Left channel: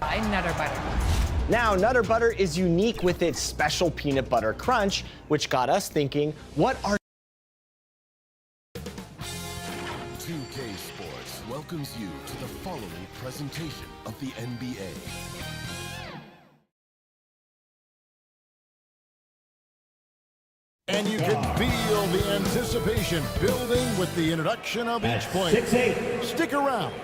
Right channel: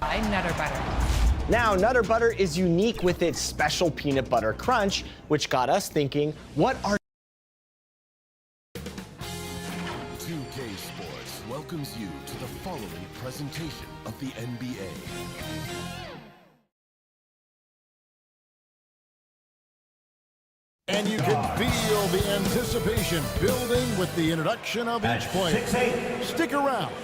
By Nutter Butter. Now, Nutter Butter is unique with its special peanut butter crunch, which got us thinking, what are 2K Sports welcomes you to the following presentation of the NBA. And you can feel the anticipation building with the introduction of each player. 6-8. Stick around.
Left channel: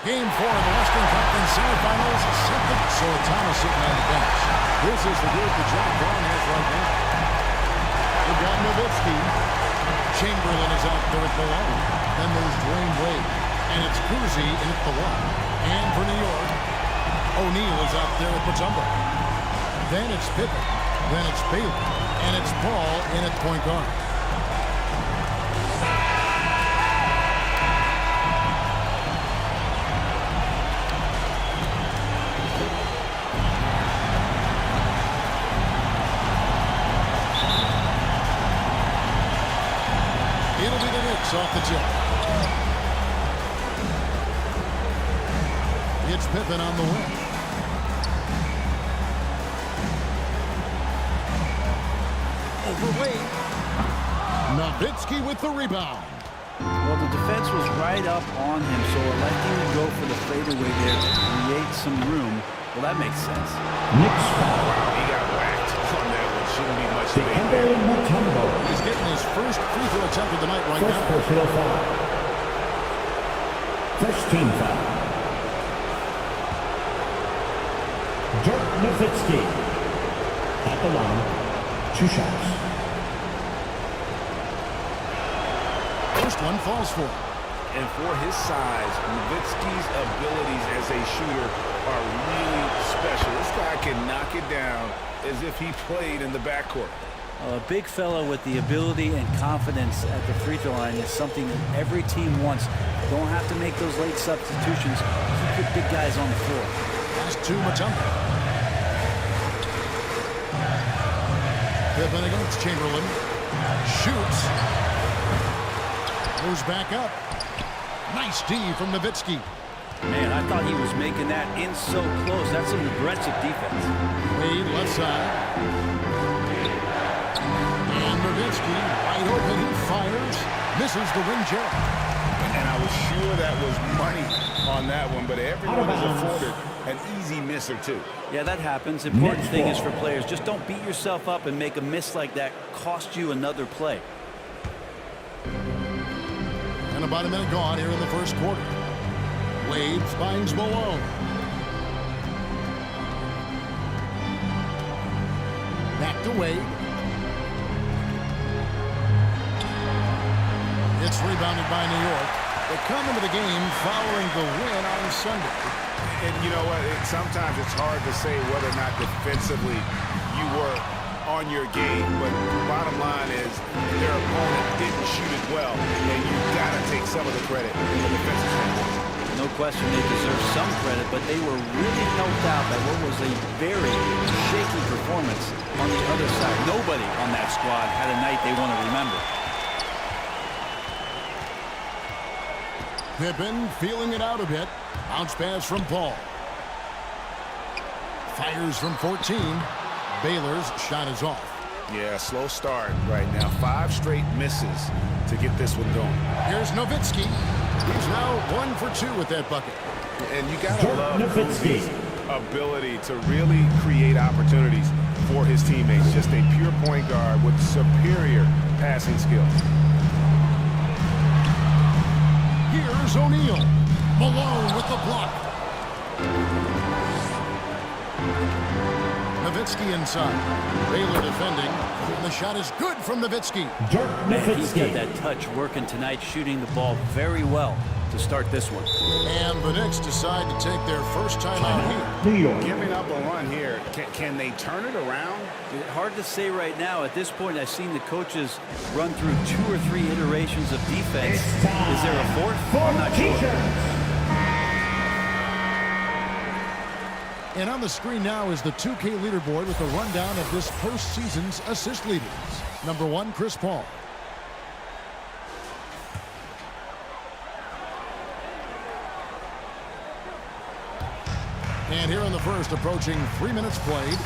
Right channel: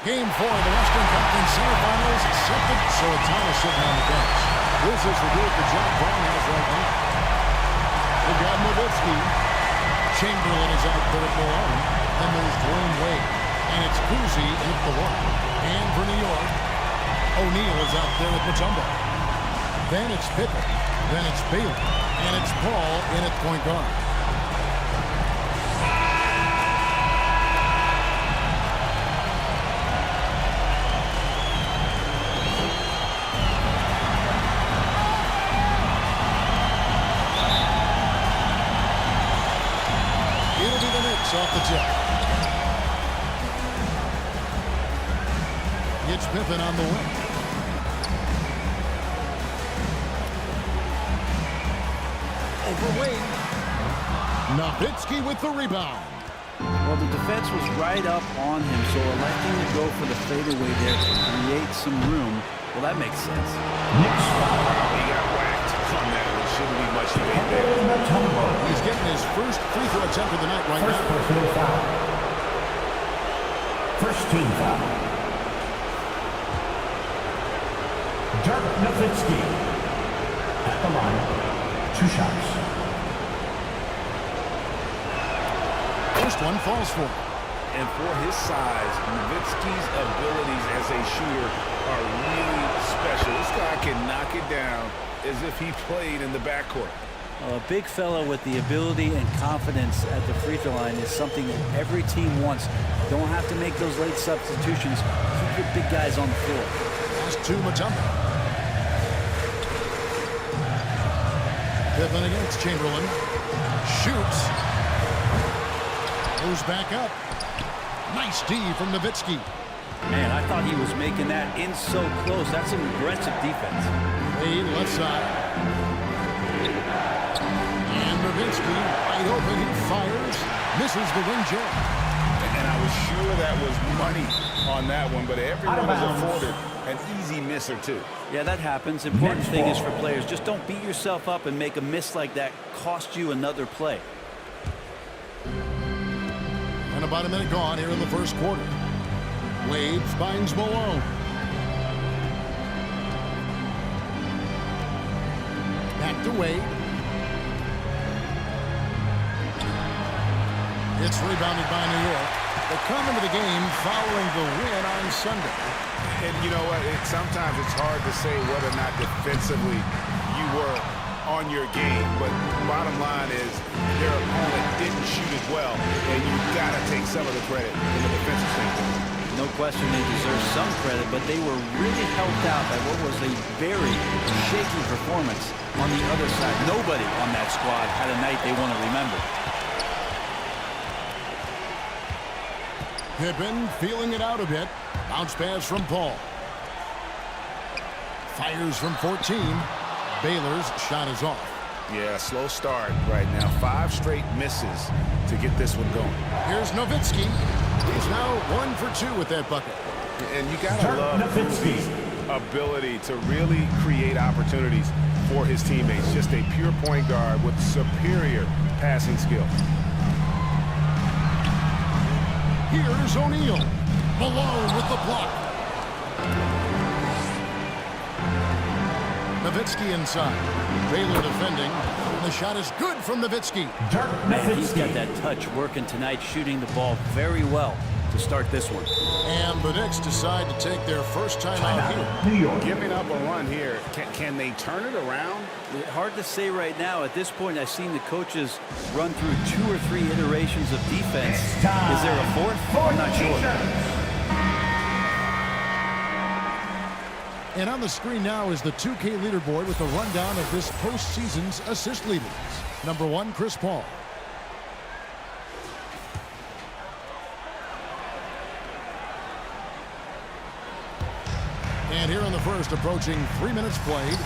Game 4 of the Western Conference semifinals. Celtics, so Thomas sitting on the bench. This is the group that John Vaughn has right now. They've got Nowitzki. Chamberlain is out there at Malone. Then there's Dwayne Wade. And it's Cousy in at the 1. And for New York, O'Neal is out there with Mutombo. Then it's Pippen. Then it's Bailey. And it's Paul in at point guard. It'll be the Knicks off the tip. It's Pippen on the wing. Overweight. Nowitzki with the rebound. Well, the defense was right up on him, so electing to go for the fadeaway there to create some room, well, that makes sense. Knicks foul. Wow, he got whacked on that one. Shouldn't be much debate there. Mutombo. He's getting his first free throw attempt of the night right First now. personal foul. First team foul. Dirk Nowitzki at the line. 2 shots. First one falls for him. And for his size, Nowitzki's abilities as a shooter are really special. This guy can knock it down as if he played in the backcourt. A big fellow with the ability and confidence at the free throw line is something that every team wants. Don't have to make those late substitutions. Keep your big guys on the floor. Pass to Mutombo. Pippen against Chamberlain. Shoots. Goes back up. Nice D from Nowitzki. Man, I thought he was making that in so close. That's some aggressive defense. Wade left side. And Nowitzki wide open. He fires. Misses the ring jab. And I was sure that was money on that one, but everyone is afforded an easy miss or two. Yeah, that happens. Important thing is for players, just don't beat yourself up and make a miss like that cost you another play. And about a minute gone here in the first quarter. Wade finds Malone. Back to Wade. It's rebounded by New York. They come into the game following the win on Sunday. And you know what? Sometimes it's hard to say whether or not defensively you were on your game, but bottom line is their opponent didn't shoot it well, and you've got to take some of the credit from the defensive standpoint. No question they deserve some credit, but they were really helped out by what was a very shaky performance on the other side. Nobody on that squad had a night they want to remember. Pippen feeling it out a bit. Bounce pass from Paul. Fires from 14. Baylor's shot is off. Yeah, slow start right now. 5 straight misses to get this one going. Here's Nowitzki. He's now 1 for 2 with that bucket. And you got to love Cousie's ability to really create opportunities for his teammates. Just a pure point guard with superior passing skill. Here's O'Neal. Malone with the block. Nowitzki inside. Baylor defending. And the shot is good from Nowitzki. Man, he's got that touch working tonight, shooting the ball very well to start this one. And the Knicks decide to take their first time out here. New York. Giving up a run here. Can they turn it around? Hard to say right now. At this point, I've seen the coaches run through 2 or 3 iterations of defense. Is there a fourth? I'm not sure. And on the screen now is the 2K leaderboard with a rundown of this postseason's assist leaders. Number 1, Chris Paul. And here in the first, approaching 3 minutes played.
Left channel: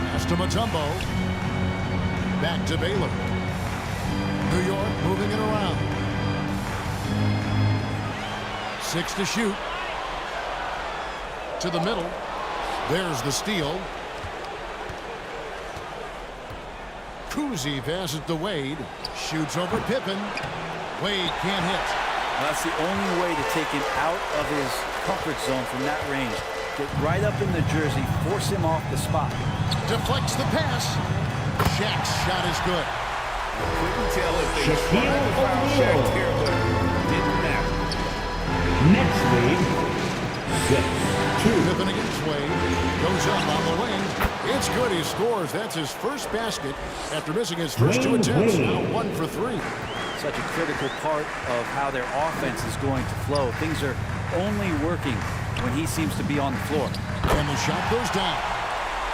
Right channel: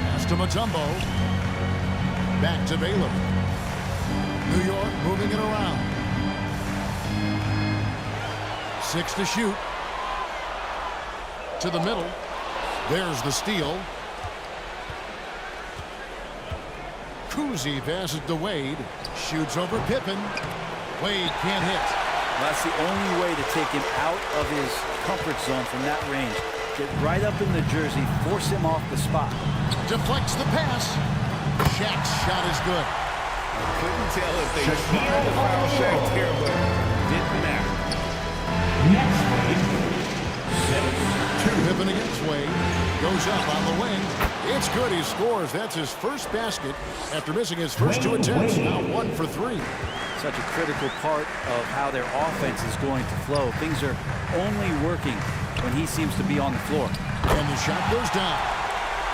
Pass to Mutombo. Back to Baylor. New York moving it around. 6 to shoot. To the middle. There's the steal. Kuzi passes to Wade. Shoots over Pippen. Wade can't hit. Well, that's the only way to take him out of his comfort zone from that range. Get right up in the jersey, force him off the spot. Deflects the pass. Shaq's shot is good. I couldn't tell if they tried to foul Shaq here, but didn't matter. Next Wade, 6-2. Pippen against Wade. Goes up on the wing. It's good. He scores. That's his first basket after missing his first 2 attempts. Now 1 for 3. Such a critical part of how their offense is going to flow. Things are only working when he seems to be on the floor. And the shot goes down.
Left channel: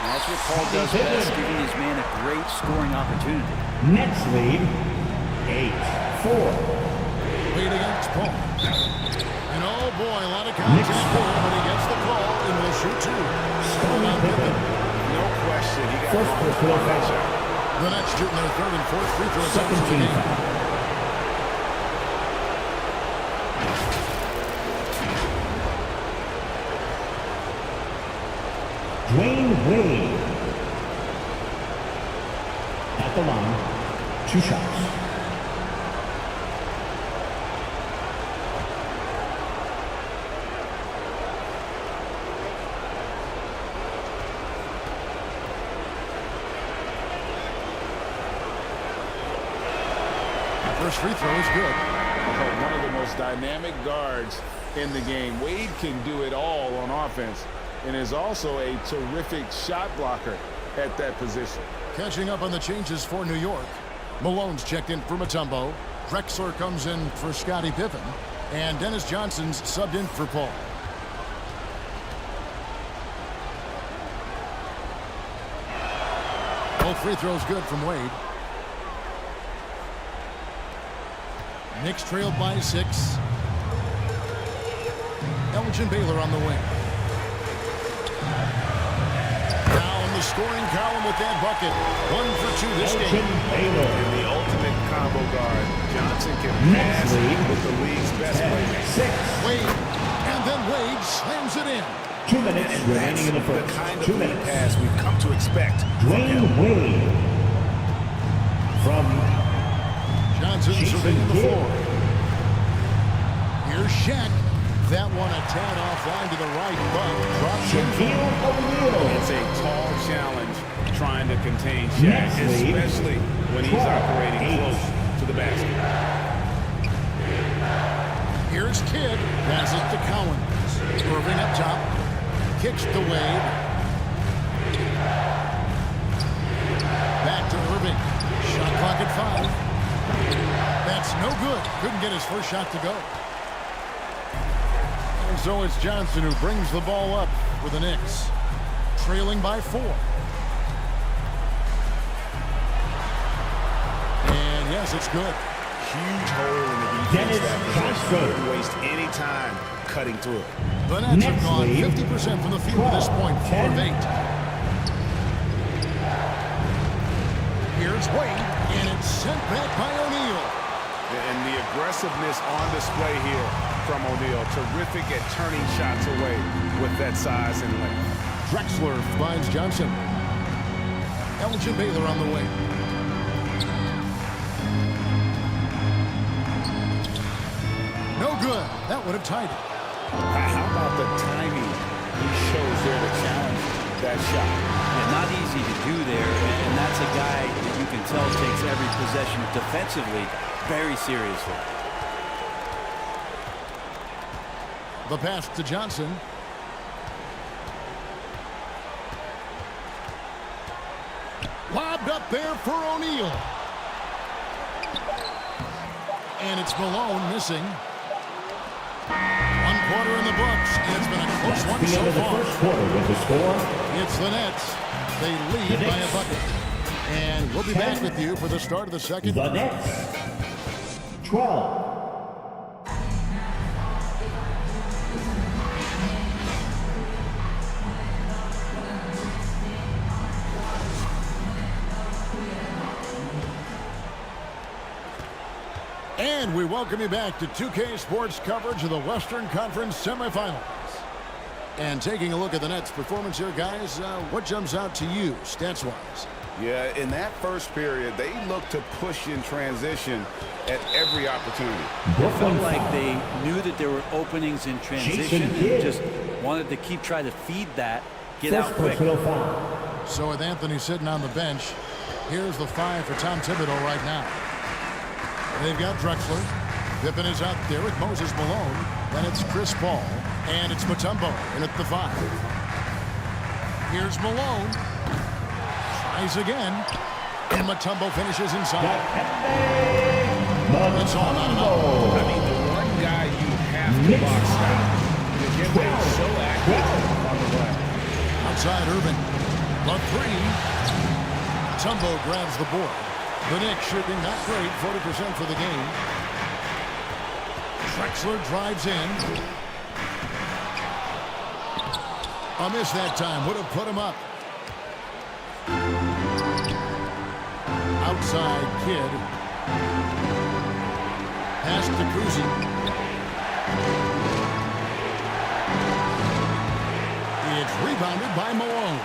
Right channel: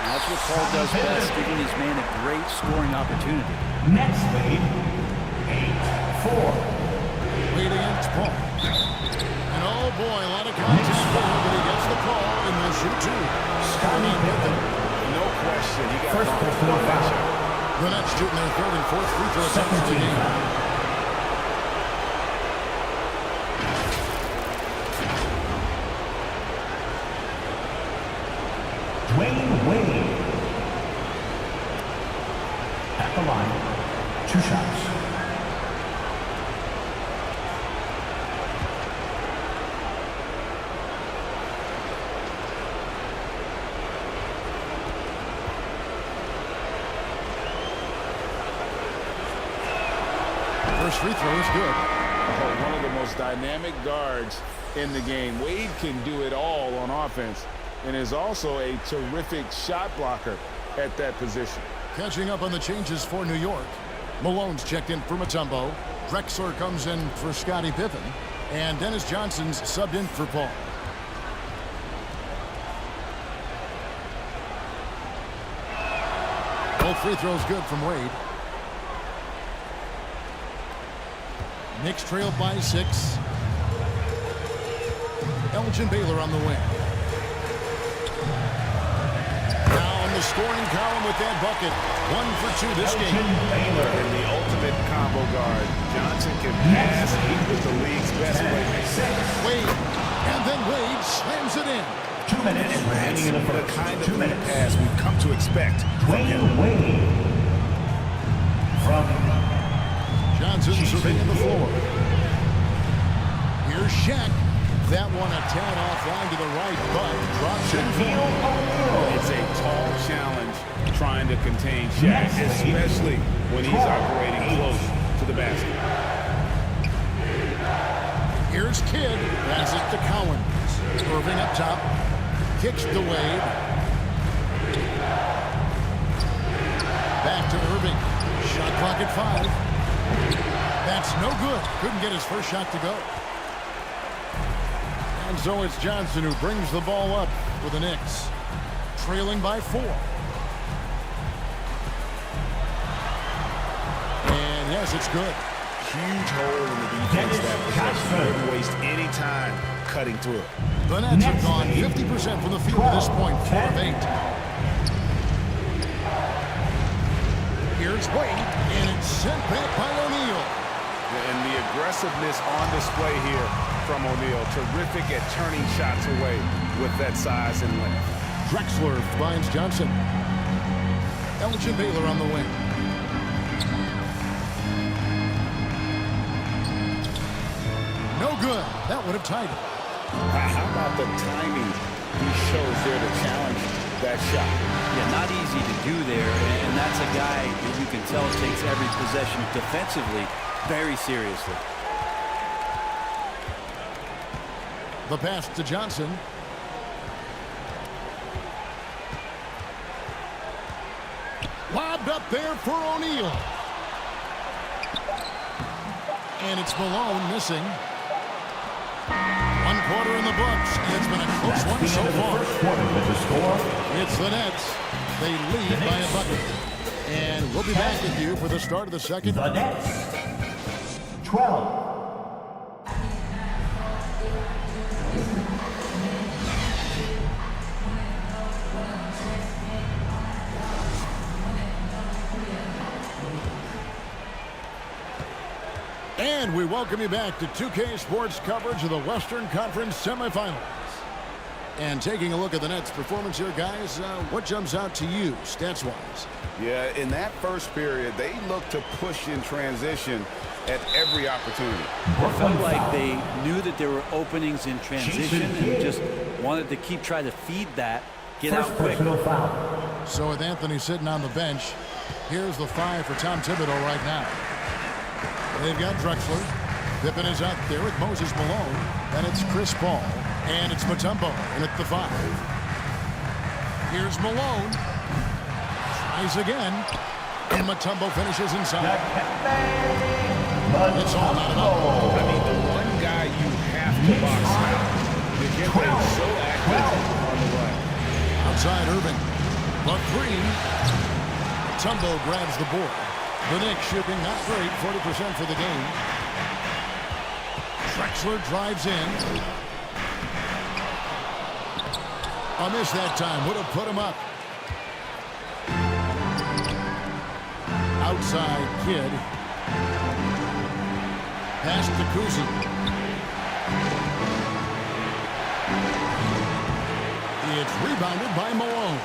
And that's what Paul does best, giving his man a great scoring opportunity. Next lead, 8-4. Wade against Paul. And oh boy, a lot of contact there, but he gets the call and will shoot 2. Scoring on Pippen. No question, he got First wrong on that shot. The Nets shooting their 3rd and 4th free throw attempts of the game. Dwayne Wade. At the line, 2 shots. First free throw is good. Oh, one of the most dynamic guards in the game. Wade can do it all on offense and is also a terrific shot blocker at that position. Catching up on the changes for New York. Malone's checked in for Mutombo. Drexler comes in for Scottie Pippen. And Dennis Johnson's subbed in for Paul. Both free throws good from Wade. Knicks trailed by 6. Elgin Baylor on the wing. Now on the scoring column with that bucket. 1 for 2 this game. Baylor. And the ultimate combo guard. Johnson can pass with the league's best playmaker. Wade. And then Wade slams it in. 2 minutes And remaining in the that's first. the kind of 2 lead minutes. pass we've come to expect from him. Dwayne Wade. From Johnson surveying the floor. Here's Shaq. That one a tad offline to the right, but drops in for him. O'Neal. It's a tall challenge trying to contain Shaq, Next lead, especially when he's 12, operating 8. close to the basket. Here's Kidd. Passes to Cowens. Irving up top. Kicks to Wade. Back to Irving. Shot clock at 5. That's no good. Couldn't get his first shot to go. And so it's Johnson who brings the ball up for the Knicks. Trailing by 4. And yes, it's good. Huge hole in the defense Dennis that possession. Johnson. Didn't waste any time cutting through it. The Nets Next have gone lead, 50% from the field at this point, 4 of 8. Here's Wade, and it's sent back by O'Neal. And the aggressiveness on display here from O'Neal. Terrific at turning shots away with that size and length. Drexler finds Johnson. Elgin Baylor on the wing. No good. That would have tied it. How about the timing he shows there to challenge that shot? Yeah, not easy to do there, and that's a guy that you can tell takes every possession defensively very seriously. The pass to Johnson. Lobbed up there for O'Neal. And it's Malone missing. 1 quarter in the books, and it's been a close one the so end of the far. first quarter with the score. It's the Nets. They lead by a bucket. And we'll be back with you for the start of the second. The Nets, 12. And we welcome you back to 2K Sports coverage of the Western Conference semifinals. And taking a look at the Nets' performance here, guys, what jumps out to you, stats-wise? Yeah, in that first period, they looked to push in transition at every opportunity. It felt like they knew that there were openings in transition and just wanted to keep trying to feed that, get out quick. So with Anthony sitting on the bench, here's the 5 for Tom Thibodeau right now. They've got Drexler. Pippen is out there with Moses Malone. Then it's Chris Paul. And it's Mutombo in at the 5. Here's Malone. Tries again. And Mutombo finishes inside. It's all not enough. I mean, the one guy you have to box out. Dikembe is so active on the run. Outside Irving. The 3. Mutombo grabs the board. The Knicks shooting not great, 40% for the game. Drexler drives in. A miss that time. Would have put him up. Outside Kid. Pass to Kuzi. It's rebounded by Malone.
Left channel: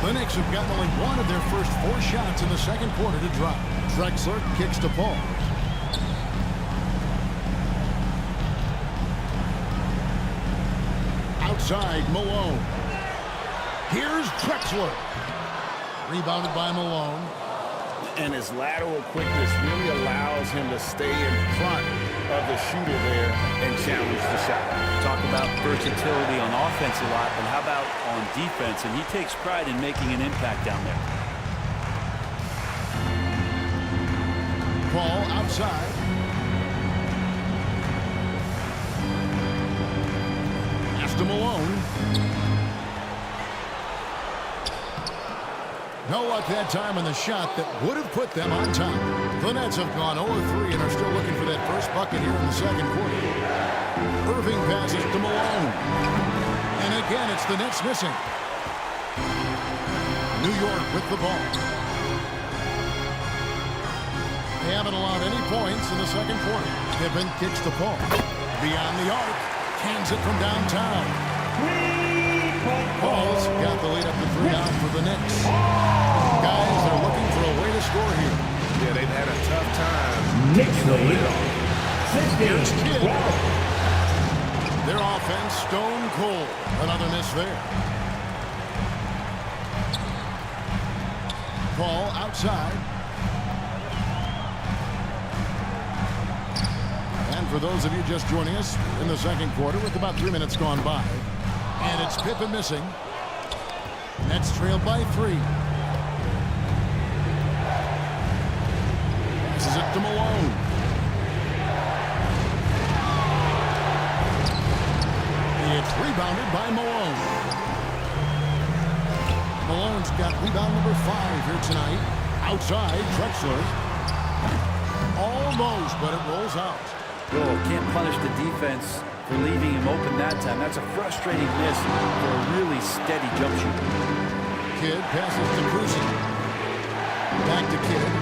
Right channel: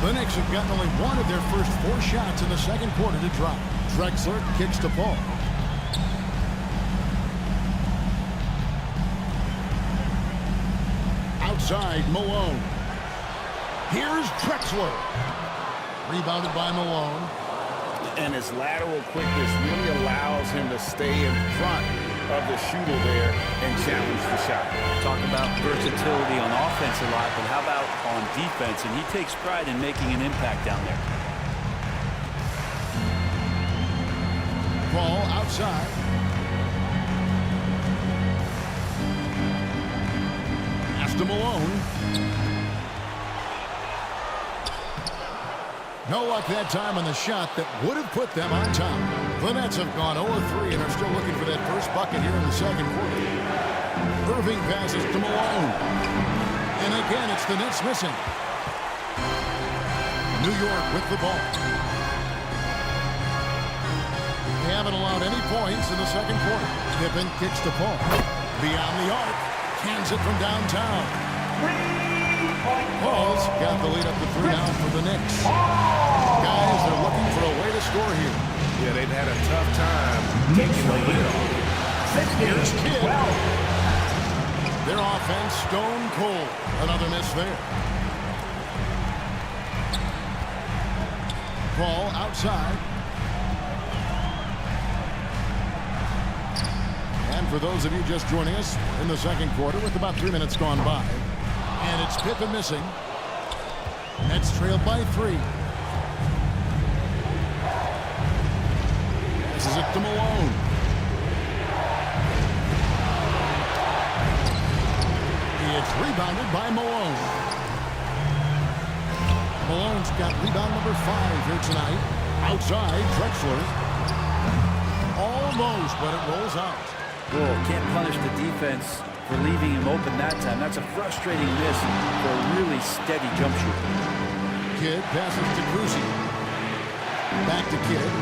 The Knicks have gotten only one of their first 4 shots in the second quarter to drop. Drexler kicks to Paul. Outside Malone. Here's Drexler. Rebounded by Malone. And his lateral quickness really allows him to stay in front of the shooter there and challenge the shot. Talk about versatility on offense a lot, but how about on defense? And he takes pride in making an impact down there. Paul outside. Pass to Malone. No luck that time on the shot that would have put them on top. The Nets have gone 0-3 and are still looking for that first bucket here in the second quarter. Irving passes to Malone. And again, it's the Nets missing. New York with the ball. They haven't allowed any points in the second quarter. Pippen kicks to Paul. Beyond the arc. Cans it from downtown. Paul's got the lead up to 3 now for the Knicks. Guys, they're looking for a way to score here. Yeah, they've had a tough time taking the lid off. Here's Kidd. Their offense stone cold. Another miss there. Paul outside. And for those of you just joining us, we're in the second quarter with about 3 minutes gone by. And it's Pippen missing. Nets trailed by 3. Passes it to Malone. It's rebounded by Malone. Malone's got rebound number 5 here tonight. Outside, Drexler. Almost, but it rolls out. Oh, can't punish the defense for leaving him open that time. That's a frustrating miss for a really steady jump shooter. Kidd passes to Kuzi. Back to Kidd.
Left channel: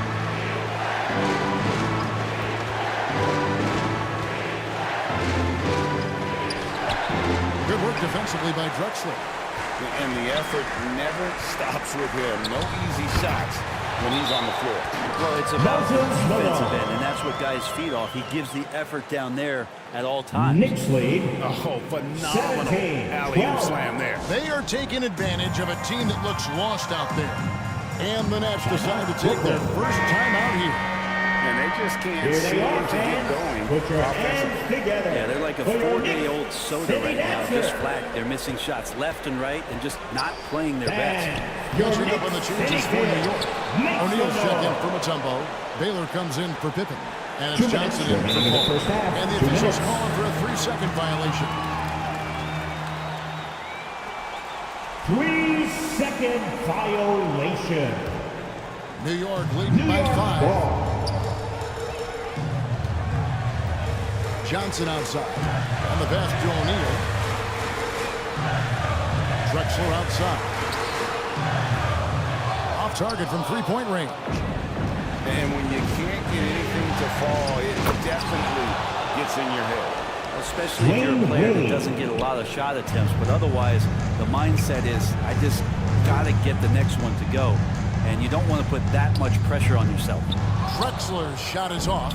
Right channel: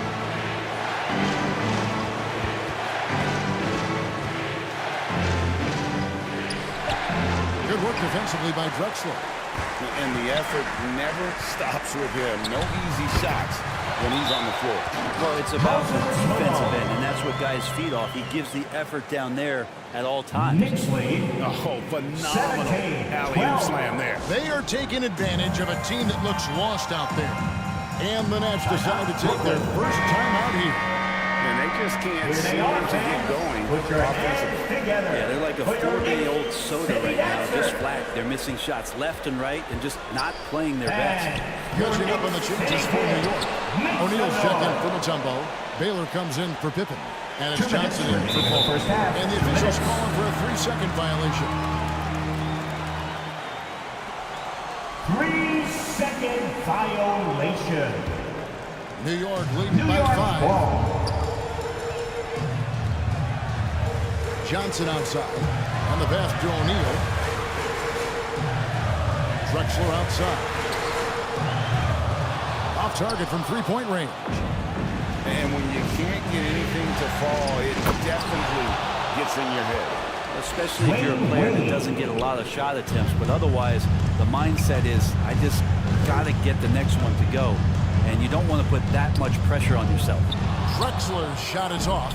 Good work defensively by Drexler. And the effort never stops with him. No easy shots when he's on the floor. Well, it's about the defensive end, and that's what guys feed off. He gives the effort down there at all times. Knicks lead. Oh, phenomenal alley-oop slam there. They are taking advantage of a team that looks lost out there. And the Nets decide to take their first time out here. And they just can't seem to get going offensively. Yeah, they're like a 4-day-old soda right now, just flat. They're missing shots left and right and just not playing their best. Catching up on the changes for New York. O'Neal's checked in for Mutombo. Baylor comes in for Pippen. And it's Johnson in for Paul. And the officials calling for a 3-second violation. 3-second violation. New York leading by 5. Ball. Johnson outside. On the pass to O'Neal. Drexler outside. Off target from 3-point range. And when you can't get anything to fall, it definitely gets in your head. Especially if you're a player that doesn't get a lot of shot attempts, but otherwise the mindset is, I just got to get the next one to go. And you don't want to put that much pressure on yourself. Drexler's shot is off.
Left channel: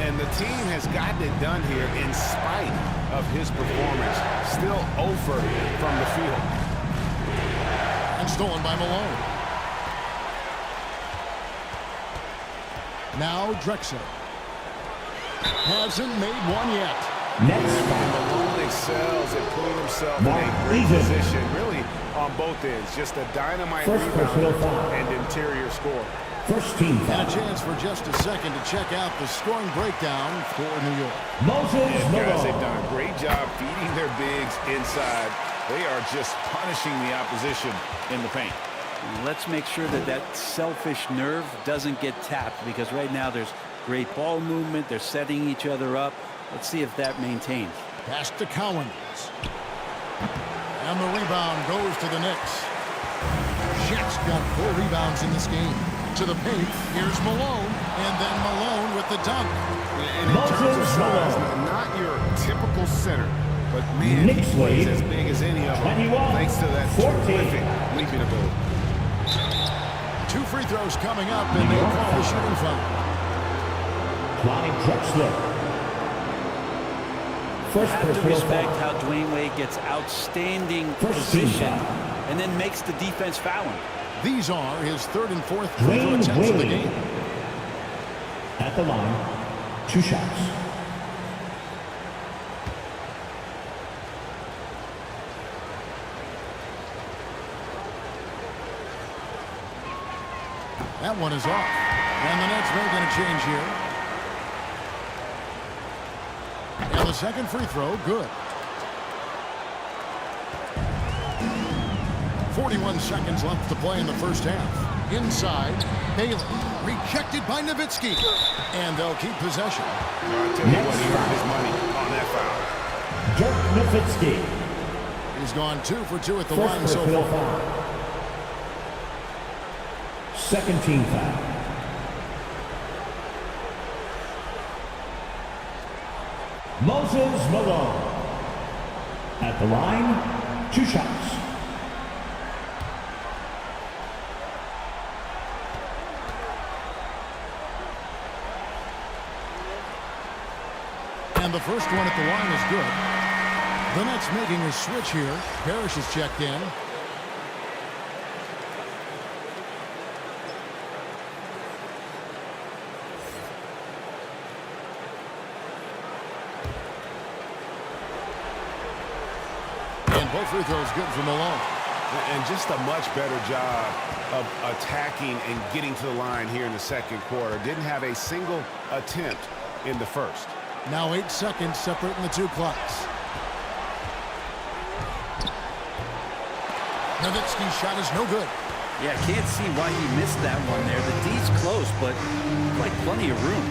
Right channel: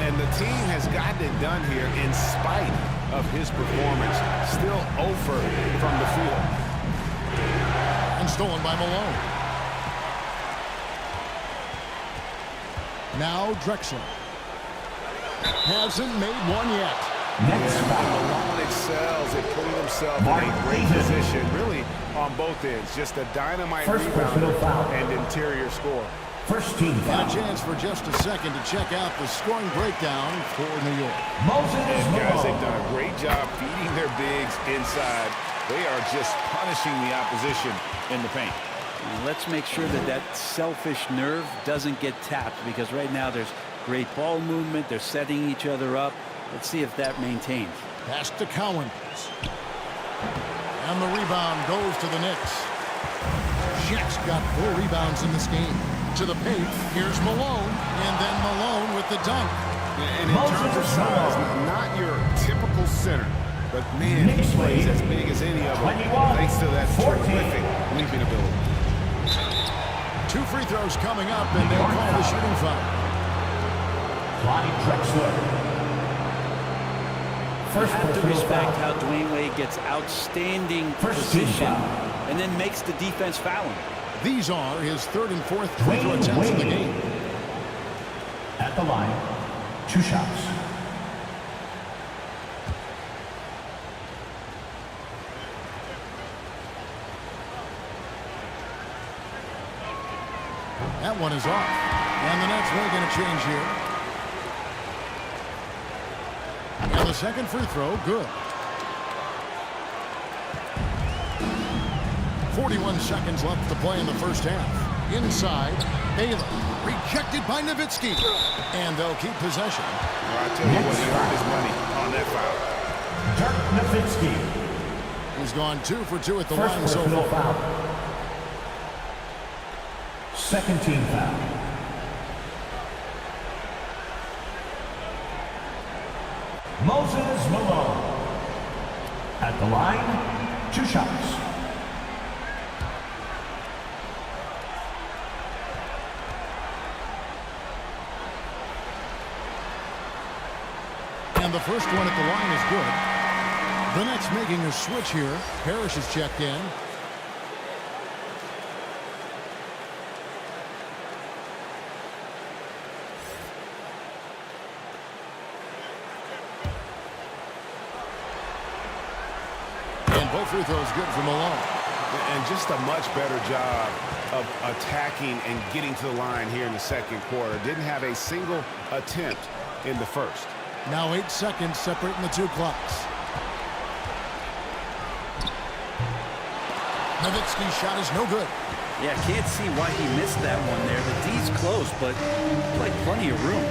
And the team has gotten it done here in spite of his performance. Still 0 from the field. And stolen by Malone. Now Drexler. Hasn't made one yet. And Malone excels at putting himself in a great position, really on both ends. Just a dynamite rebounder and interior score. First team foul. And a chance for just a second to check out the scoring breakdown for New York. And guys, they've done a great job feeding their bigs inside. They are just punishing the opposition in the paint. And let's make sure that that selfish nerve doesn't get tapped, because right now there's great ball movement. They're setting each other up. Let's see if that maintains. Pass to Cowens. And the rebound goes to the Knicks. Shaq's got 4 rebounds in this game. To the paint, here's Malone, and then Malone with the dunk. And in terms of size, not your typical center, but man, he plays as big as any of them, thanks to that terrific leaping ability. 2 free throws coming up, and they call the shooting foul. Drexler. You have to respect how Dwayne Wade gets outstanding position and then makes the defense foul him. These are his 3rd and 4th free throw attempts of the game. At the line, 2 shots. That one is off. And the Nets making a change here. And the second free throw, good. 41 seconds left to play in the first half. Inside, Baylor. Rejected by Nowitzki. And they'll keep possession. Well, I tell you what, he earned his money on that foul. Dirk Nowitzki. He's gone 2 for 2 at the line so far. Foul. Second team foul. Moses Malone. At the line, 2 shots. And the first one at the line is good. The Nets making a switch here. Parrish is checked in. And both free throws good for Malone. And just a much better job of attacking and getting to the line here in the second quarter. Didn't have a single attempt in the first. Now 8 seconds separating the 2 clocks. Nowitzki's shot is no good. Yeah, I can't see why he missed that one there. The D's close, but like plenty of room.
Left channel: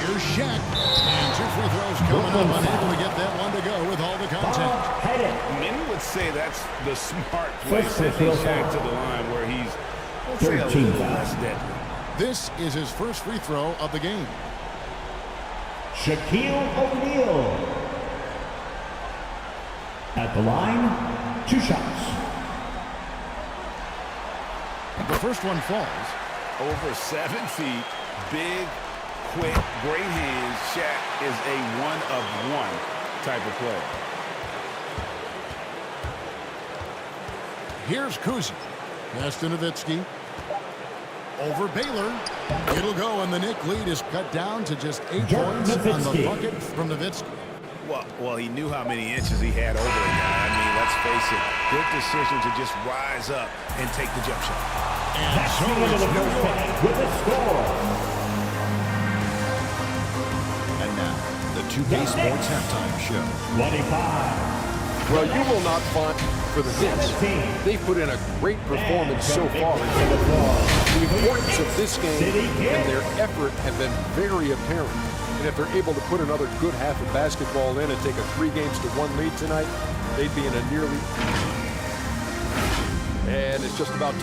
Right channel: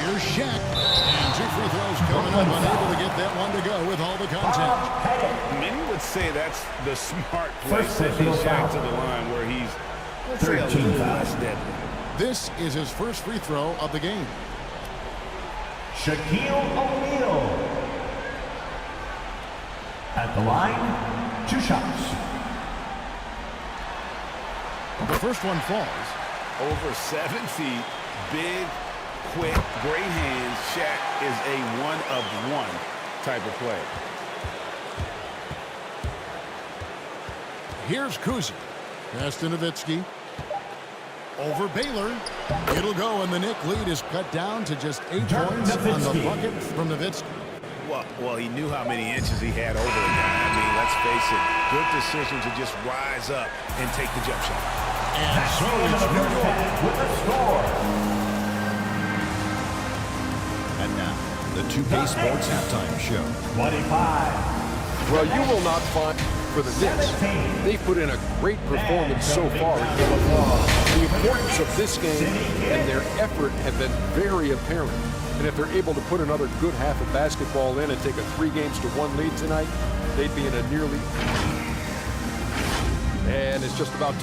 Here's Shaq. And 2 free throws coming up. Unable to get that one to go with all the contact. Many would say that's the smart play, sending Shaq to the line where he's, let's say, a little less deadly. This is his first free throw of the game. Shaquille O'Neal. At the line, 2 shots. The first one falls. Over 7 feet, big, quick, great hands. Shaq is a one-of-one type of player. Here's Kuzi. Pass to Nowitzki. Over Baylor. It'll go, and the Knick lead is cut down to just 8 points on the bucket from Nowitzki. Well, he knew how many inches he had over the guy. I mean, let's face it, good decision to just rise up and take the jump shot. And so it's New York with a score. And now, the 2K Sports Halftime Show. 25. Well, you will not find for the Knicks. They've put in a great performance so far. The importance of this game and their effort have been very apparent. And if they're able to put another good half of basketball in and take a 3-1 lead tonight, they'd be in a nearly... And it's just about...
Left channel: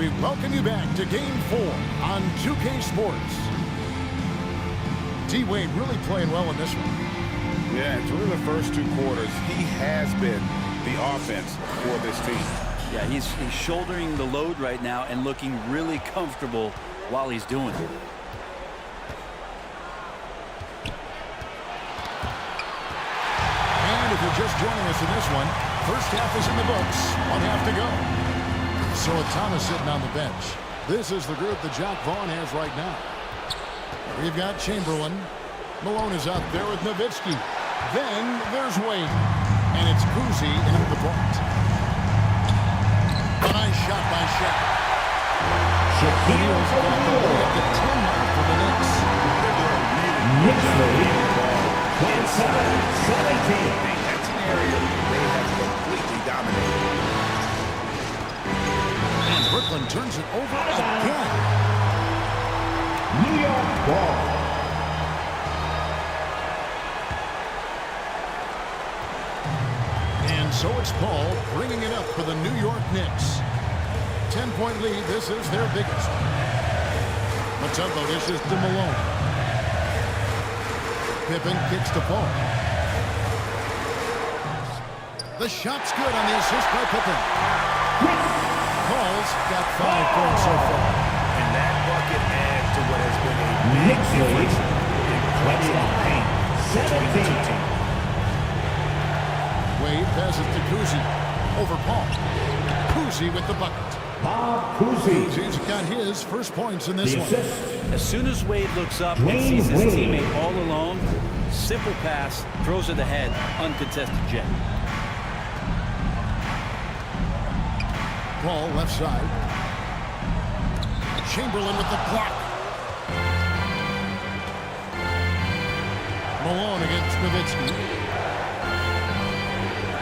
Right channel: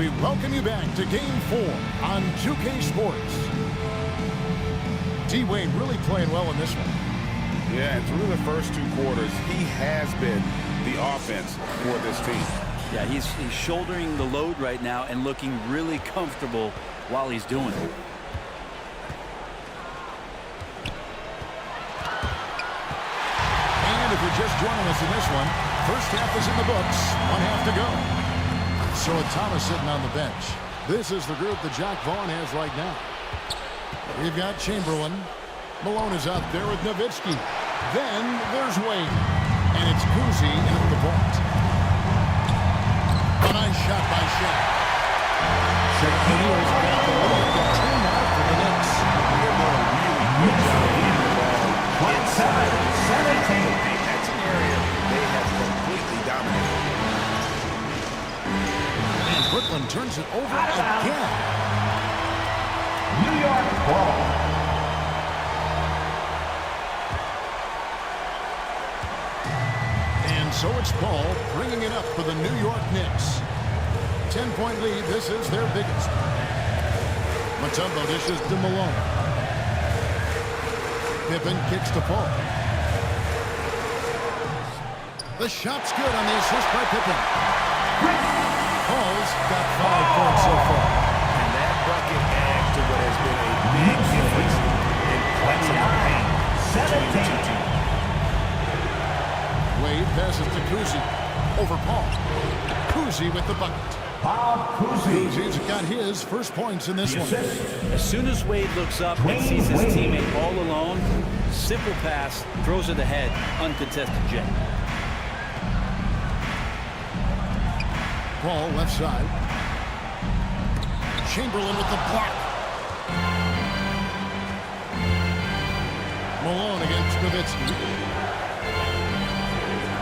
we welcome you back to Game 4 on 2K Sports. D-Wade really playing well in this one. Yeah, and through the first 2 quarters, he has been the offense for this team. Yeah, he's shouldering the load right now and looking really comfortable while he's doing it. And if you're just joining us in this one, first half is in the books, 1 half to go. So Thomas sitting on the bench. This is the group that Jack Vaughn has right now. We've got Chamberlain. Malone is out there with Nowitzki. Then there's Wade. And it's Kuzi in at the point. A nice shot by Shaq. Shaquille's got the lead up to 10 now for the Knicks. They're doing a really good job of getting the ball inside. 27-17. That's an area they have completely dominated. And Brooklyn turns it over again. New York ball. And so it's Paul bringing it up for the New York Knicks. 10-point lead. This is their biggest. Mutombo dishes to Malone. Pippen kicks to Paul. The shot's good on the assist by Pippen. Paul's got 5 points so far. And that bucket adds to what has been a big difference in points in the paint between the 2 teams. Wade passes to Kuzi. Over Paul. Kuzi with the bucket. Kuzi's got his first points in this one. As soon as Wade looks up and sees his teammate all alone, simple pass, throws it ahead, uncontested J. Paul left side. Chamberlain with the block. Malone against Nowitzki.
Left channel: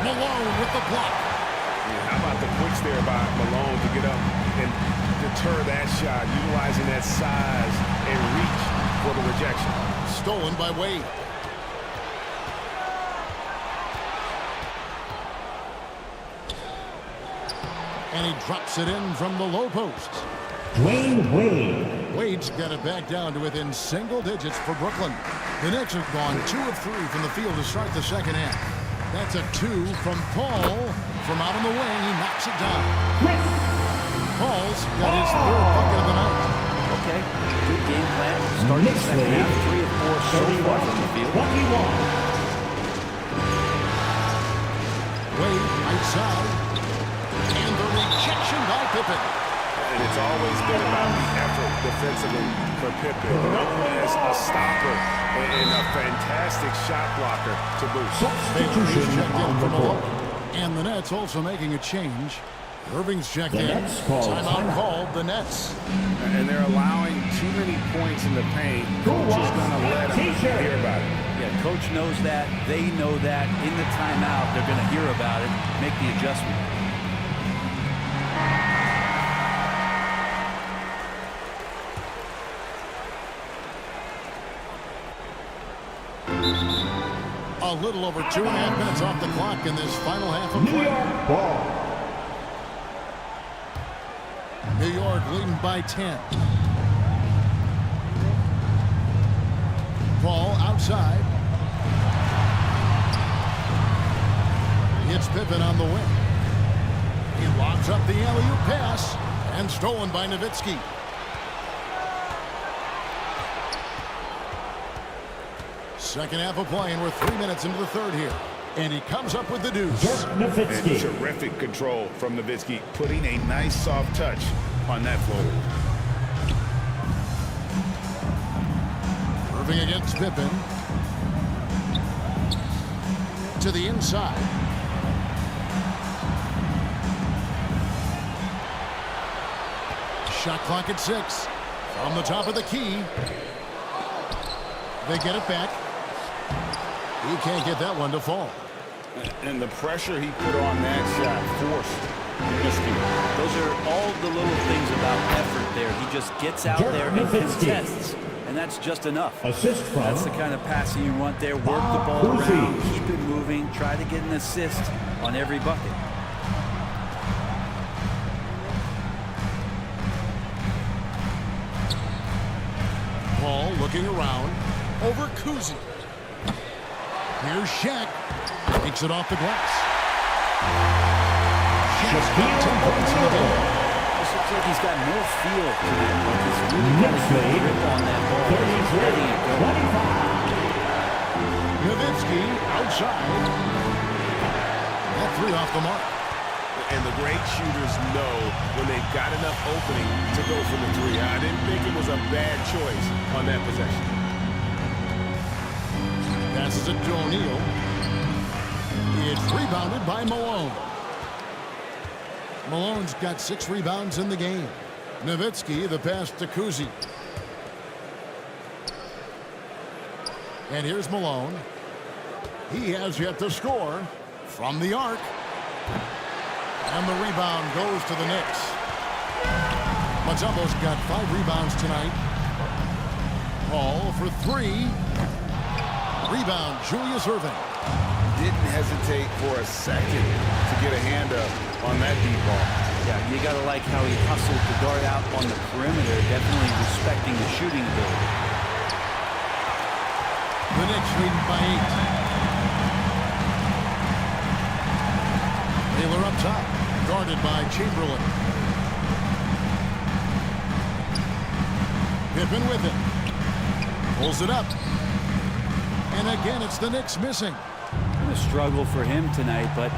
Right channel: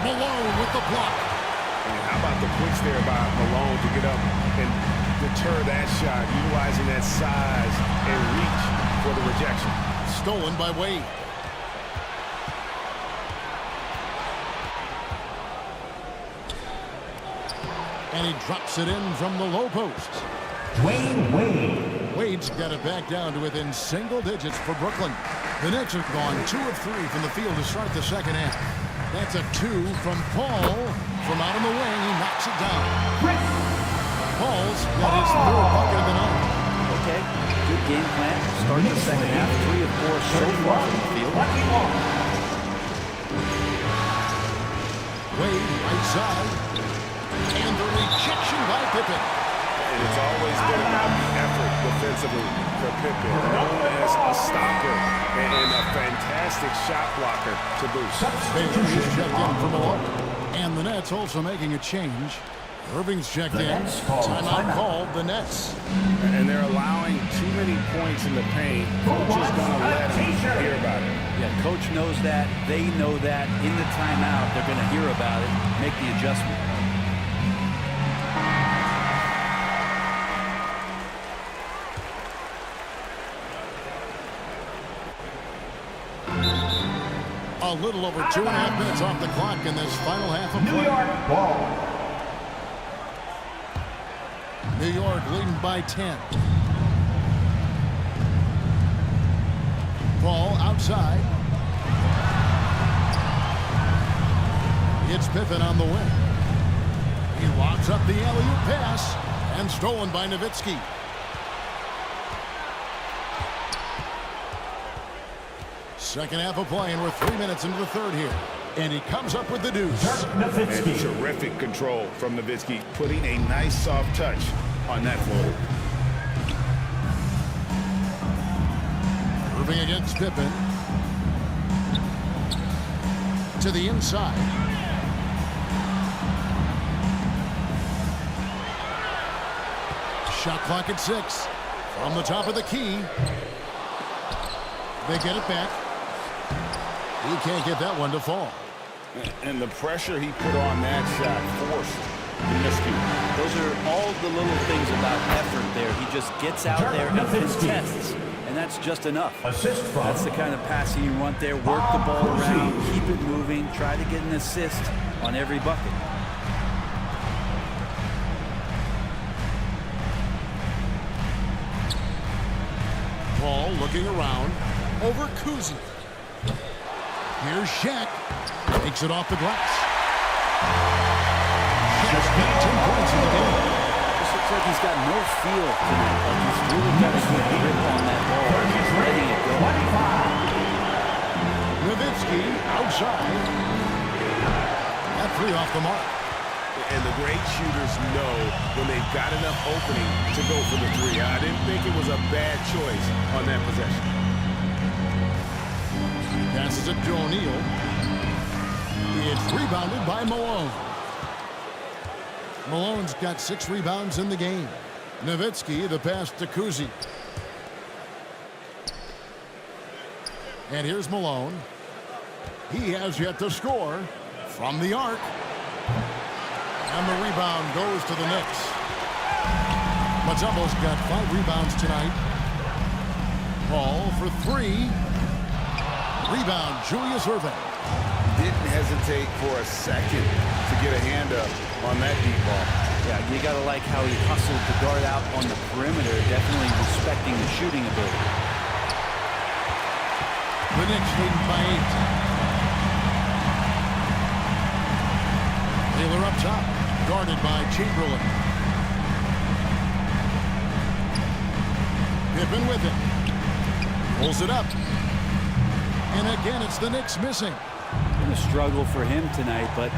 Malone with the block. And how about the quicks there by Malone to get up and deter that shot, utilizing that size and reach for the rejection. Stolen by Wade. And he drops it in from the low post. Dwayne Wade. Wade's got it back down to within single digits for Brooklyn. The Knicks have gone 2 of 3 from the field to start the second half. That's a 2 from Paul. From out on the wing, he knocks it down. Paul's got his 3rd bucket of the night. Okay, good game plan. Start the second half, 3 of 4 so far from the field. Wade, right side. And the rejection by Pippen. And it's always been about the effort defensively for Pippen, known as a stopper and a fantastic shot blocker to boost. Baylor is checked in from Malone. And the Nets also making a change. Irving's checked in. Timeout called the Nets. And they're allowing too many points in the paint. Coach is going to let them hear about it. Yeah, coach knows that. They know that. In the timeout, they're going to hear about it, make the adjustment. A little over 2.5 minutes off the clock in this final half of play. New York ball. New York leading by 10. Paul outside. It's Pippen on the wing. He lobs up the alley-oop pass and stolen by Nowitzki. Second half of play, and we're 3 minutes into the third here. And he comes up with the deuce. And terrific control from Nowitzki, putting a nice soft touch on that floater. Irving against Pippen. To the inside. Shot clock at 6. From the top of the key. They get it back. He can't get that one to fall. And the pressure he put on that shot forced Nowitzki. Those are all the little things about effort there. He just gets out there and contests, and that's just enough. Assist from. That's the kind of passing you want there. Work the ball around, keep it moving, try to get an assist on every bucket. Hall looking around over Kuzi. Here's Shaq. Takes it off the glass. Shaq's got 10 points in the game. This looks like he's got more feel tonight. Like he's really got a good grip on that ball. He's letting it go. Nowitzki outside. That three off the mark. And the great shooters know when they've got enough opening to go for the three. I didn't think it was a bad choice on that possession. Passes it to O'Neal. It's rebounded by Malone. Malone's got 6 rebounds in the game. Nowitzki, the pass to Kuzi. And here's Malone. He has yet to score from the arc. And the rebound goes to the Knicks. Mutombo's got 5 rebounds tonight. Hall for 3. Rebound, Julius Erving. Didn't hesitate for a second to get a hand up on that deep ball. Yeah, you got to like how he hustled to guard out on the perimeter, definitely respecting the shooting ability. The Knicks leading by 8. Taylor up top, guarded by Chamberlain. Pippen with it. Pulls it up. And again, it's the Knicks missing. Been a struggle for him tonight, but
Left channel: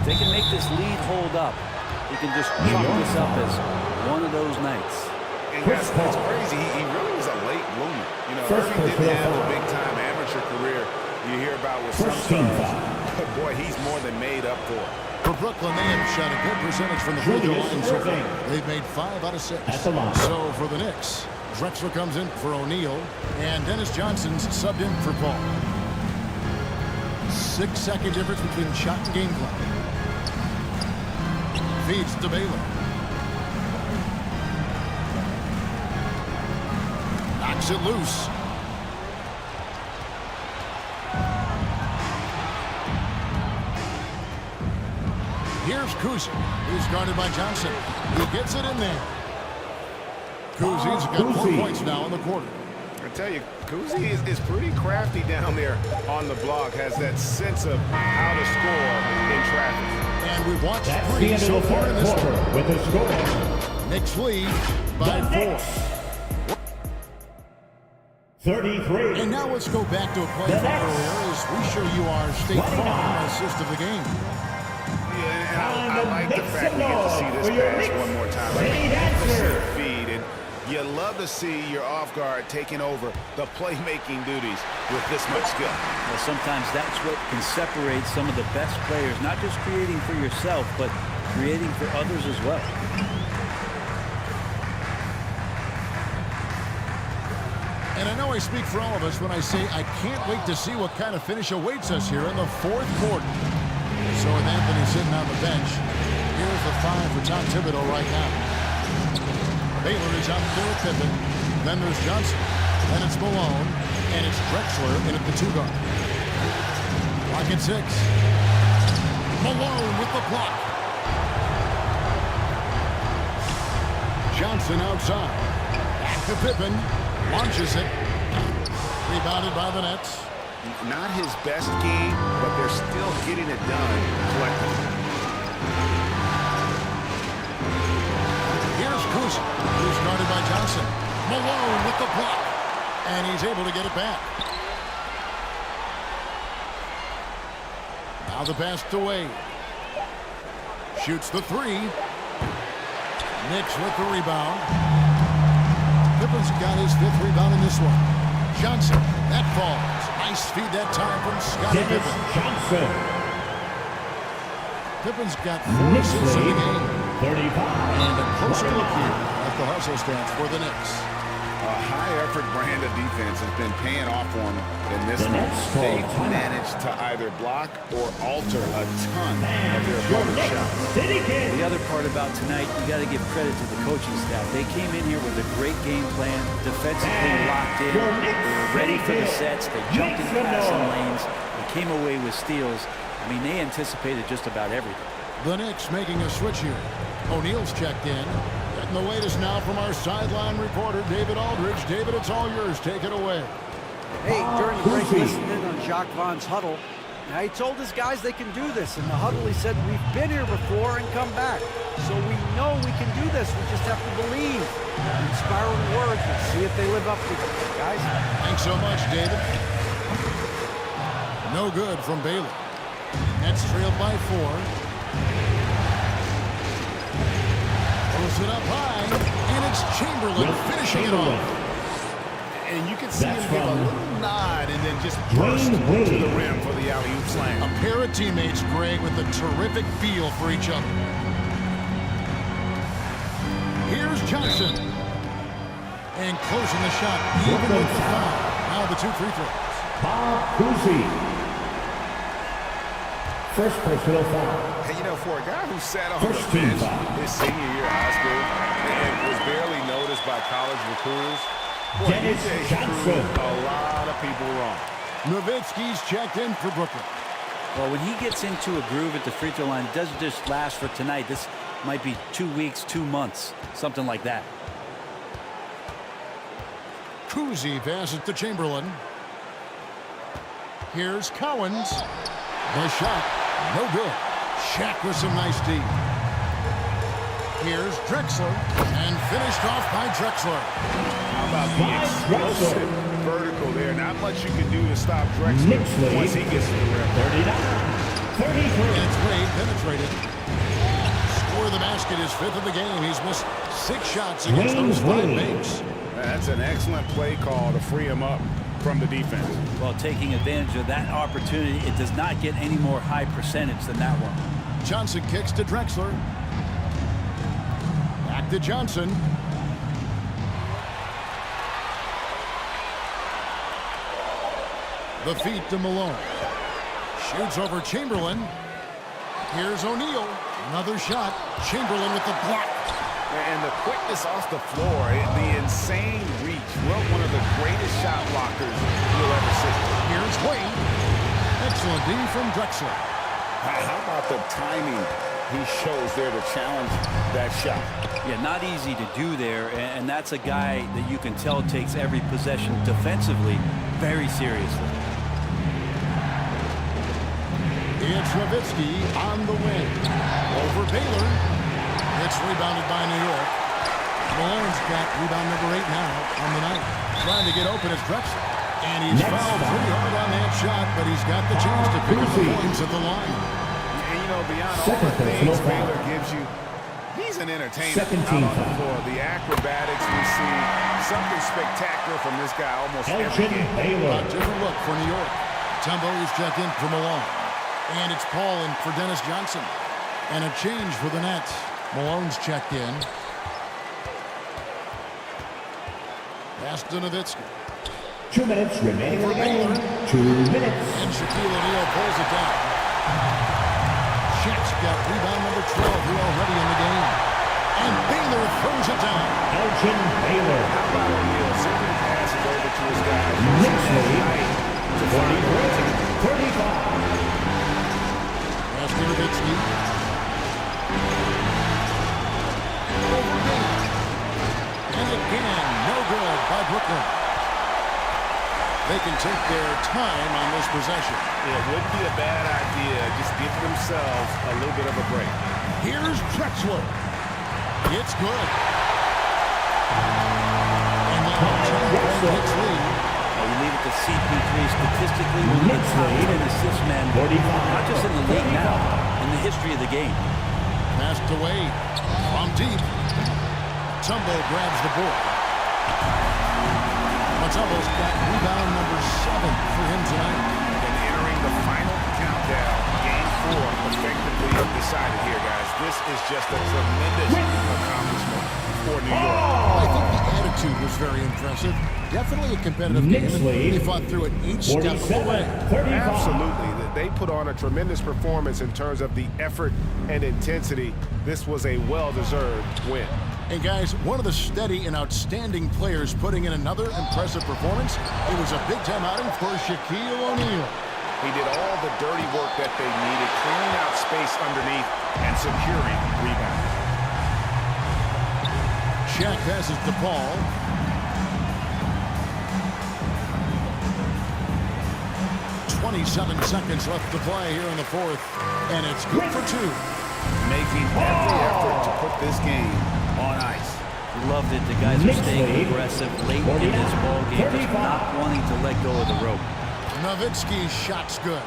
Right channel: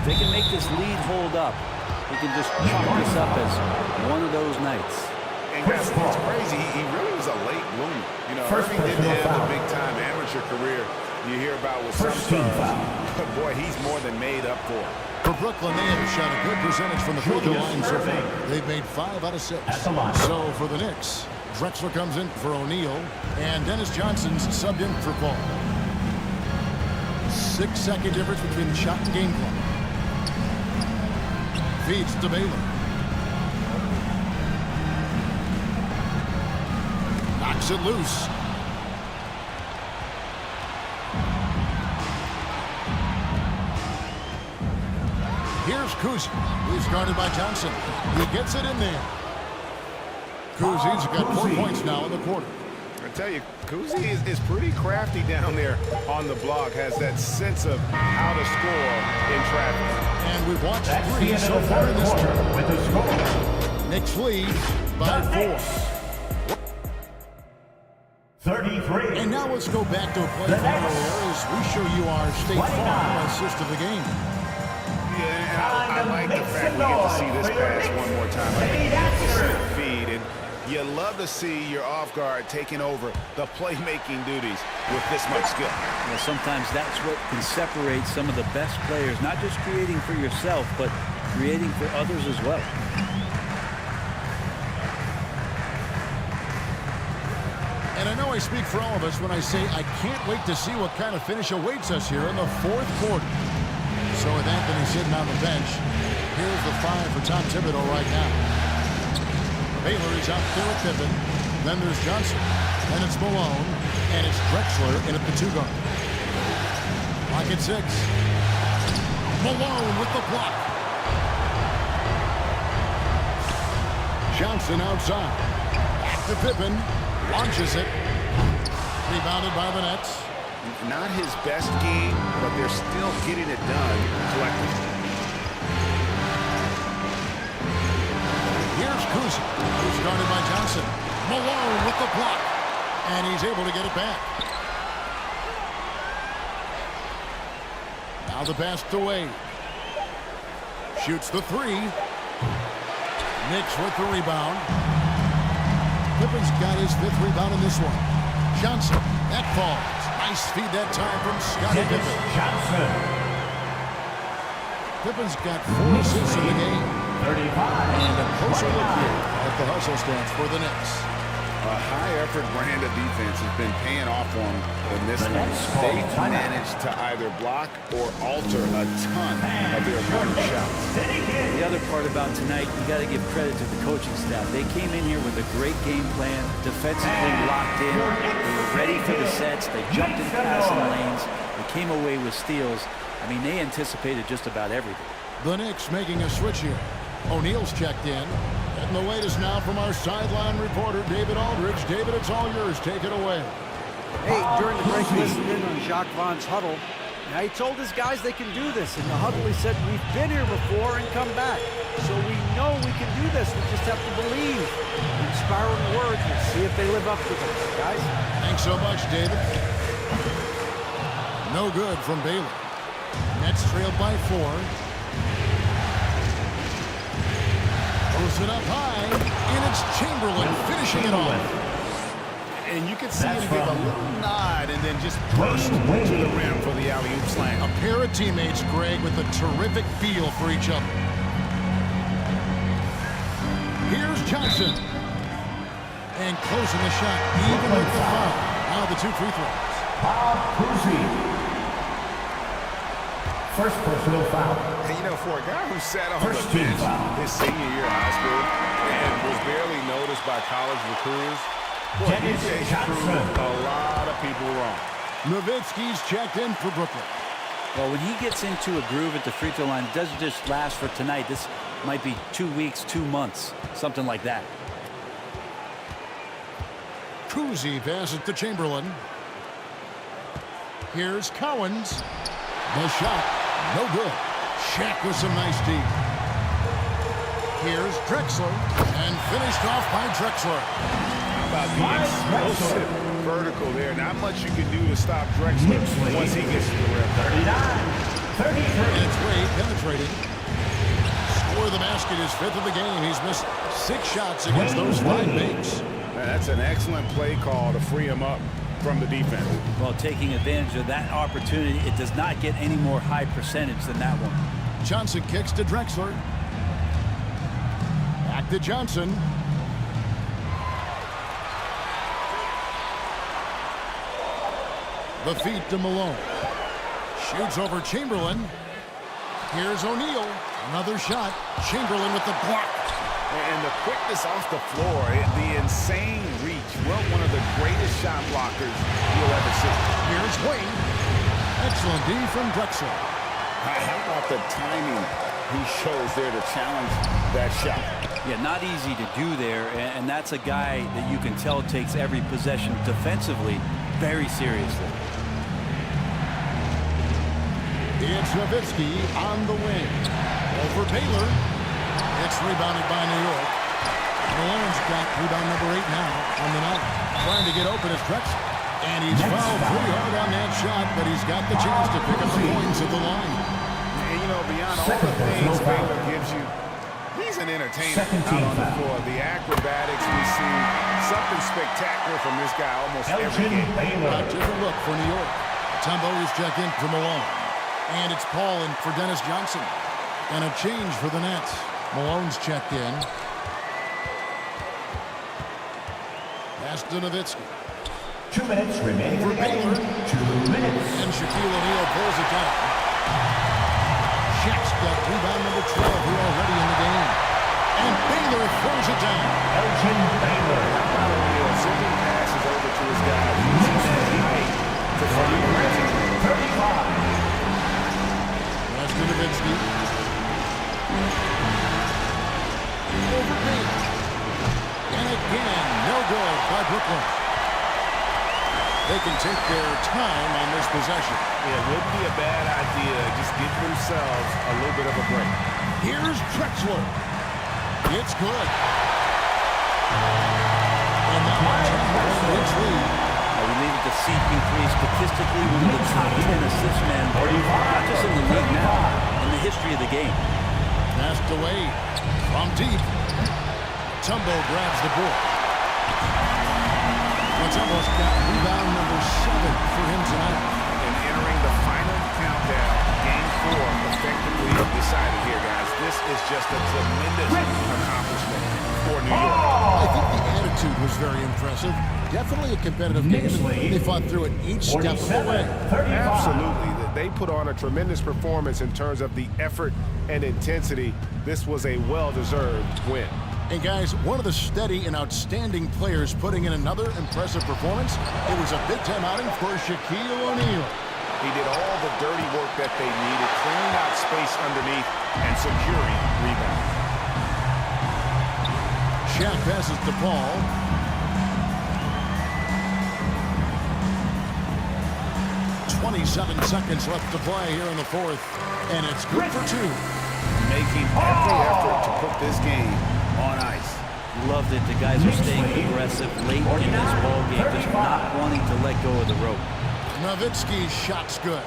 if they can make this lead hold up, he can just chalk this up as one of those nights. And guys, it's crazy. He really was a late bloomer. You know, Irving didn't have the big-time amateur career you hear about with some stars. But, boy, he's more than made up for it. For Brooklyn, they have shot a good percentage from the free throw line so far. They've made 5 out of 6. So for the Knicks, Drexler comes in for O'Neal, and Dennis Johnson's subbed in for Paul. 6-second difference between the shot and game clock. Feeds to Baylor. Knocks it loose. Here's Kuzi. He's guarded by Johnson. He gets it in there. Kuzi's got 4 points now in the quarter. I tell you, Kuzi is pretty crafty down there on the block. Has that sense of how to score in traffic. And we've watched 3 so far in this one. With the score. Knicks lead by 4. 33. And now let's go back to a play from earlier as we show you our State Farm assist of the game. Yeah, and I like the fact we get to see this pass one more time. A magnificent feed, and you love to see your off guard taking over the playmaking duties with this much skill. Well, sometimes that's what can separate some of the best players, not just creating for yourself, but creating for others as well. And I know I speak for all of us when I say I can't wait to see what kind of finish awaits us here in the 4th quarter. So with Anthony sitting on the bench, here's the 5 for Tom Thibodeau right now. Baylor is out there with Pippen. Then there's Johnson. Then it's Malone. And it's Drexler in at the 2 guard. Clock at 6. Malone with the block. Johnson outside. Back to Pippen. Launches it. Rebounded by the Nets. Not his best game, but they're still getting it done collectively. Here's Kuzi, who's guarded by Johnson. Malone with the block. And he's able to get it back. Now the pass to Wade. Shoots the 3. Knicks with the rebound. Pippen's got his 5th rebound in this one. Johnson, that falls. Nice feed that time from Scottie Pippen. Johnson. Pippen's got 4 assists in the game. 35. And a closer look here at the hustle stance for the Knicks. A high-effort brand of defense has been paying off for them in this one. They've managed to either block or alter a ton of their opponent's shots. The other part about tonight, you got to give credit to the coaching staff. They came in here with a great game plan, defensively locked in. They were ready for the sets. They jumped in passing lanes. They came away with steals. I mean, they anticipated just about everything. The Knicks making a switch here. O'Neal's checked in. Getting the latest now from our sideline reporter, David Aldridge. David, it's all yours. Take it away. Hey, during the break, listening in on Jacques Vaughn's huddle, now he told his guys they can do this. In the huddle, he said, we've been here before and come back. So we know we can do this. We just have to believe. Inspiring words. We'll see if they live up to them. Guys? Thanks so much, David. No good from Baylor. Nets trailed by 4. Throws it up high, and it's Chamberlain finishing it off. And you can see him give a little nod and then just burst to the rim for the alley-oop slam. A pair of teammates, Greg, with a terrific feel for each other. Here's Johnson. And closing the shot, even with the foul. Now the 2 free throws. Bob Cousy. First personal foul. Hey, you know, for a guy who sat on First the team bench foul. his senior year of high school and was barely noticed by college recruiters, boy, Dennis he Johnson. proved a lot of people wrong. Nowitzki's checked in for Brooklyn. Well, when he gets into a groove at the free throw line, it doesn't just last for tonight. This might be 2 weeks, 2 months, something like that. Cousy passes to Chamberlain. Here's Cowens. The shot, no good. Shaq with some nice D. Here's Drexler, and finished off by Drexler. How about the explosive vertical there? Not much you can do to stop Drexler once he gets to the rim. 33. And it's Wade penetrating. Score of the basket is 5th of the game. He's missed 6 shots against those 5 makes. Man, that's an excellent play call to free him up from the defense. Well, taking advantage of that opportunity, it does not get any more high percentage than that one. Johnson kicks to Drexler. Back to Johnson. The feed to Malone. Shoots over Chamberlain. Here's O'Neal. Another shot. Chamberlain with the block. And the quickness off the floor, the insane reach. Well, one of the greatest shot blockers you'll ever see. Here's Wade. Excellent D from Drexler. How about the timing he shows there to challenge that shot? Yeah, not easy to do there, and that's a guy that you can tell takes every possession defensively very seriously. It's Nowitzki on the wing. Over Baylor. It's rebounded by New York. Malone's got rebound number 8 now on the night. Trying to get open is Drexler. And he's fouled pretty hard on that shot, but he's got the chance to pick up the points at the line. And, you know, beyond all the things Baylor gives you, he's an entertainer out on the floor. The acrobatics we see, something spectacular from this guy almost every game. A different look for New York. Tumbo is checked in for Malone. And it's Paul in for Dennis Johnson. And a change for the Nets. Malone's checked in. Pass to Nowitzki. 2 minutes remaining in the Baylor. game. 2 minutes. And Shaquille O'Neal pulls it down. Shaq's got rebound number 12 here already in the game. And Baylor throws it down. Elgin Baylor. How about O'Neal zipping passes over to his guys, using his height to find the rim. 35. Pass to Nowitzki. Over Baylor. And again, no good by Brooklyn. They can take their time on this possession. It wouldn't be a bad idea. Just give themselves a little bit of a break. Here's Drexler. It's good. And now a 10-point Knicks lead. Now you leave it to CP3, statistically one of the top 10 assist men, not just in the league now, in the history of the game. Passed away from deep. Mutombo grabs the board. Mutombo's got rebound number 7 for him tonight. And entering the final countdown, game 4 effectively decided here, guys. This is just a tremendous accomplishment for New York. I think the attitude was very impressive. Definitely a competitive game, and they fought through it each step of the way. 35. Absolutely. They put on a tremendous performance in terms of the effort and intensity. This was a well-deserved win. And guys, one of the steady and outstanding players putting in another impressive performance. It was a big-time outing for Shaquille O'Neal. He did all the dirty work that they needed, clearing out space underneath and securing rebounds. Shaq passes to Paul. .27 seconds left to play here in the fourth, and it's good for 2. Making every effort to put this game on ice. Loved it. The guys are staying aggressive late in this ball game, just not wanting to let go of the rope. Nowitzki's shot's good.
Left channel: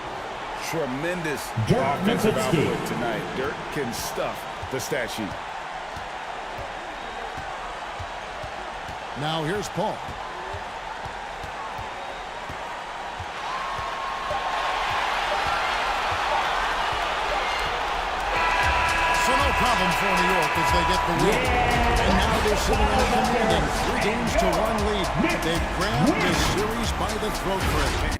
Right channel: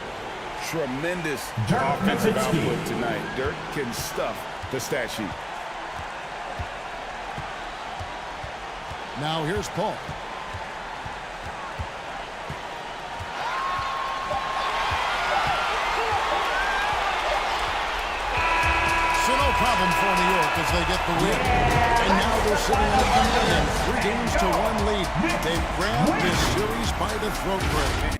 Tremendous Dirk offensive Nowitzki. output tonight. Dirk can stuff the stat sheet. Now here's Paul. So no problem for New York as they get the win. And now they're sitting in a commanding 3-1 lead. They've grabbed this series by the throat break.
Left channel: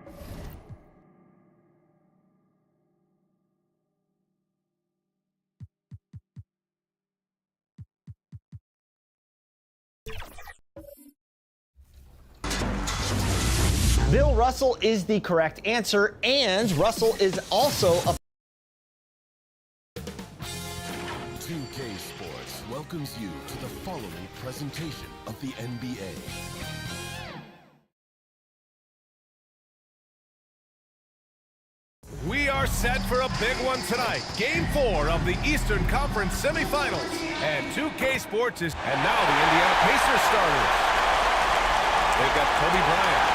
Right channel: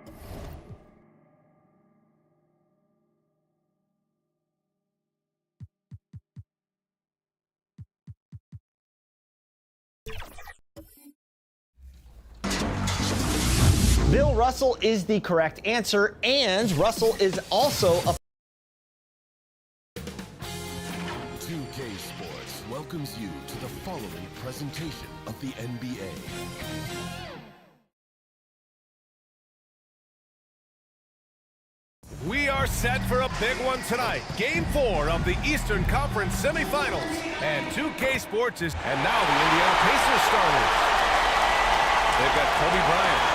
Bill Russell is the correct answer, and Russell is also a 2K Sports welcomes you to the following presentation of the NBA. We are set for a big one tonight. Game 4 of the Eastern Conference semifinals. And 2K Sports is... And now the Indiana Pacers starters. They've got Kobe Bryant.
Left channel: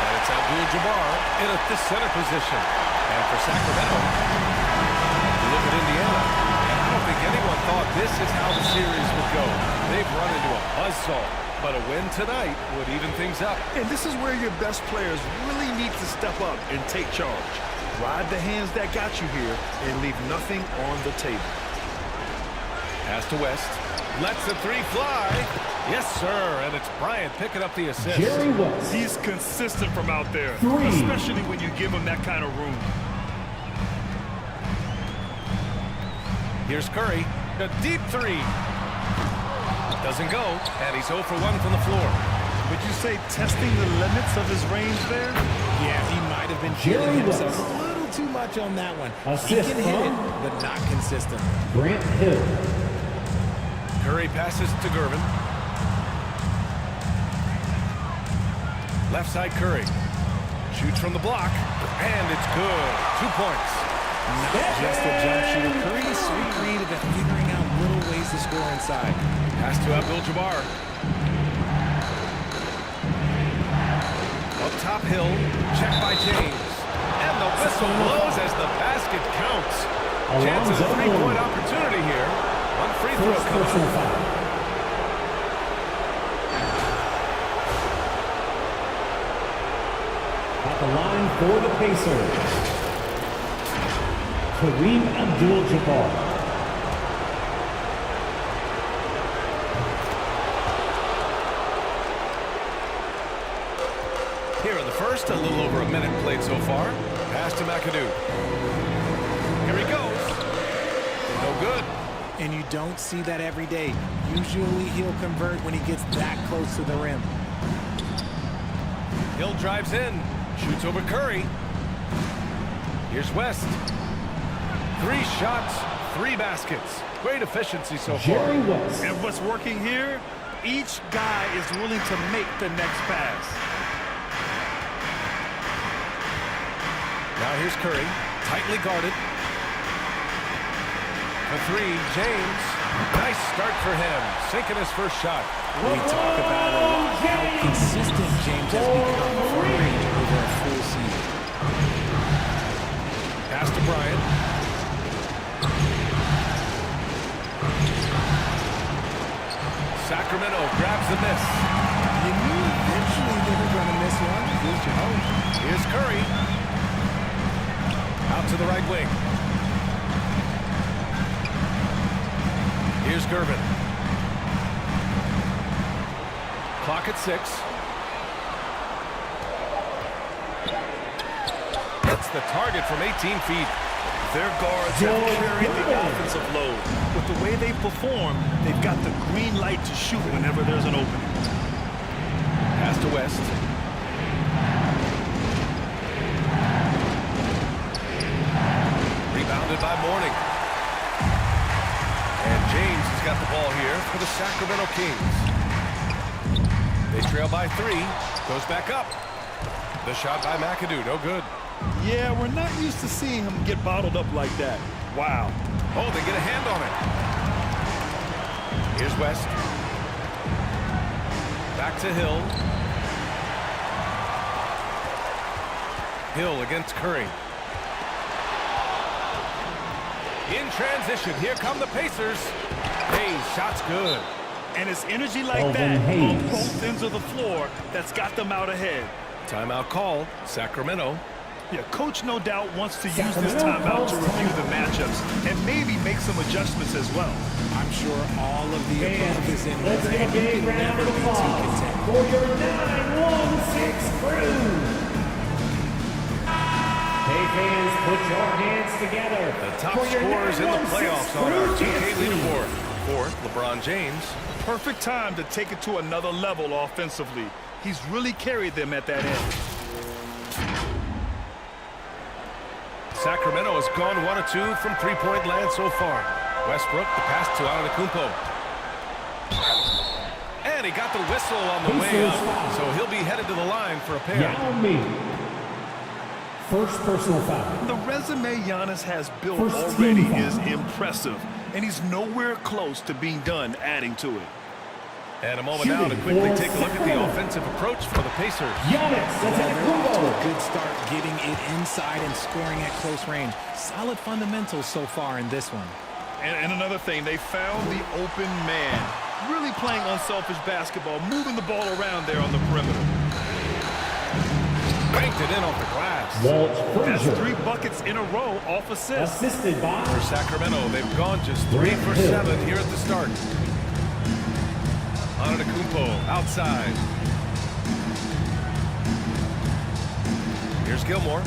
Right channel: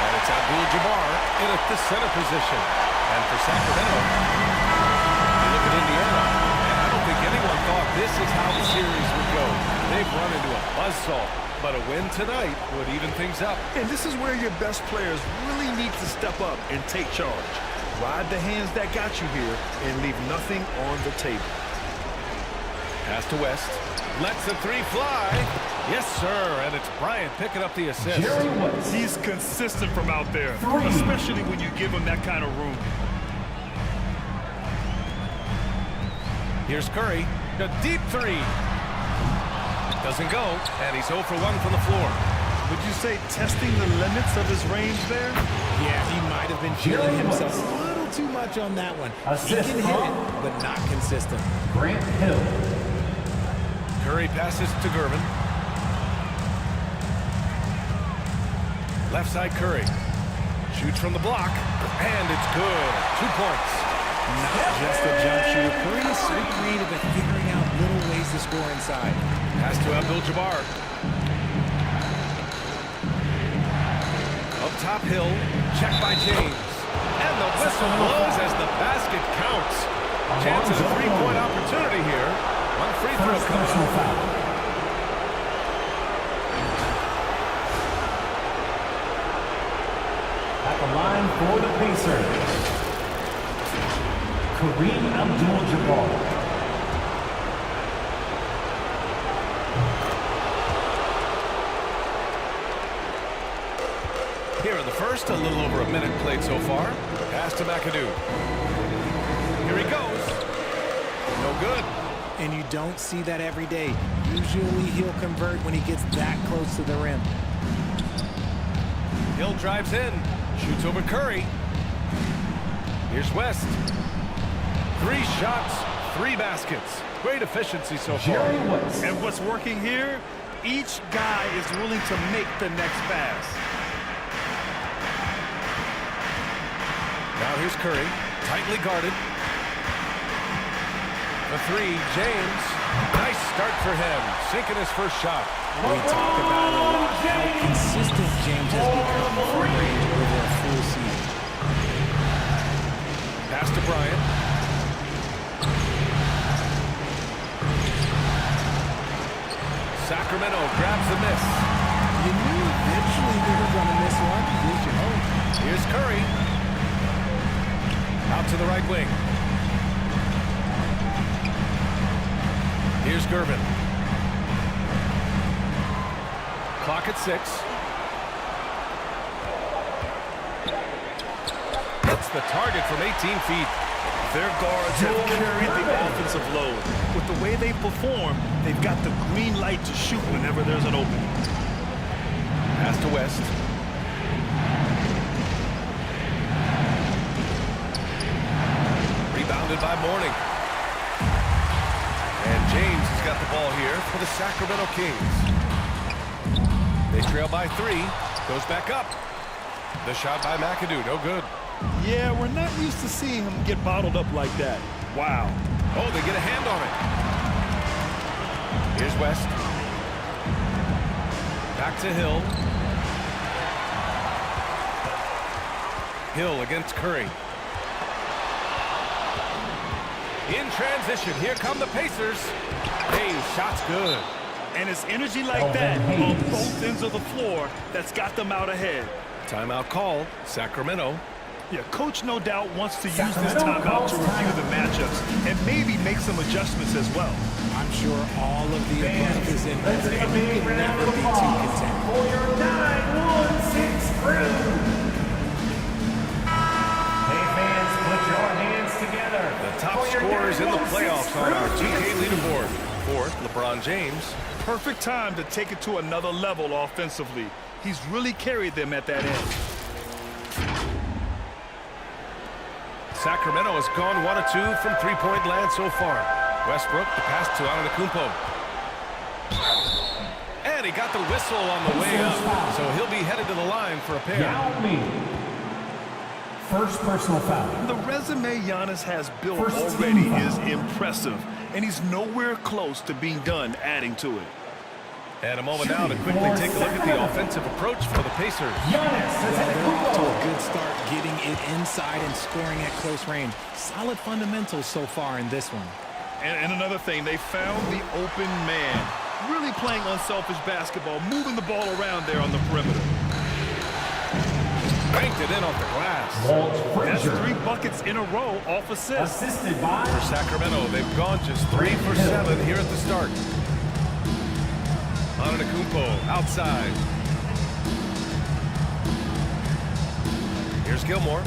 And it's Abdul-Jabbar in the center position. And for Sacramento, you look at Indiana. And I don't think anyone thought this is how the series would go. They've run into a buzzsaw. But a win tonight would even things up. And this is where your best players really need to step up and take charge. Ride the hands that got you here and leave nothing on the table. Pass to West. Lets the 3 fly. Yes, sir. And it's Bryant picking up the assist. He's consistent from out there, especially when you give him that kind of room. Here's Curry. A deep 3. Doesn't go. And he's 0 for 1 from the floor. Would you say testing the limits of his range there? Yeah, he might have been feeling himself a little too much on that one. He can hit it, but not consistent. Grant Hill. Curry passes to Gervin. Left side Curry. Shoots from the block. And it's good. 2 points. Not just a jump shooter. Curry is so creative at figuring out little ways to score inside. Pass to Abdul-Jabbar. Up top Hill. Check by James. And the whistle blows as the basket counts. Chance at a 3-point opportunity here. 1 free throw coming up. At the line for the Pacers, Kareem Abdul-Jabbar. Here in the first, a little over a minute played so far. Pass to McAdoo. Here he goes. No good. And you don't see that every day. Usually he'll convert when he gets that close to the rim. Hill drives in. Shoots over Curry. Here's West. 3 shots, 3 baskets. Great efficiency so far. And what's working here? Each guy is willing to make the next pass. Now here's Curry, tightly guarded. For 3, James. Nice start for him, sinking his first shot. We talk about it a lot, how consistent James has become from range over a full season. Pass to Bryant. Sacramento grabs the miss. You knew eventually they were going to miss one, at least you hope. Here's Curry. Out to the right wing. Here's Gervin. Clock at 6. Hits the target from 18 feet. Their guards have carried the offensive load. With the way they perform, they've got the green light to shoot whenever there's an opening. Pass to West. Rebounded by Mourning. And James has got the ball here for the Sacramento Kings. They trail by 3. Goes back up. The shot by McAdoo, no good. Yeah, we're not used to seeing him get bottled up like that. Wow. Oh, they get a hand on it. Here's West. Back to Hill. Hill against Curry. In transition, here come the Pacers. Hey, shot's good. And it's energy like that on both ends of the floor that's got them out ahead. Timeout call, Sacramento. Yeah, coach no doubt wants to use this timeout to review the matchups and maybe make some adjustments as well. I'm sure all of the above is in order, and you can never be too content. For your 9-1-6 crew. Hey fans, put your hands together. The top scorers in the playoffs on our 2K leaderboard. 4th, LeBron James. Perfect time to take it to another level offensively. He's really carried them at that end. Sacramento has gone 1 of 2 from three-point land so far. Westbrook, the pass to Antetokounmpo. And he got the whistle on the way up, so he'll be headed to the line for a pair. Yao Ming. First personal foul. The resume Giannis has built already is impressive, and he's nowhere close to being done adding to it. And a moment now to quickly take a look at the offensive approach for the Pacers. Well, they're off to a good start getting it inside and scoring at close range. Solid fundamentals so far in this one. And another thing, they found the open man. Really playing unselfish basketball, moving the ball around there on the perimeter. Banked it in off the glass. That's 3 buckets in a row off assists. Assisted by For Sacramento, they've gone just 3 for 7 here at the start. Antetokounmpo outside. Here's Gilmore.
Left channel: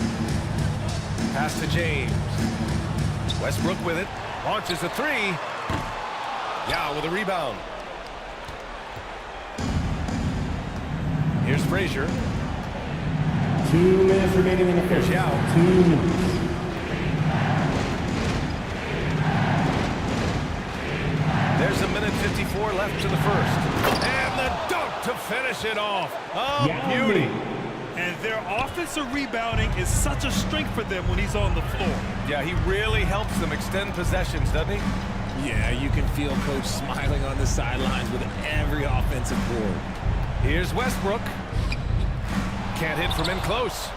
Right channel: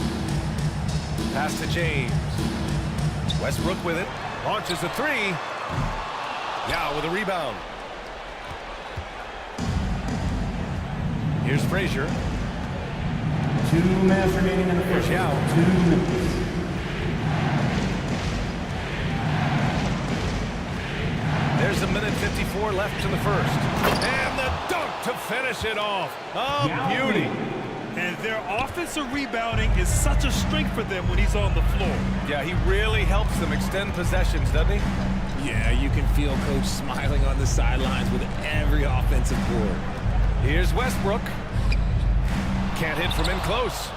Pass to James. Westbrook with it. Launches a 3. Yao with a rebound. Here's Frazier. 2 minutes remaining in the first. Here's Yao. 2 minutes. There's a minute 54 left in the first. And the dunk to finish it off. Oh, beauty. And their offensive rebounding is such a strength for them when he's on the floor. Yeah, he really helps them extend possessions, doesn't he? Yeah, you can feel Coach smiling on the sidelines with every offensive board. Here's Westbrook. Can't hit from in close.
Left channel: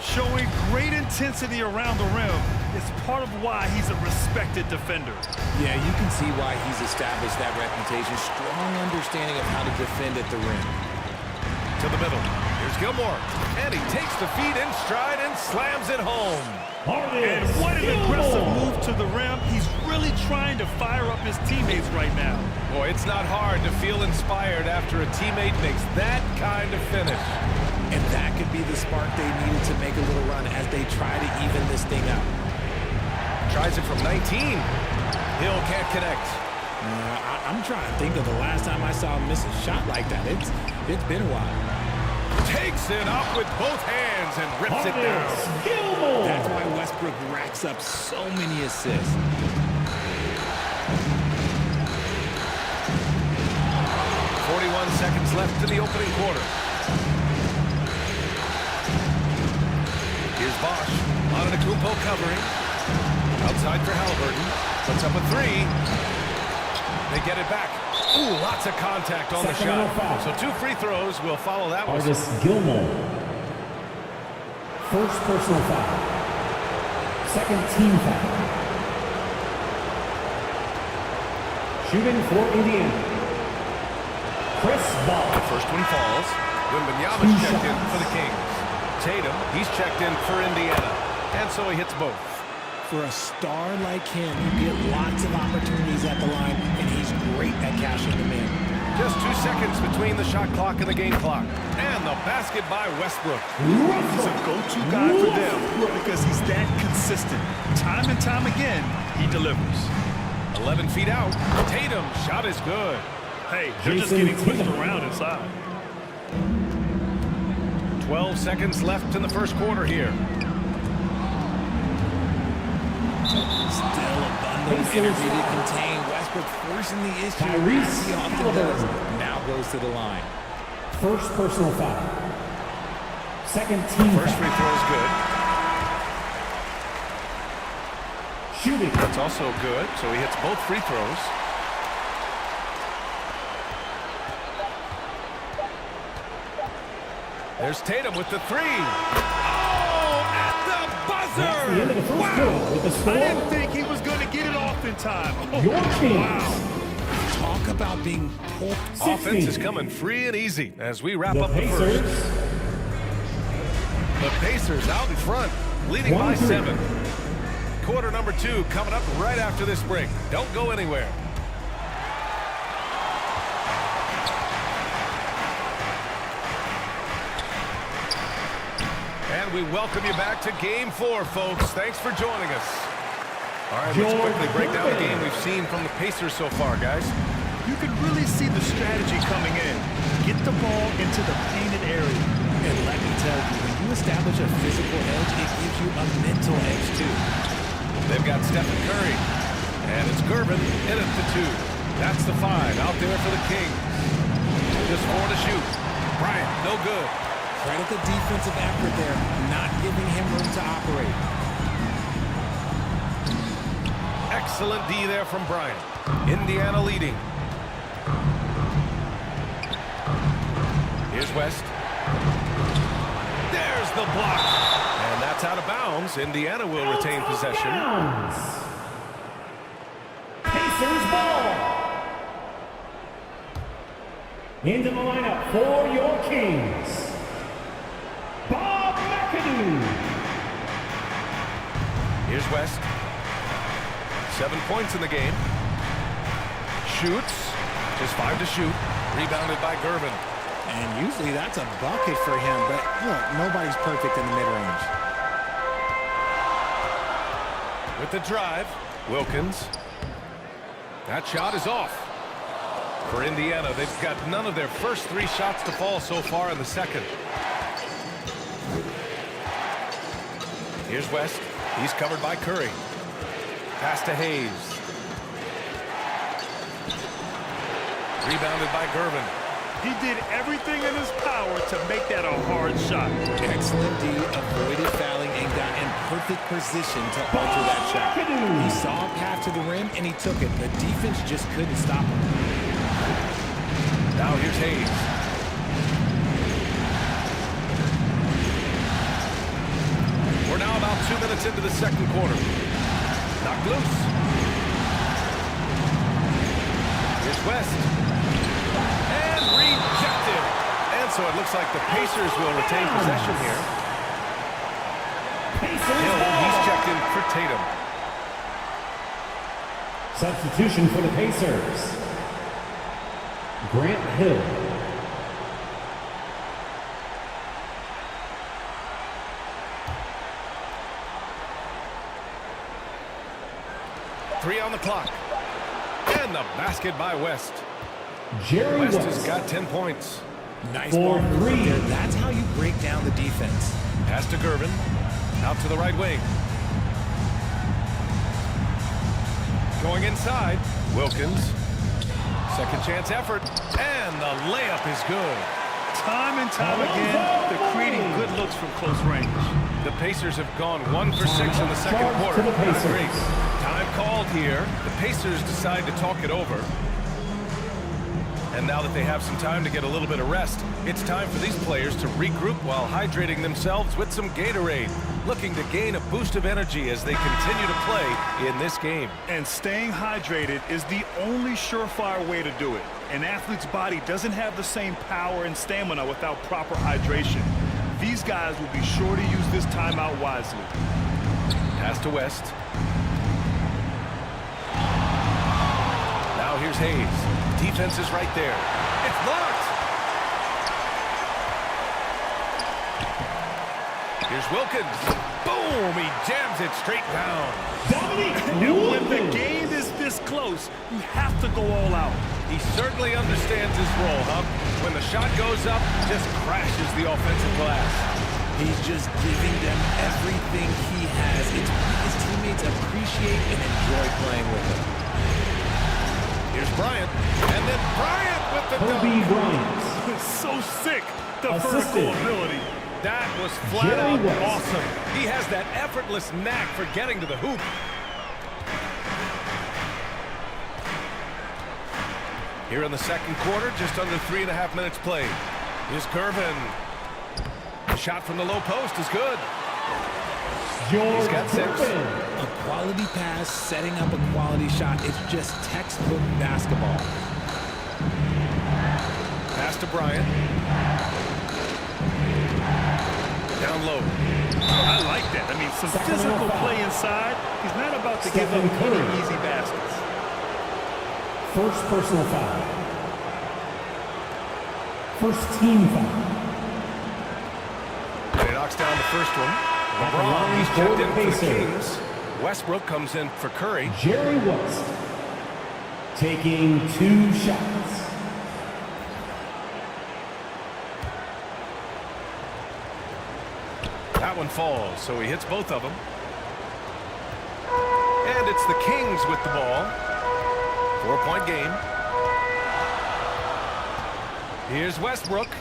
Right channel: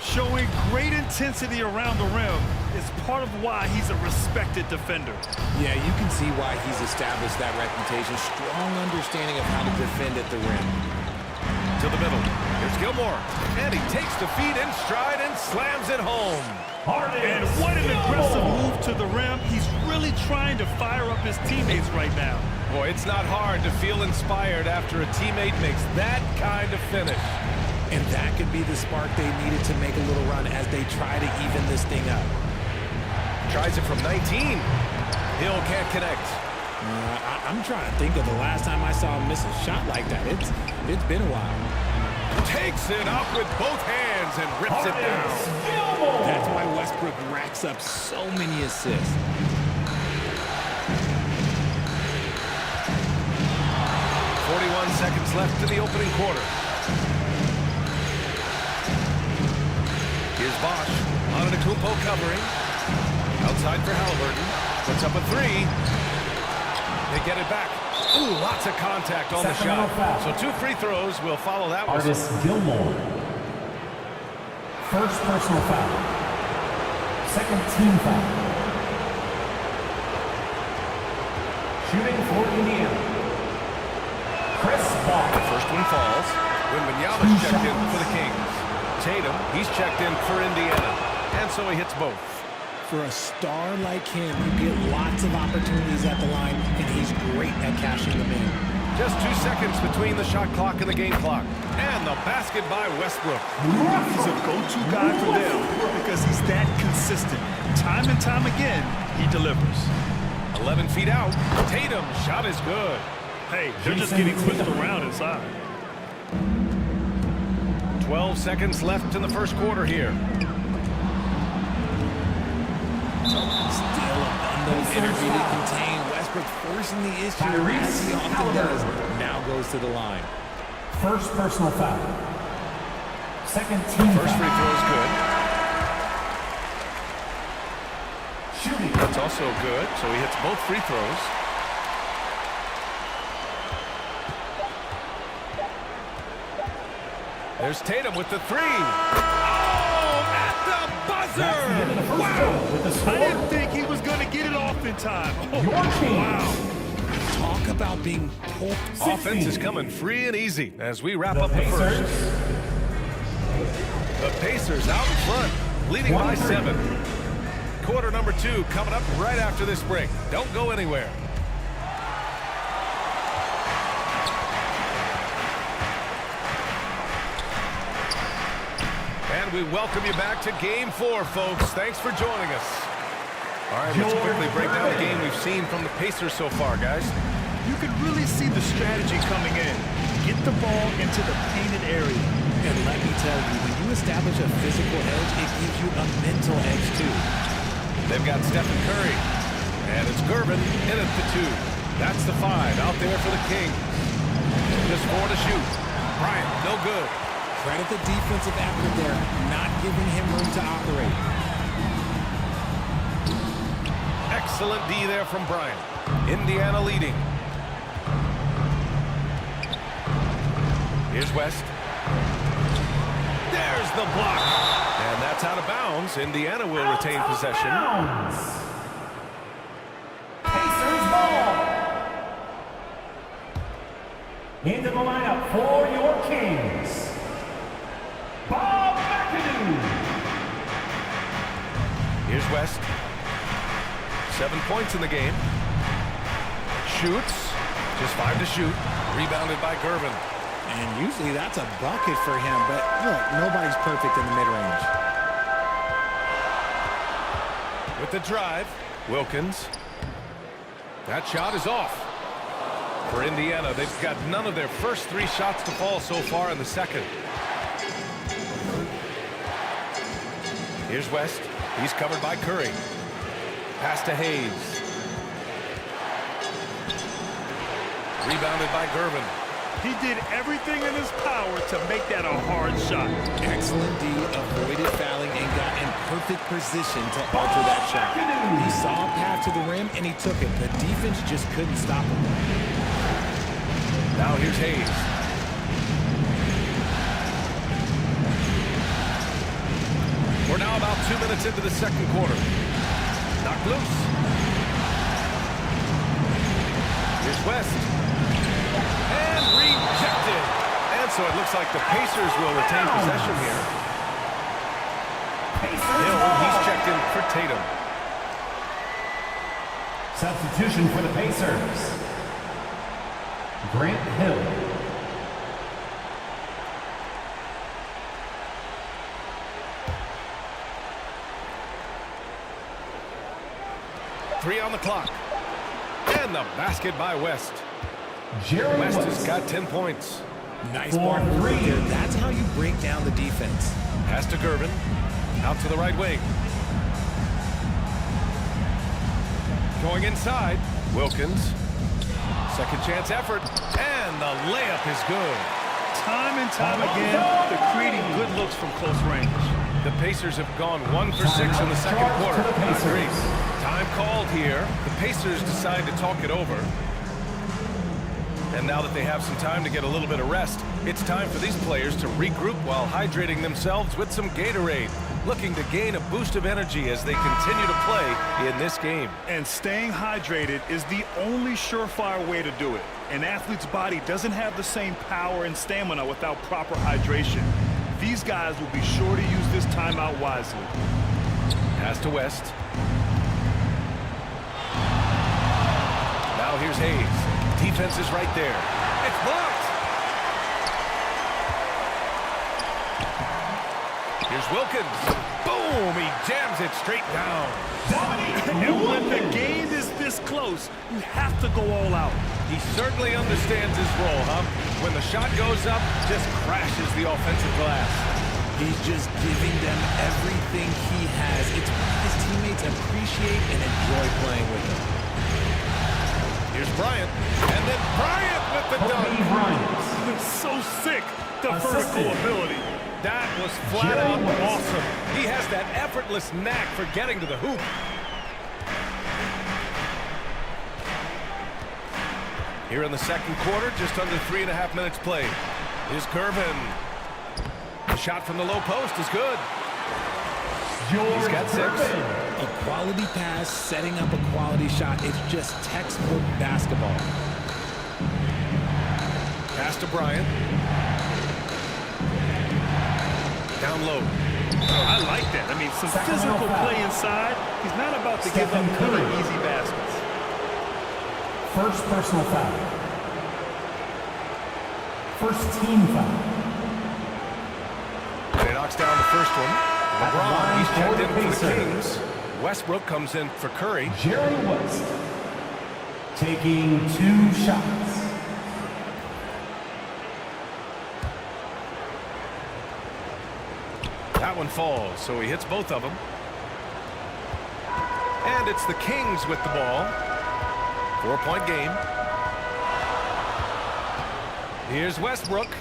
Showing great intensity around the rim is part of why he's a respected defender. Yeah, you can see why he's established that reputation. Strong understanding of how to defend at the rim. To the middle. Here's Gilmore. And he takes the feet in stride and slams it home. And what an aggressive move to the rim. He's really trying to fire up his teammates right now. Boy, it's not hard to feel inspired after a teammate makes that kind of finish. And that could be the spark they needed to make a little run as they try to even this thing up. Tries it from 19. Hill can't connect. I'm trying to think of the last time I saw him miss a shot like that. It's been a while. Takes it up with both hands and rips it down. That's why Westbrook racks up so many assists. .41 seconds left in the opening quarter. Here's Bosch. Antetokounmpo covering. Outside for Halliburton. Puts up a 3. They get it back. Ooh, lots of contact on the shot. So 2 free throws will follow that one. Artist Gilmore. First personal foul. Second team foul. Shooting for Indiana. Chris Ball. The first one falls. Wembanyama's checked in for the Kings. Tatum, he's checked in for Indiana. And so he hits both. For a star like him, you get lots of opportunities at the line, and he's great at cashing them in. Just 2 seconds between the shot clock and the game clock. And the basket by Westbrook. He's a go-to guy for them because he's that consistent. Time and time again, he delivers. 11 feet out. Tatum, shot is good. Hey, they're just getting pushed around inside. 12 seconds left in the first quarter here. Still abundant those energy to contain. Westbrook forcing the issue as he often does. Now goes to the line. First personal foul. Second team First foul. free throw is good. Shooting. That's also good, so he hits both free throws. There's Tatum with the three. Oh, at the buzzer! Wow! I didn't think he was going to get it off in time. Oh, Your team. wow! Talk about being pulled. Offense is coming free and easy as we wrap up the first. The Pacers out in front, leading by 7. Quarter number 2 coming up right after this break. Don't go anywhere. And we welcome you back to Game 4, folks. Thanks for joining us. All right, let's quickly break down the game we've seen from the Pacers so far, guys. You can really see the strategy coming in. Get the ball into the painted area. And let me tell you, when you establish a physical edge, it gives you a mental edge, too. They've got Stephen Curry. And it's Gervin in at the 2. That's the 5 out there for the Kings. Just 4 to shoot. Bryant, no good. Credit the defensive effort there, not giving him room to operate. Excellent D there from Bryant. Indiana leading. Here's West. There's the block. And that's out of bounds. Indiana will retain possession. Pacers ball. Into the lineup for your Kings. Bob McAdoo. Here's West. 7 points in the game. Shoots. Just 5 to shoot. Rebounded by Gervin. And usually that's a bucket for him, but look, nobody's perfect in the mid-range. With the drive, Wilkins. That shot is off. For Indiana, they've got none of their first 3 shots to fall so far in the second. Here's West. He's covered by Curry. Pass to Hayes. Rebounded by Gervin. He did everything in his power to make that a hard shot. Excellent D, avoided fouling, and got in perfect position to alter that shot. He saw a path to the rim, and he took it. The defense just couldn't stop him. Now here's Hayes. We're now about 2 minutes into the second quarter. Knocked loose. Here's West. And rejected. And so it looks like the Pacers will retain possession here. Hill, he's checked in for Tatum. Substitution for the Pacers. Grant Hill. Three on the clock. And the basket by West. Jerry West has got 10 points. Nice ball movement there. That's how you break down the defense. Pass to Gervin. Out to the right wing. Going inside. Wilkins. Second chance effort. And the layup is good. Time and time again, they're creating good looks from close range. The Pacers have gone 1 for 6 in the second quarter. Not great. Time called here. The Pacers decide to talk it over. And now that they have some time to get a little bit of rest, it's time for these players to regroup while hydrating themselves with some Gatorade, looking to gain a boost of energy as they continue to play in this game. And staying hydrated is the only surefire way to do it. An athlete's body doesn't have the same power and stamina without proper hydration. These guys will be sure to use this timeout wisely. Pass to West. Now here's Hayes. Defense is right there. It's blocked. Here's Wilkins. Boom! He jams it straight down. And when the game is this close, you have to go all out. He certainly understands his role, huh? When the shot goes up, just crashes the offensive glass. He's just giving them everything he has. It's what his teammates appreciate and enjoy playing with him. Here's Bryant, and then Bryant with the Kobe dunk. Bryant. So sick, the Assisted. vertical ability. That was flat Jerry out West. awesome. He has that effortless knack for getting to the hoop. Here in the second quarter, just under 3.5 minutes played. Here's Gervin. The shot from the low post is good. He's got 6. A quality pass, setting up a quality shot. It's just textbook basketball. Pass to Bryant. Down low. I like that. I mean, some physical play inside. He's not about to give up any easy baskets. First personal foul. First team foul. And he knocks down the first one. LeBron, he's checked in for the Kings. Westbrook comes in for Curry. Jerry West taking 2 shots. That one falls, so he hits both of them. And it's the Kings with the ball. 4-point game. Here's Westbrook.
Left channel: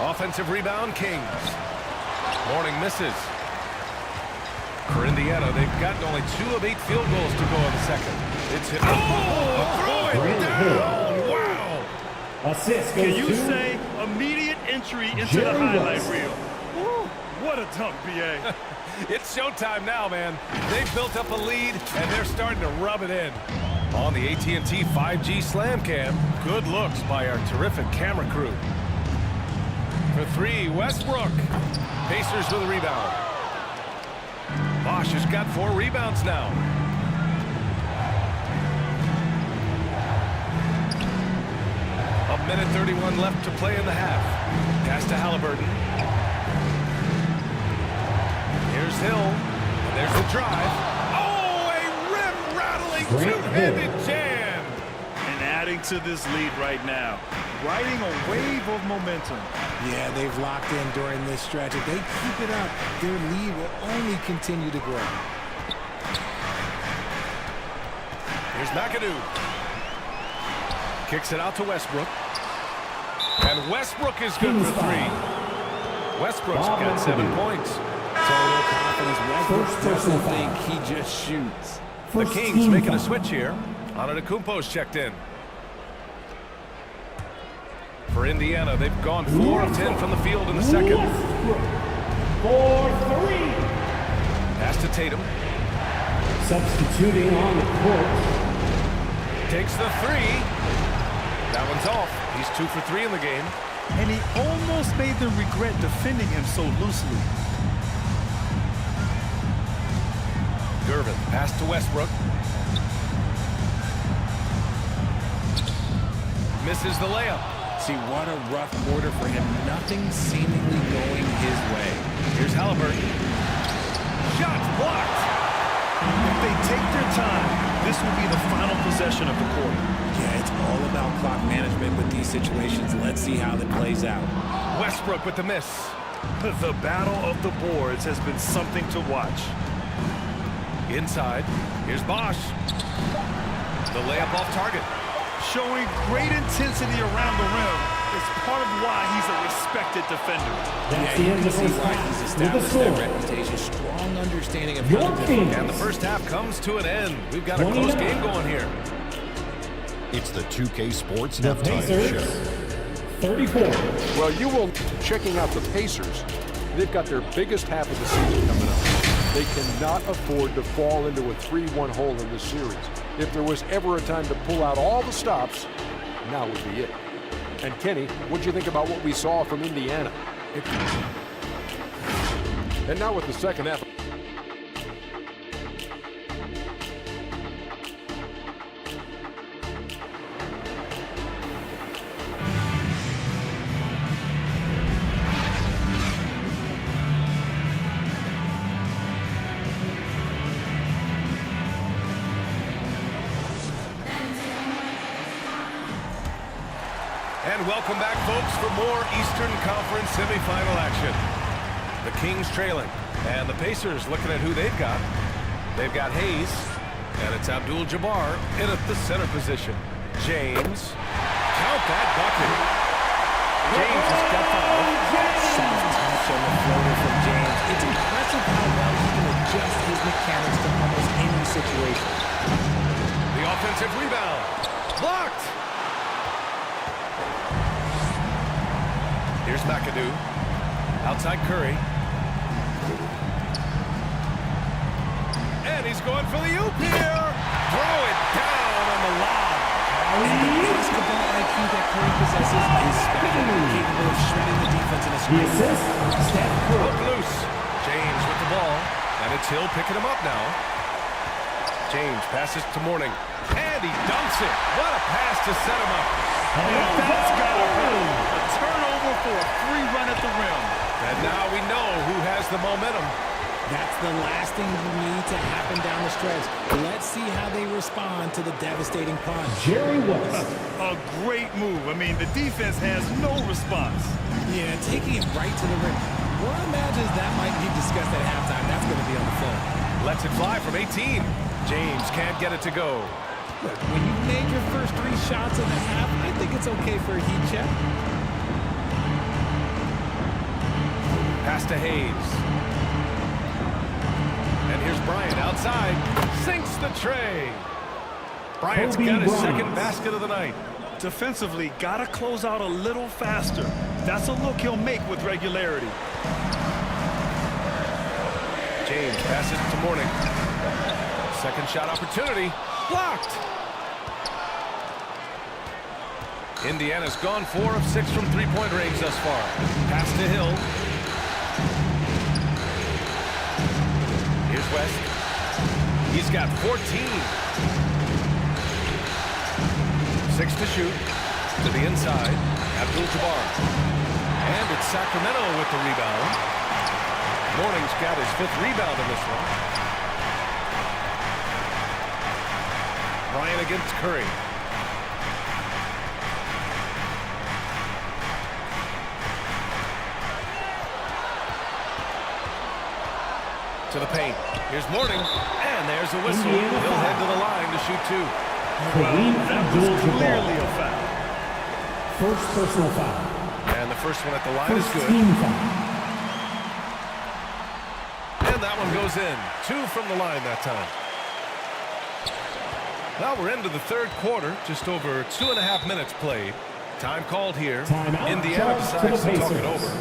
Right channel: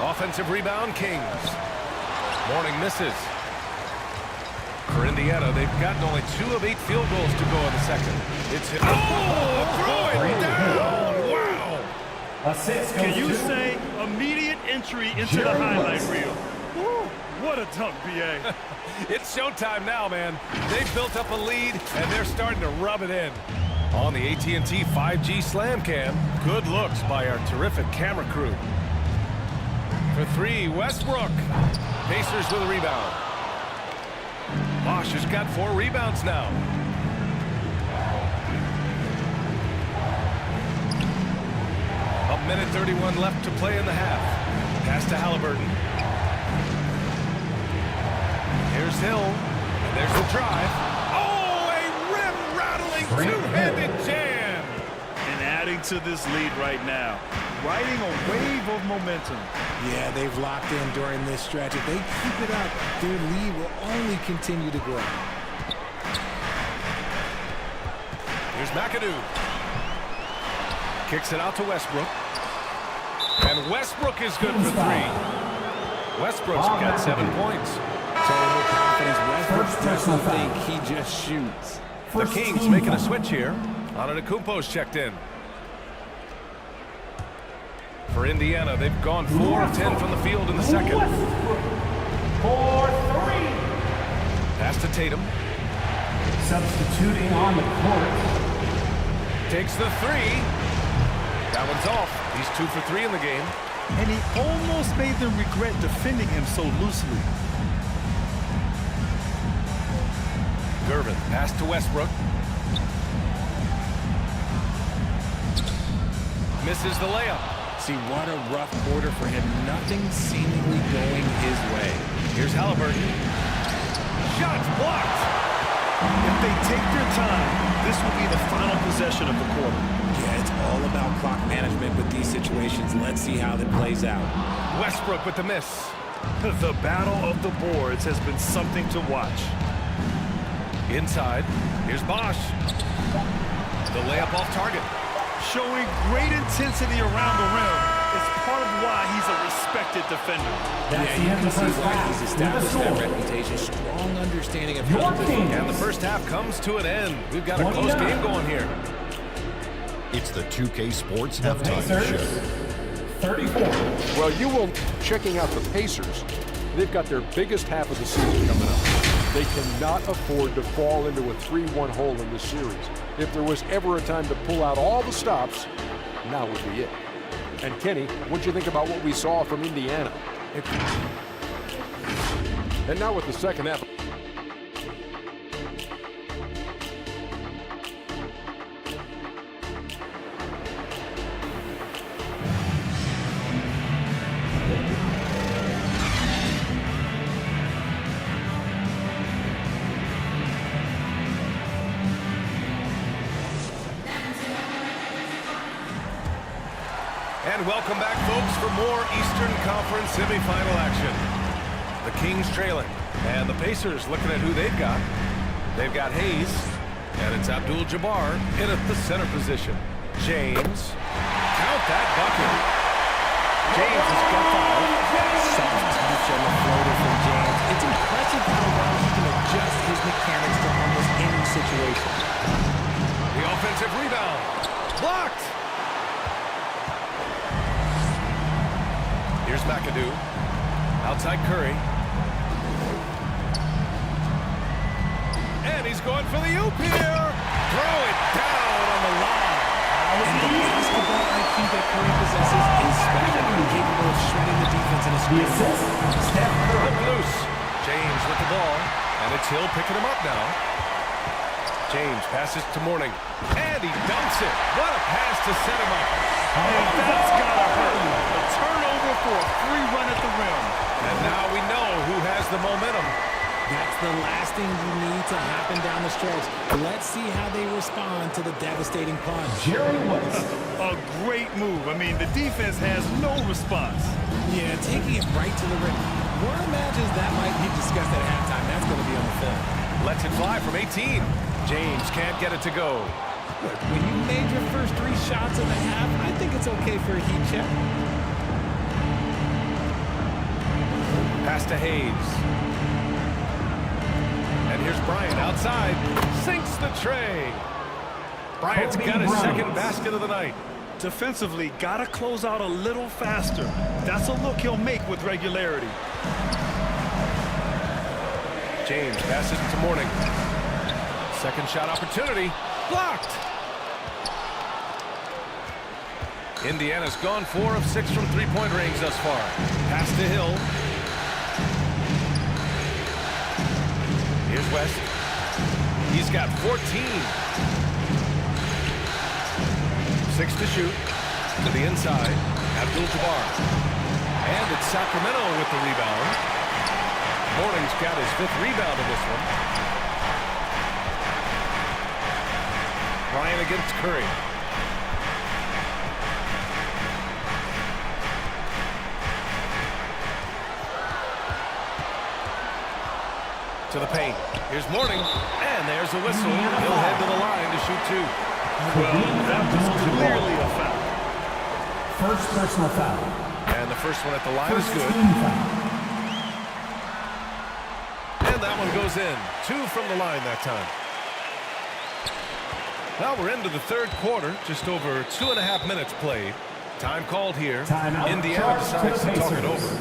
Offensive rebound, Kings. Mourning misses. For Indiana, they've gotten only 2 of 8 field goals to go in the second. It's hit. Oh, throw it down! Wow! Assist. Can you say immediate entry into the highlight reel? Woo, what a dunk, B.A. It's showtime now, man. They've built up a lead, and they're starting to rub it in. On the AT&T 5G Slam Cam, good looks by our terrific camera crew. For 3, Westbrook. Pacers with a rebound. Bosch has got 4 rebounds now. A minute 31 left to play in the half. Pass to Halliburton. Here's Hill. And there's the drive. Oh, a rim-rattling two-handed jam. And adding to this lead right now. Riding a wave of momentum. Yeah, they've locked in during this stretch. If they keep it up, their lead will only continue to grow. Here's McAdoo. Kicks it out to Westbrook. And Westbrook is good for 3. Westbrook's got 7 points. Total confidence. Westbrook doesn't think he just shoots. The Kings making a switch here. Antetokounmpo's checked in. For Indiana, they've gone 4 of 10 from the field in the second. For 3. Pass to Tatum. Substituting on the court. Takes the 3. That one's off. He's 2 for 3 in the game. And he almost made them regret defending him so loosely. Gervin, pass to Westbrook. Misses the layup. See, what a rough quarter for him. Nothing seemingly going his way. Here's Halliburton. Shots blocked. If they take their time, this will be the final possession of the quarter. Yeah, it's all about clock management with these situations. Let's see how that plays out. Westbrook with the miss. The battle of the boards has been something to watch. Inside. Here's Bosch. The layup off target. Showing great intensity around the rim is part of why he's a respected defender. Yeah, you can see why he's established that reputation. Strong understanding of how to defend. And the first half comes to an end. We've got a close game going here. It's the 2K Sports Halftime Show. 34. Well, you will checking out the Pacers. They've got their biggest half of the season coming up. They cannot afford to fall into a 3-1 hole in this series. If there was ever a time to pull out all the stops, now would be it. And Kenny, what'd you think about what we saw from Indiana? And now with the second half. And welcome back, folks, for more Eastern Conference semifinal action. The Kings trailing. And the Pacers looking at who they've got. They've got Hayes. And it's Abdul-Jabbar in at the center position. James. Count that bucket. James has got 5. Soft touch on the floater from James. It's impressive how well he can adjust his mechanics to almost any situation. The offensive rebound. Blocked. Here's McAdoo. Outside Curry. And he's going for the oop here. Throw it down on the lob. And the basketball IQ that Curry possesses is special. Capable of shredding the defense in a screen. Hook loose. James with the ball. And it's Hill picking him up now. James passes to Mourning. And he dunks it. What a pass to set him up. And that's gotta hurt. A turnover for a free run at the rim. And now we know who has the momentum. That's the last thing you need to happen down the stretch. Let's see how they respond to the devastating punch. Jerry West. A great move. I mean, the defense has no response. Yeah, taking it right to the rim. One imagines that might be discussed at halftime. That's going to be on the film. Lets it fly from 18. James can't get it to go. Look, when you've made your first 3 shots in the half, I think it's okay for a heat check. Pass to Hayes. And here's Bryant outside. Sinks the tray. Bryant's got his second basket of the night. Defensively, gotta close out a little faster. That's a look he'll make with regularity. James passes to Mourning. Second shot opportunity. Blocked. Indiana's gone 4 of 6 from three-point range thus far. Pass to Hill. Here's West. He's got 14. 6 to shoot. To the inside. Abdul-Jabbar. And it's Sacramento with the rebound. Mourning's got his 5th rebound in this one. Bryant against Curry. To the paint. Here's Mourning. And there's a whistle. He'll head to the line to shoot 2. Well, that was clearly a foul. First personal foul. And the first one at the line is good. Team foul. And that one goes in. 2 from the line that time. Well, we're into the third quarter. Just over 2.5 minutes played. Time called here. Timeout. Indiana decides to talk it over.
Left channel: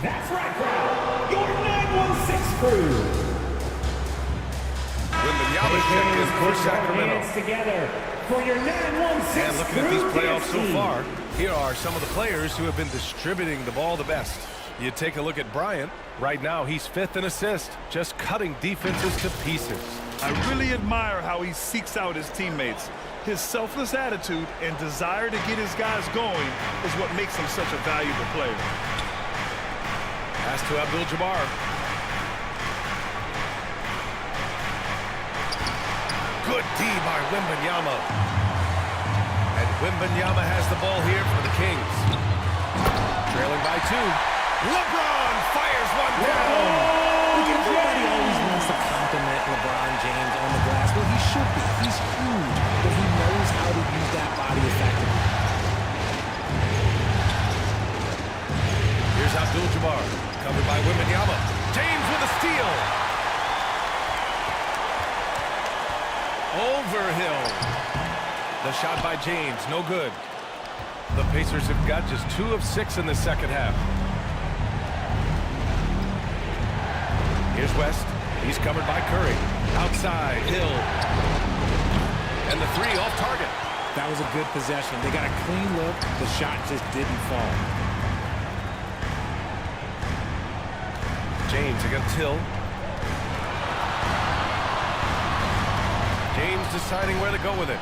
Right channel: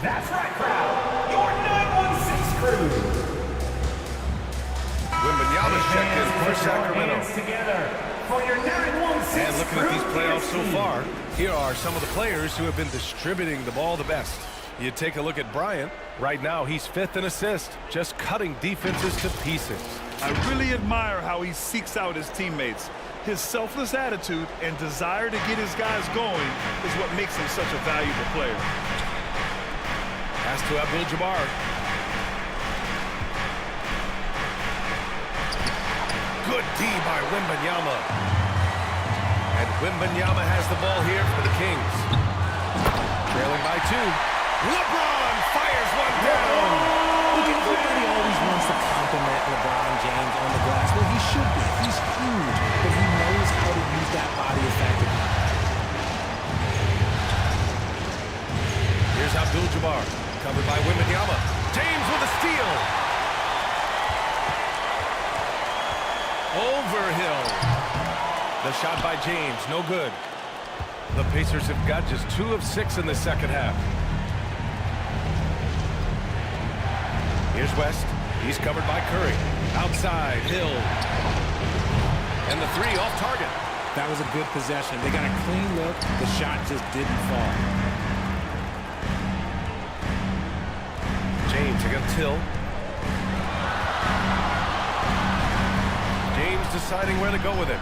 That's right, crowd. Your 916 crew. Wembanyama's checked in for Sacramento. Together for your 916 And looking at these playoffs so far, here are some of the players who have been distributing the ball the best. You take a look at Bryant. Right now, he's 5th in assists, just cutting defenses to pieces. I really admire how he seeks out his teammates. His selfless attitude and desire to get his guys going is what makes him such a valuable player. Pass to Abdul-Jabbar. Good D by Wembanyama. And Wembanyama has the ball here for the Kings. Trailing by 2. LeBron fires one down. Look, everybody always wants to compliment LeBron James on the glass. Well, he should be. He's huge, but he knows how to use that body effectively. Here's Abdul-Jabbar, covered by Wembanyama. James with a steal. Over Hill. The shot by James, no good. The Pacers have got just 2 of 6 in the second half. Here's West. He's covered by Curry. Outside, Hill. And the 3 off target. That was a good possession. They got a clean look. The shot just didn't fall. James against Hill. James deciding where to go with it.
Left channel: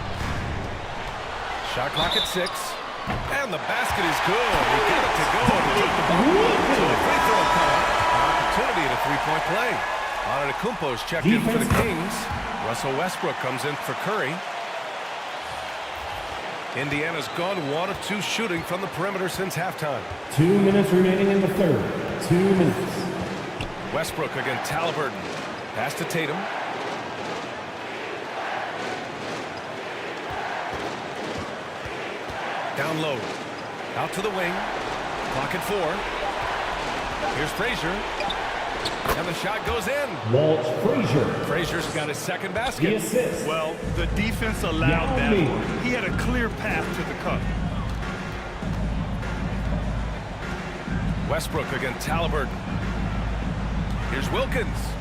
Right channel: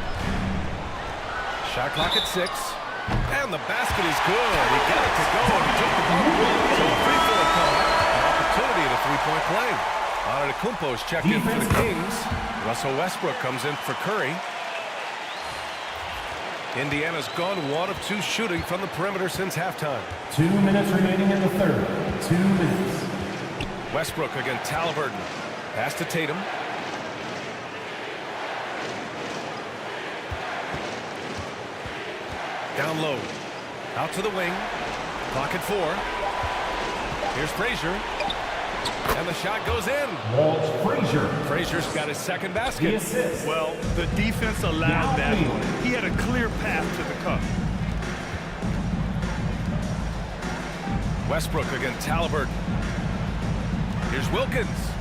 Shot clock at 6. And the basket is good. He got it to go, and he took the ball. So a free throw coming. An opportunity at a three-point play. Antetokounmpo's checked in for the Kings. Russell Westbrook comes in for Curry. Indiana's gone 1 of 2 shooting from the perimeter since halftime. 2 minutes remaining in the third. 2 minutes. Westbrook against Halliburton. Pass to Tatum. Down low. Out to the wing. Clock at 4. Here's Frazier. And the shot goes in. Walt Frazier. Frazier's got his second basket. The assist. Well, the defense allowed that one. He had a clear path to the cup. Westbrook against Halliburton. Here's Wilkins.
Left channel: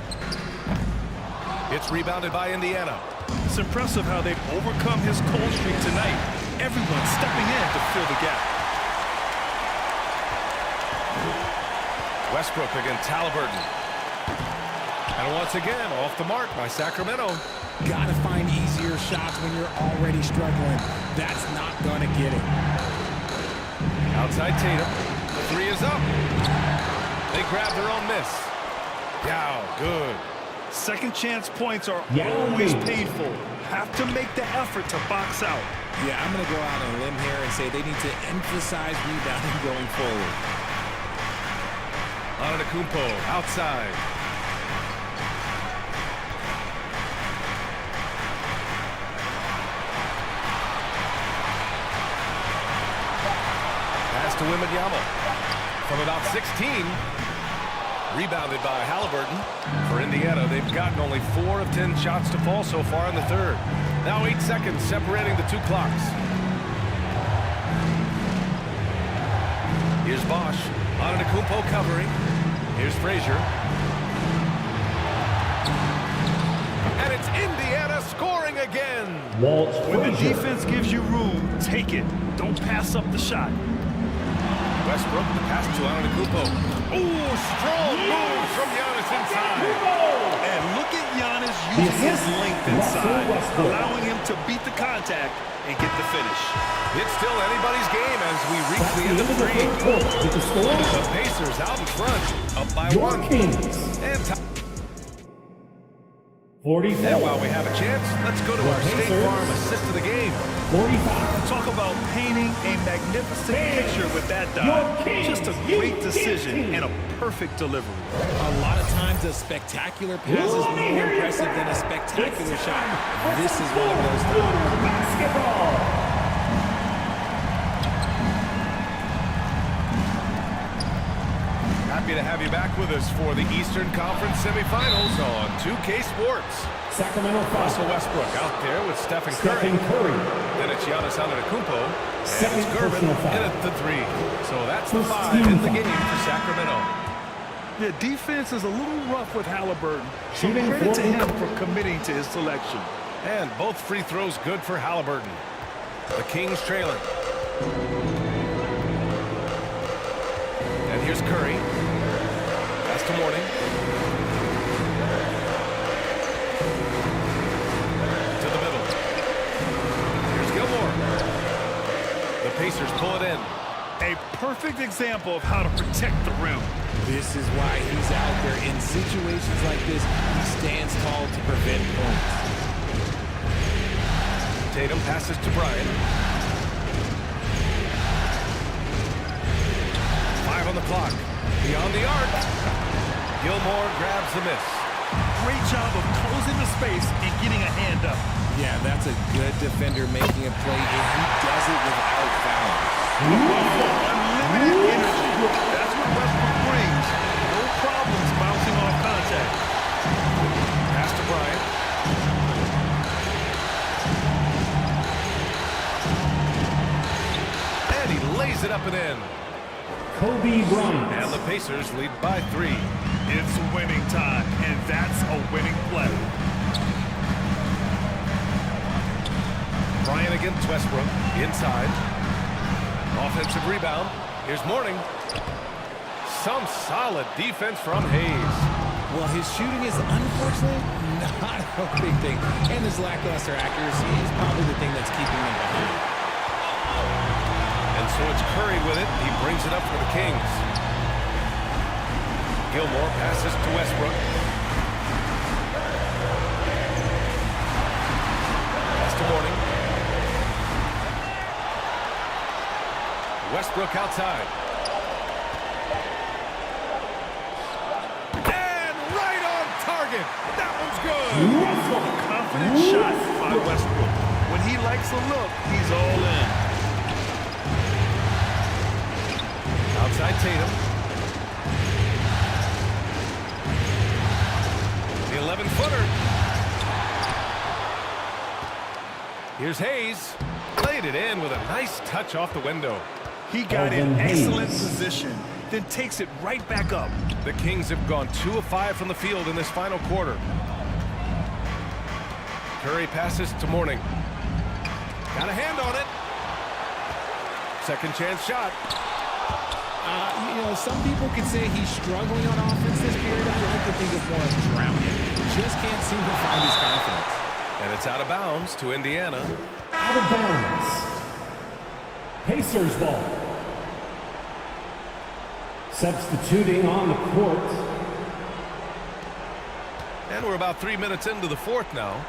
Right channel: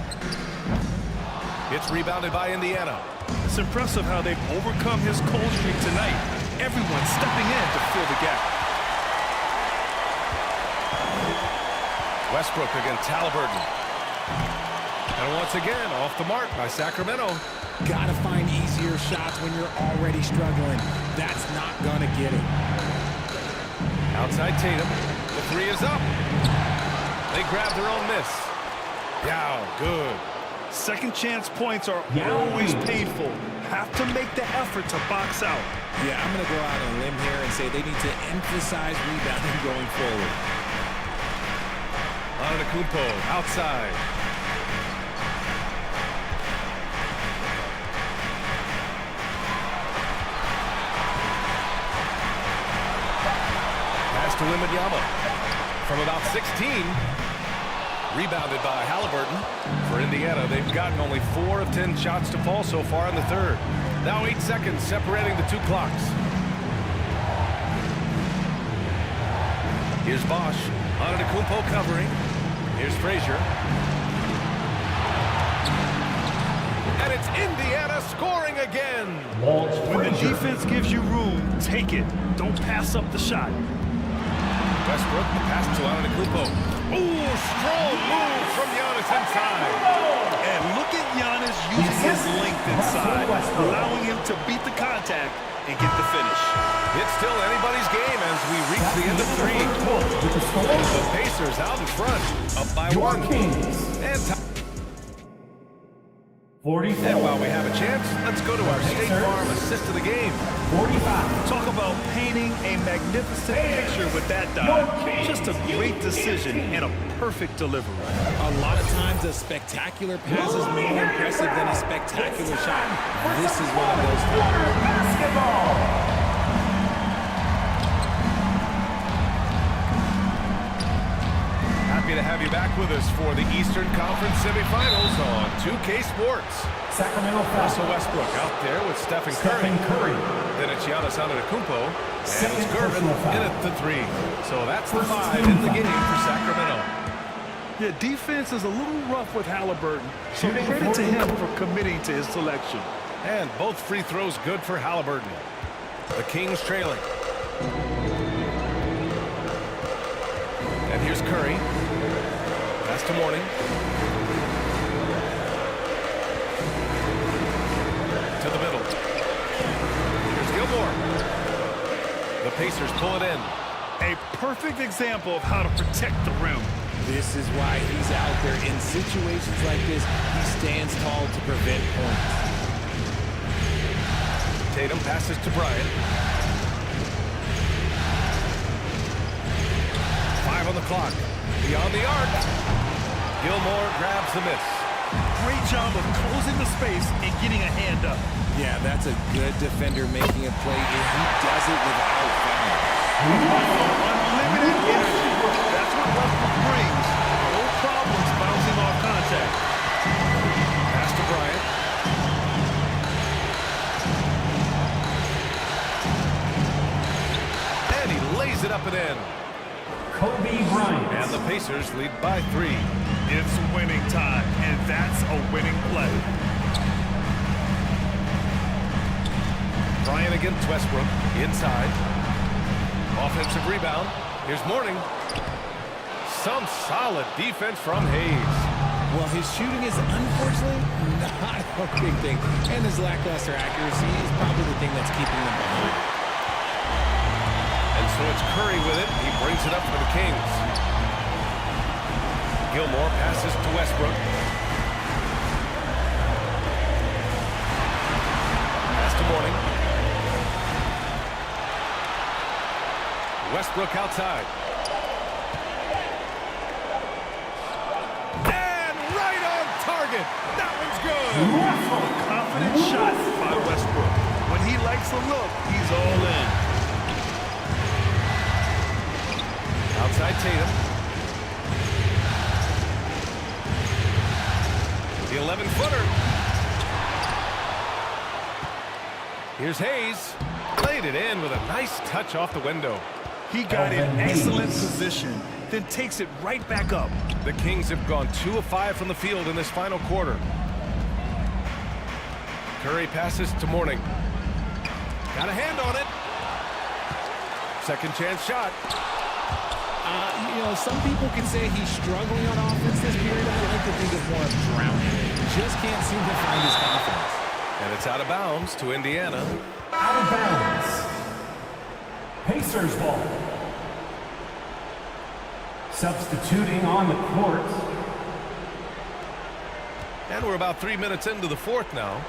It's rebounded by Indiana. It's impressive how they've overcome his cold streak tonight. Everyone stepping in to fill the gap. Westbrook against Halliburton. And once again, off the mark by Sacramento. Gotta find easier shots when you're already struggling. That's not gonna get it. Outside Tatum. The 3 is up. They grab their own miss. Yow, good. Second chance points are always painful. Have to make the effort to box out. Yeah, I'm gonna go out on a limb here and say they need to emphasize rebounding going forward. Antetokounmpo outside. Pass to Wembanyama from about 16. Rebounded by Halliburton. For Indiana, they've gotten only 4 of 10 shots to fall so far in the third. Now 8 seconds separating the 2 clocks. Here's Bosch. Antetokounmpo covering. Here's Frazier. And it's Indiana scoring again. When the defense gives you room, take it. Don't pass up the shot. Westbrook, the pass to Antetokounmpo. Ooh, strong move from Giannis inside. And look at Giannis using his length inside, allowing him to beat the contact and get the finish. It's still anybody's game as we reach the end of 3. The Pacers out in front, up by 1. And 44. And while we have a chance, let's go to our State Farm assist of the game. 45. Talk about painting a magnificent picture with that dive. Just a great decision and a perfect delivery. A lot of times a spectacular pass is more impressive than a spectacular shot. This is one of those times. Basketball. Happy to have you back with us for the Eastern Conference semifinals on 2K Sports. Sacramento Russell Westbrook out there with Stephen Curry. Then it's Giannis Antetokounmpo. And it's Gervin in at the 3. So that's the 5 in the game for Sacramento. The defense is a little rough with Halliburton. So credit to him for committing to his selection. And both free throws good for Halliburton. The Kings trailing. And here's Curry. Pass to Mourning. To the middle. Here's Gilmore. The Pacers pull it in. A perfect example of how to protect the rim. This is why he's out there. In situations like this, he stands tall to prevent points. Tatum passes to Bryant. 5 on the clock. Beyond the arc. Gilmore grabs the miss. Great job of closing the space and getting a hand up. Yeah, that's a good defender making a play, and he does it without foul. Unlimited energy. That's what Westbrook brings. No problems bouncing off contact. Pass to Bryant. And he lays it up and in. Kobe Bryant. And the Pacers lead by 3. It's winning time, and that's a winning play. Bryant against Westbrook. Inside. Offensive rebound. Here's Mourning. Some solid defense from Hayes. Well, his shooting is unfortunately not a big thing. And his lackluster accuracy is probably the thing that's keeping them behind. And so it's Curry with it. He brings it up for the Kings. Gilmore passes to Westbrook. Pass to Mourning. Westbrook outside. And right on target. That one's good. A confident shot by Westbrook. When he likes a look, he's all in. Outside Tatum. The 11-footer. Here's Hayes. Laid it in with a nice touch off the window. He got in excellent position, then takes it right back up. The Kings have gone 2 of 5 from the field in this final quarter. Curry passes to Mourning. Got a hand on it. Second chance shot. You know, some people could say he's struggling on offense this period. I like to think of more of drowning. Just can't seem to find his confidence. And it's out of bounds to Indiana. Out of bounds. Pacers ball. Substituting on the court. And we're about 3 minutes into the fourth now.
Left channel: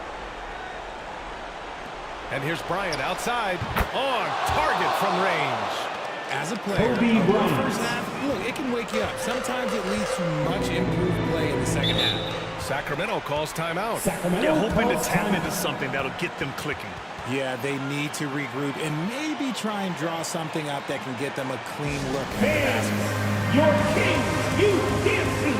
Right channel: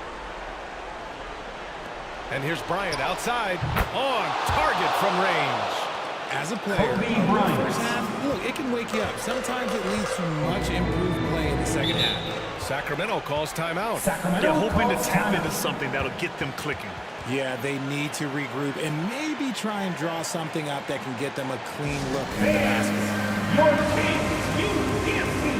And here's Bryant outside. On target from range. As a player, a first half, look, it can wake you up. Sometimes it leads to much improved play in the second half. Sacramento calls timeout. Hoping to tap into something that'll get them clicking. Yeah, they need to regroup and maybe try and draw something up that can get them a clean look at the basket. Your Kings, UDFC.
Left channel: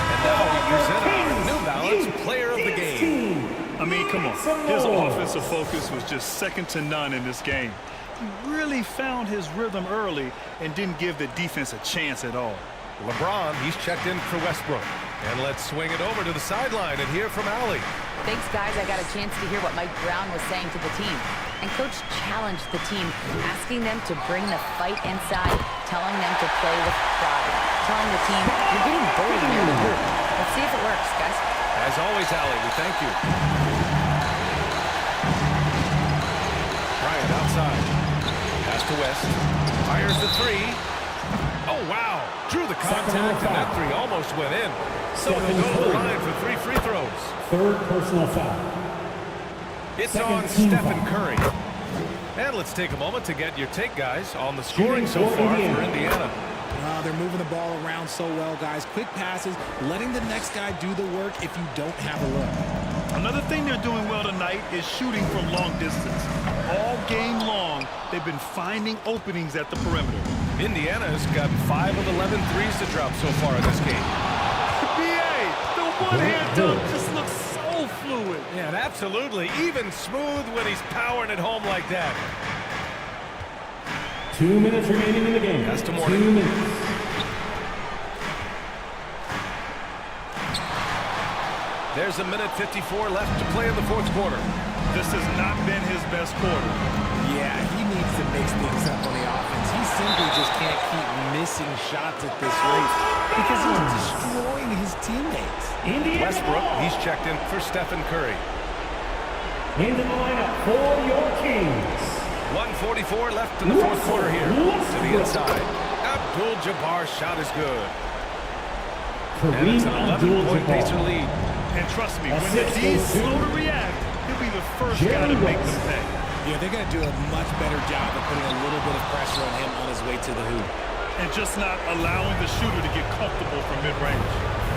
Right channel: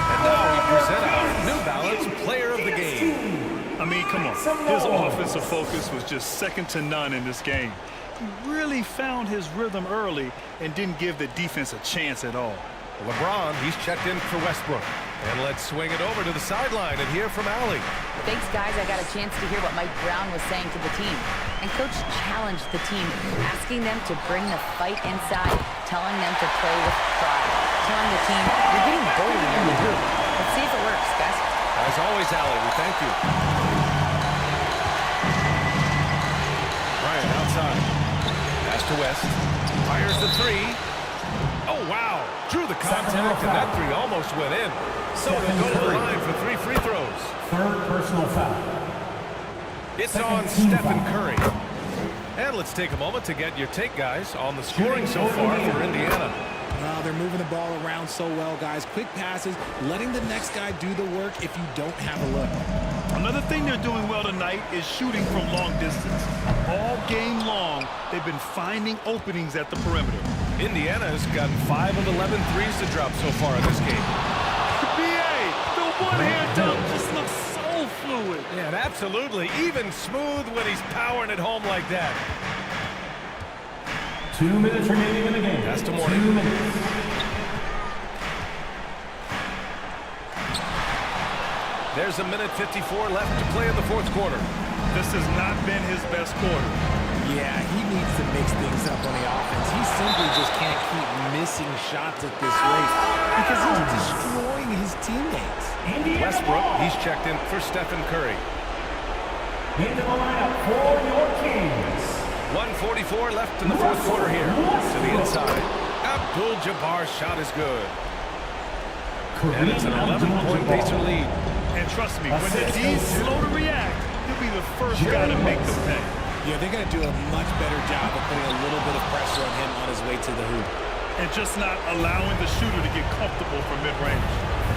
And now we present our New Balance Player of the Game. I mean, come on. His offensive focus was just second to none in this game. He really found his rhythm early and didn't give the defense a chance at all. LeBron, he's checked in for Westbrook. And let's swing it over to the sideline and hear from Allie. Thanks, guys. I got a chance to hear what Mike Brown was saying to the team. And Coach challenged the team, asking them to bring the fight inside, telling them to play with pride, telling the team, you're getting bullied near the hoop. Let's see if it works, guys. As always, Allie, we thank you. Bryant outside. Pass to West. Fires the three. Oh, wow. Drew the contact, and that three almost went in. So he'll go to the line for 3 free throws. Third personal foul. It's on Stephen Curry. And let's take a moment to get your take, guys, on the scoring so far for Indiana. They're moving the ball around so well, guys. Quick passes, letting the next guy do the work if you don't have a look. Another thing they're doing well tonight is shooting from long distance. All game long, they've been finding openings at the perimeter. Indiana has gotten 5 of 11 threes to drop so far in this game. B.A., the one-hand dunk just looks so fluid. Yeah, and absolutely. Even smooth when he's powering it home like that. 2 minutes remaining in the game. That's to Mourning. 2 minutes. There's a minute 54 left to play in the fourth quarter. This has not been his best quarter. Yeah, he needs to mix things up on the offense. He simply just can't keep missing shots at this rate because he's destroying his teammates. Westbrook, he's checked in for Stephen Curry. Into the lineup for your Kings. 1:44 left in the fourth quarter here. To the inside. Abdul-Jabbar's shot is good. And it's an 11-point Pacer lead. And trust me, when the D's slow to react, he'll be the first guy to make them pay. Yeah, they're going to do a much better job of putting a little bit of pressure on him on his way to the hoop. And just not allowing the shooter to get comfortable from mid-range.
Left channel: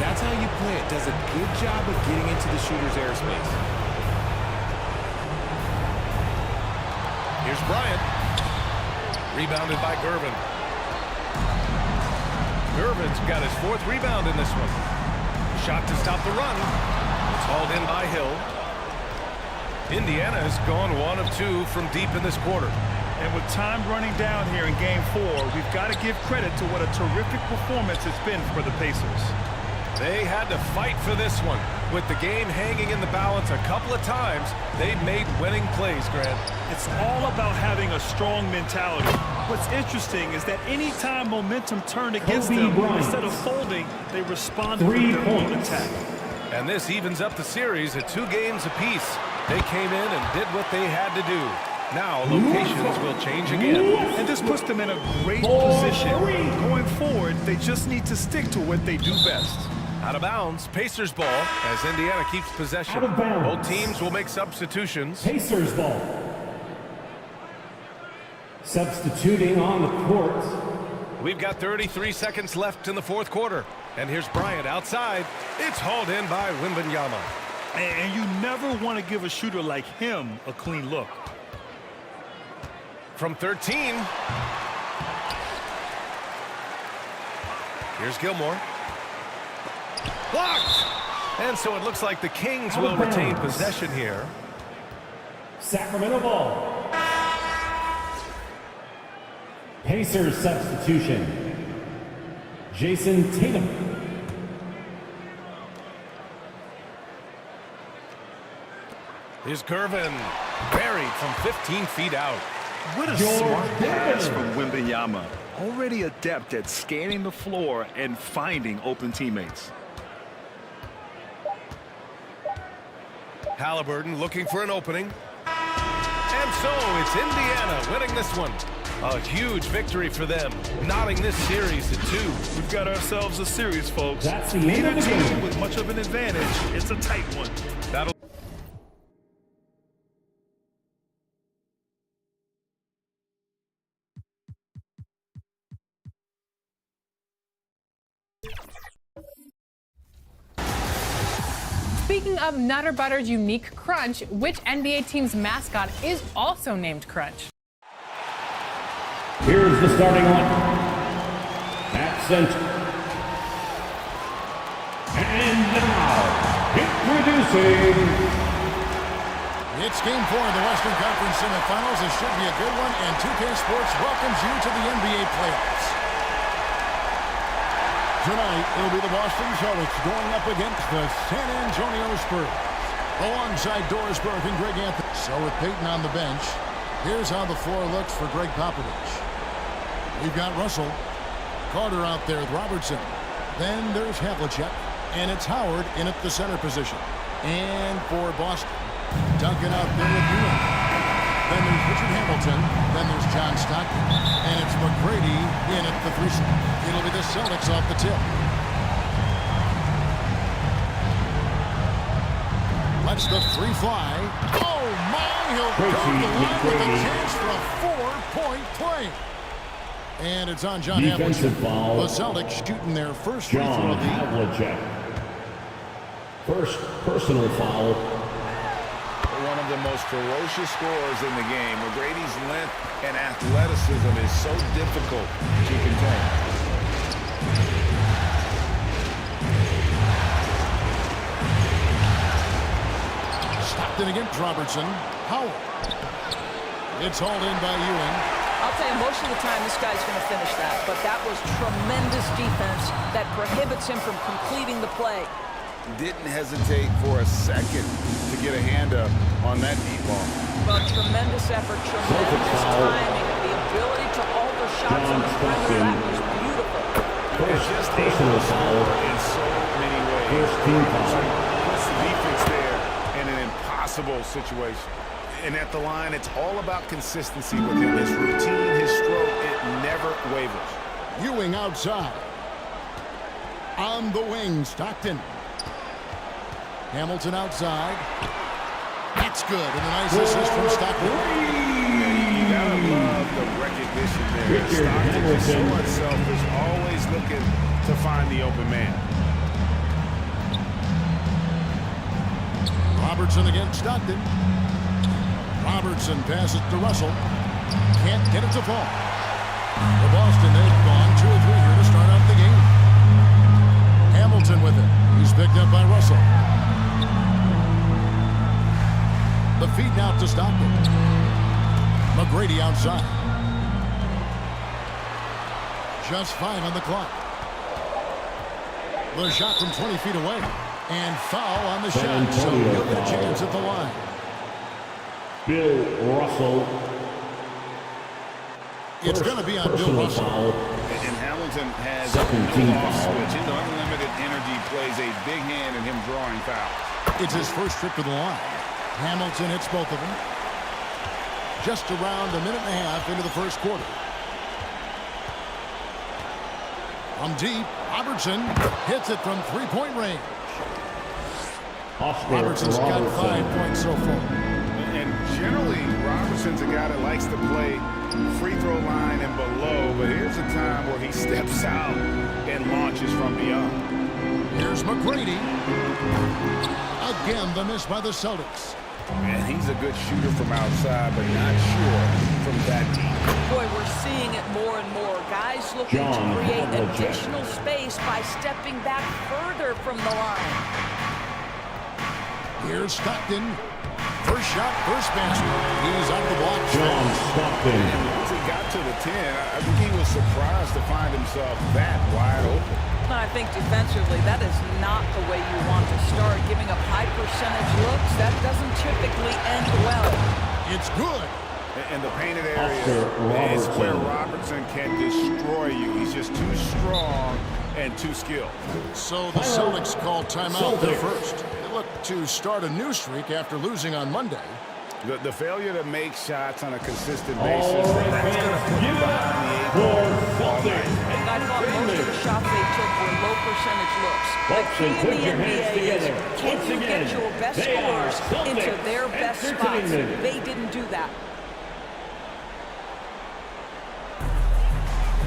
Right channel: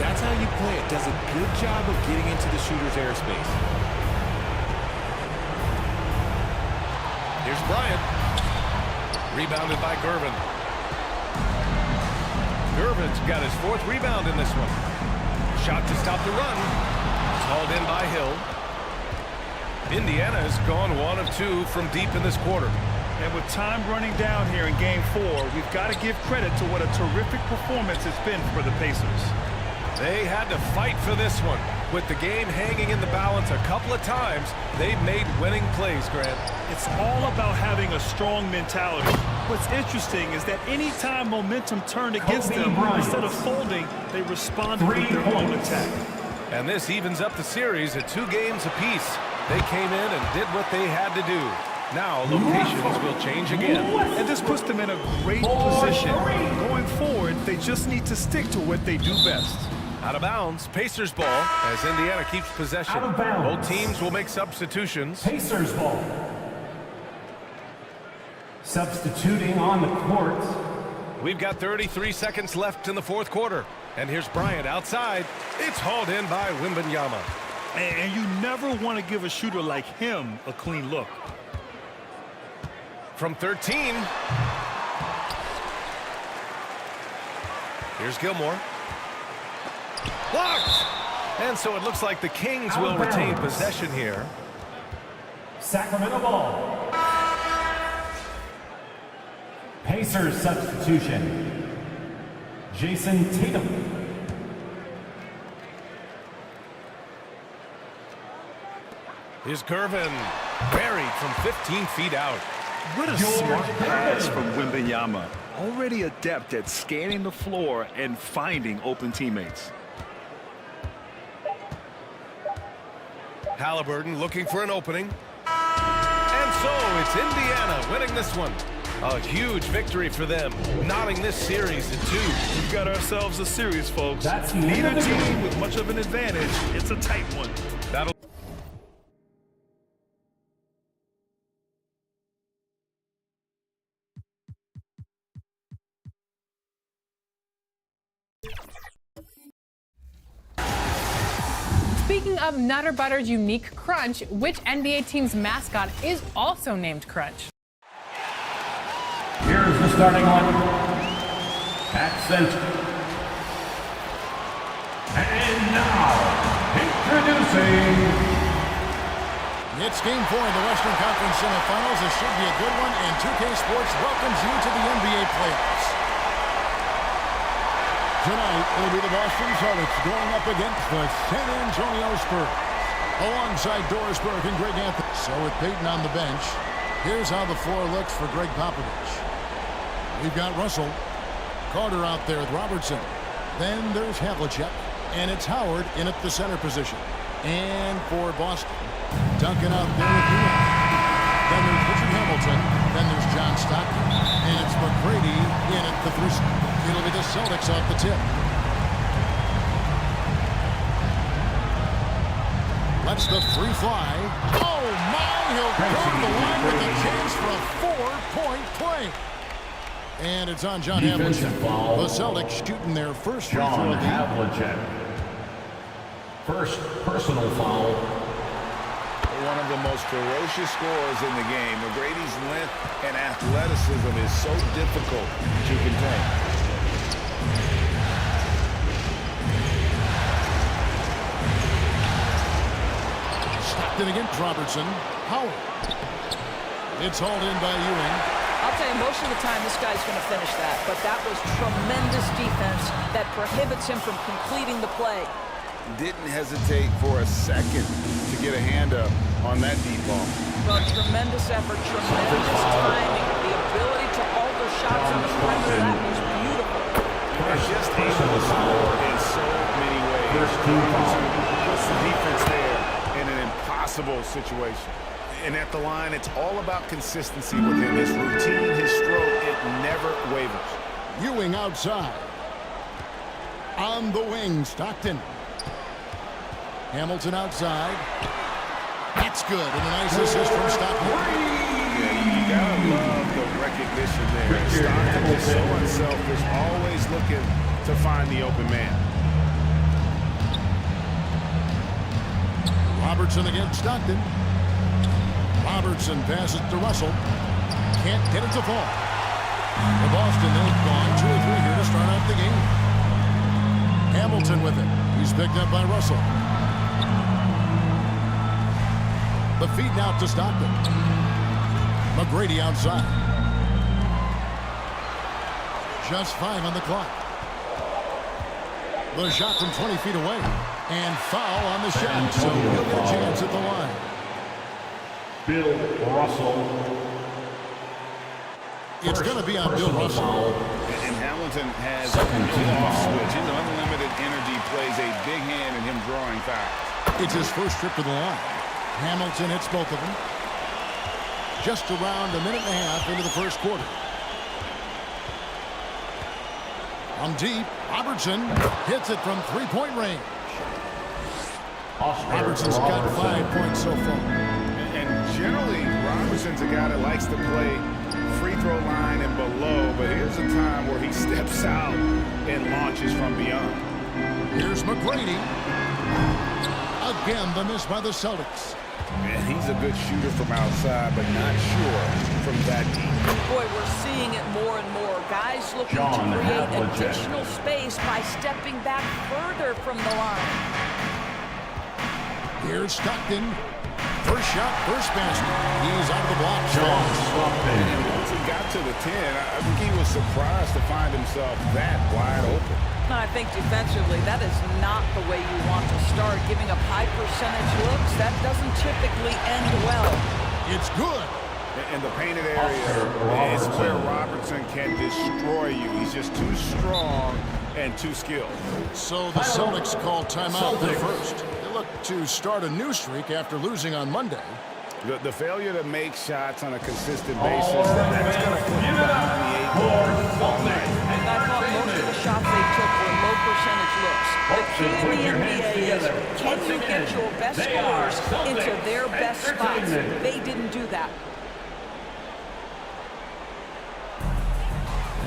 That's how you play it. Does a good job of getting into the shooter's airspace. Here's Bryant. Rebounded by Gervin. Gervin's got his 4th rebound in this one. Shot to stop the run. It's hauled in by Hill. Indiana has gone 1 of 2 from deep in this quarter. And with time running down here in Game 4, we've got to give credit to what a terrific performance it's been for the Pacers. They had to fight for this one. With the game hanging in the balance a couple of times, they've made winning plays, Grant. It's all about having a strong mentality. What's interesting is that any time momentum turned against them, instead of folding, they responded with their own attack. And this evens up the series at 2 games apiece. They came in and did what they had to do. Now locations will change again. And this puts them in a great position. Going forward, they just need to stick to what they do best. Out of bounds, Pacers ball as Indiana keeps possession. Out of bounds. Both teams will make substitutions. Pacers ball. Substituting on the court. We've got 33 seconds left in the fourth quarter. And here's Bryant outside. It's hauled in by Wembanyama. And you never want to give a shooter like him a clean look. From 13. Here's Gilmore. Blocked! And so it looks like the Kings will retain possession here. Sacramento ball. Pacers substitution. Jason Tatum. Here's Gervin. Buried from 15 feet out. What a smart pass from Wembanyama. Already adept at scanning the floor and finding open teammates. Halliburton looking for an opening. And so it's Indiana winning this one. A huge victory for them, knotting this series at 2. We've got ourselves a series, folks. That's the Neither end of the team game. with much of an advantage. It's a tight one. That'll Speaking of Nutter Butter's unique crunch, which NBA team's mascot is also named Crunch? Here's the starting line. At center. And now, introducing. It's Game 4 of the Western Conference semifinals. This should be a good one, and 2K Sports welcomes you to the NBA playoffs. Tonight, it'll be the Boston Celtics going up against the San Antonio Spurs. Alongside Doris Burke and Greg Anthony. So with Peyton on the bench, here's how the floor looks for Greg Popovich. We've got Russell. Carter out there with Robertson. Then there's Havlicek. And it's Howard in at the center position. And for Boston, Duncan out there with Ewing. Then there's Richard Hamilton. Then there's John Stockton. And it's McGrady in at the 3 slot. It'll be the Celtics off the tip. Lets the 3 fly. Oh, my! He'll go to the line with a chance for a 4-point play. And it's on John Havlicek. The Celtics shooting their first free throw of the Havlicek. First personal foul. One of the most ferocious scorers in the game. McGrady's length and athleticism is so difficult to contain. Stockton against Robertson. Howard. It's hauled in by Ewing. I'll tell you, most of the time this guy's going to finish that, but that was tremendous defense that prohibits him from completing the play. Didn't hesitate for a second to get a hand up on that deep ball. Well, tremendous effort, tremendous timing, the ability to alter shots on the perimeter. That was beautiful. He's just able to score in so many ways. Robertson puts the defense there in an impossible situation. And at the line, it's all about consistency with him. His routine, his stroke, it never wavers. Ewing outside. On the wing, Stockton. Hamilton outside. That's good, and a nice assist from Stockton. Yeah, you gotta love the recognition there. Stockton just so unselfish, always looking to find the open man. Robertson against Stockton. Robertson passes to Russell. Can't get it to fall. For Boston, they've gone 2 of 3 here to start out the game. Hamilton with it. He's picked up by Russell. The feed now to Stockton. McGrady outside. Just 5 on the clock. The shot from 20 feet away. And foul on the shot, so he'll get a chance at the line. Bill Russell. It's going to be on Bill Russell. And Hamilton has no off switch. His unlimited energy plays a big hand in him drawing fouls. It's his first trip to the line. Hamilton hits both of them. Just around a minute and a half into the first quarter. From deep, Robertson hits it from three-point range. Robertson's got 5 points so far. And generally, Robertson's a guy that likes to play free throw line and below, but here's a time where he steps out and launches from beyond. Here's McGrady. Again, the miss by the Celtics. And he's a good shooter from outside, but not sure from that deep. Boy, we're seeing it more and more. Guys looking to create additional space by stepping back further from the line. Here's Stockton. First shot, first basket. He's out of the block. And once he got to the 10, I think he was surprised to find himself that wide open. I think defensively, that is not the way you want to start. Giving up high percentage looks, that doesn't typically end well. It's good. In the painted area is where Robertson can destroy you. He's just too strong and too skilled. So the Celtics called timeout there first. They look to start a new streak after losing on Monday. The failure to make shots on a consistent basis, that's going to put you behind the 8 ball all night. I thought most of the shots they took were low percentage looks. The key in the NBA is, can you get your best scorers into their best spots? They didn't do that.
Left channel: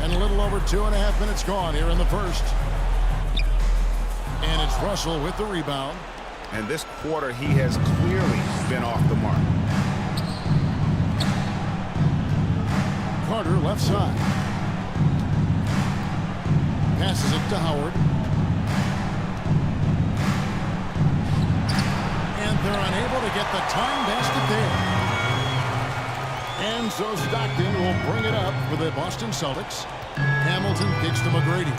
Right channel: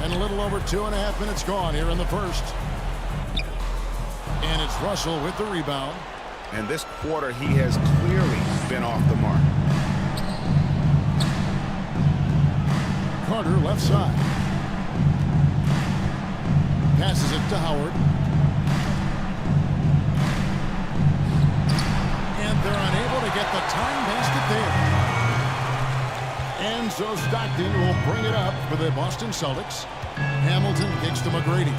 And a little over 2.5 minutes gone here in the first. And it's Russell with the rebound. And this quarter, he has clearly been off the mark. Carter left side. Passes it to Howard. And they're unable to get the time basket there. And so Stockton will bring it up for the Boston Celtics. Hamilton kicks to McGrady.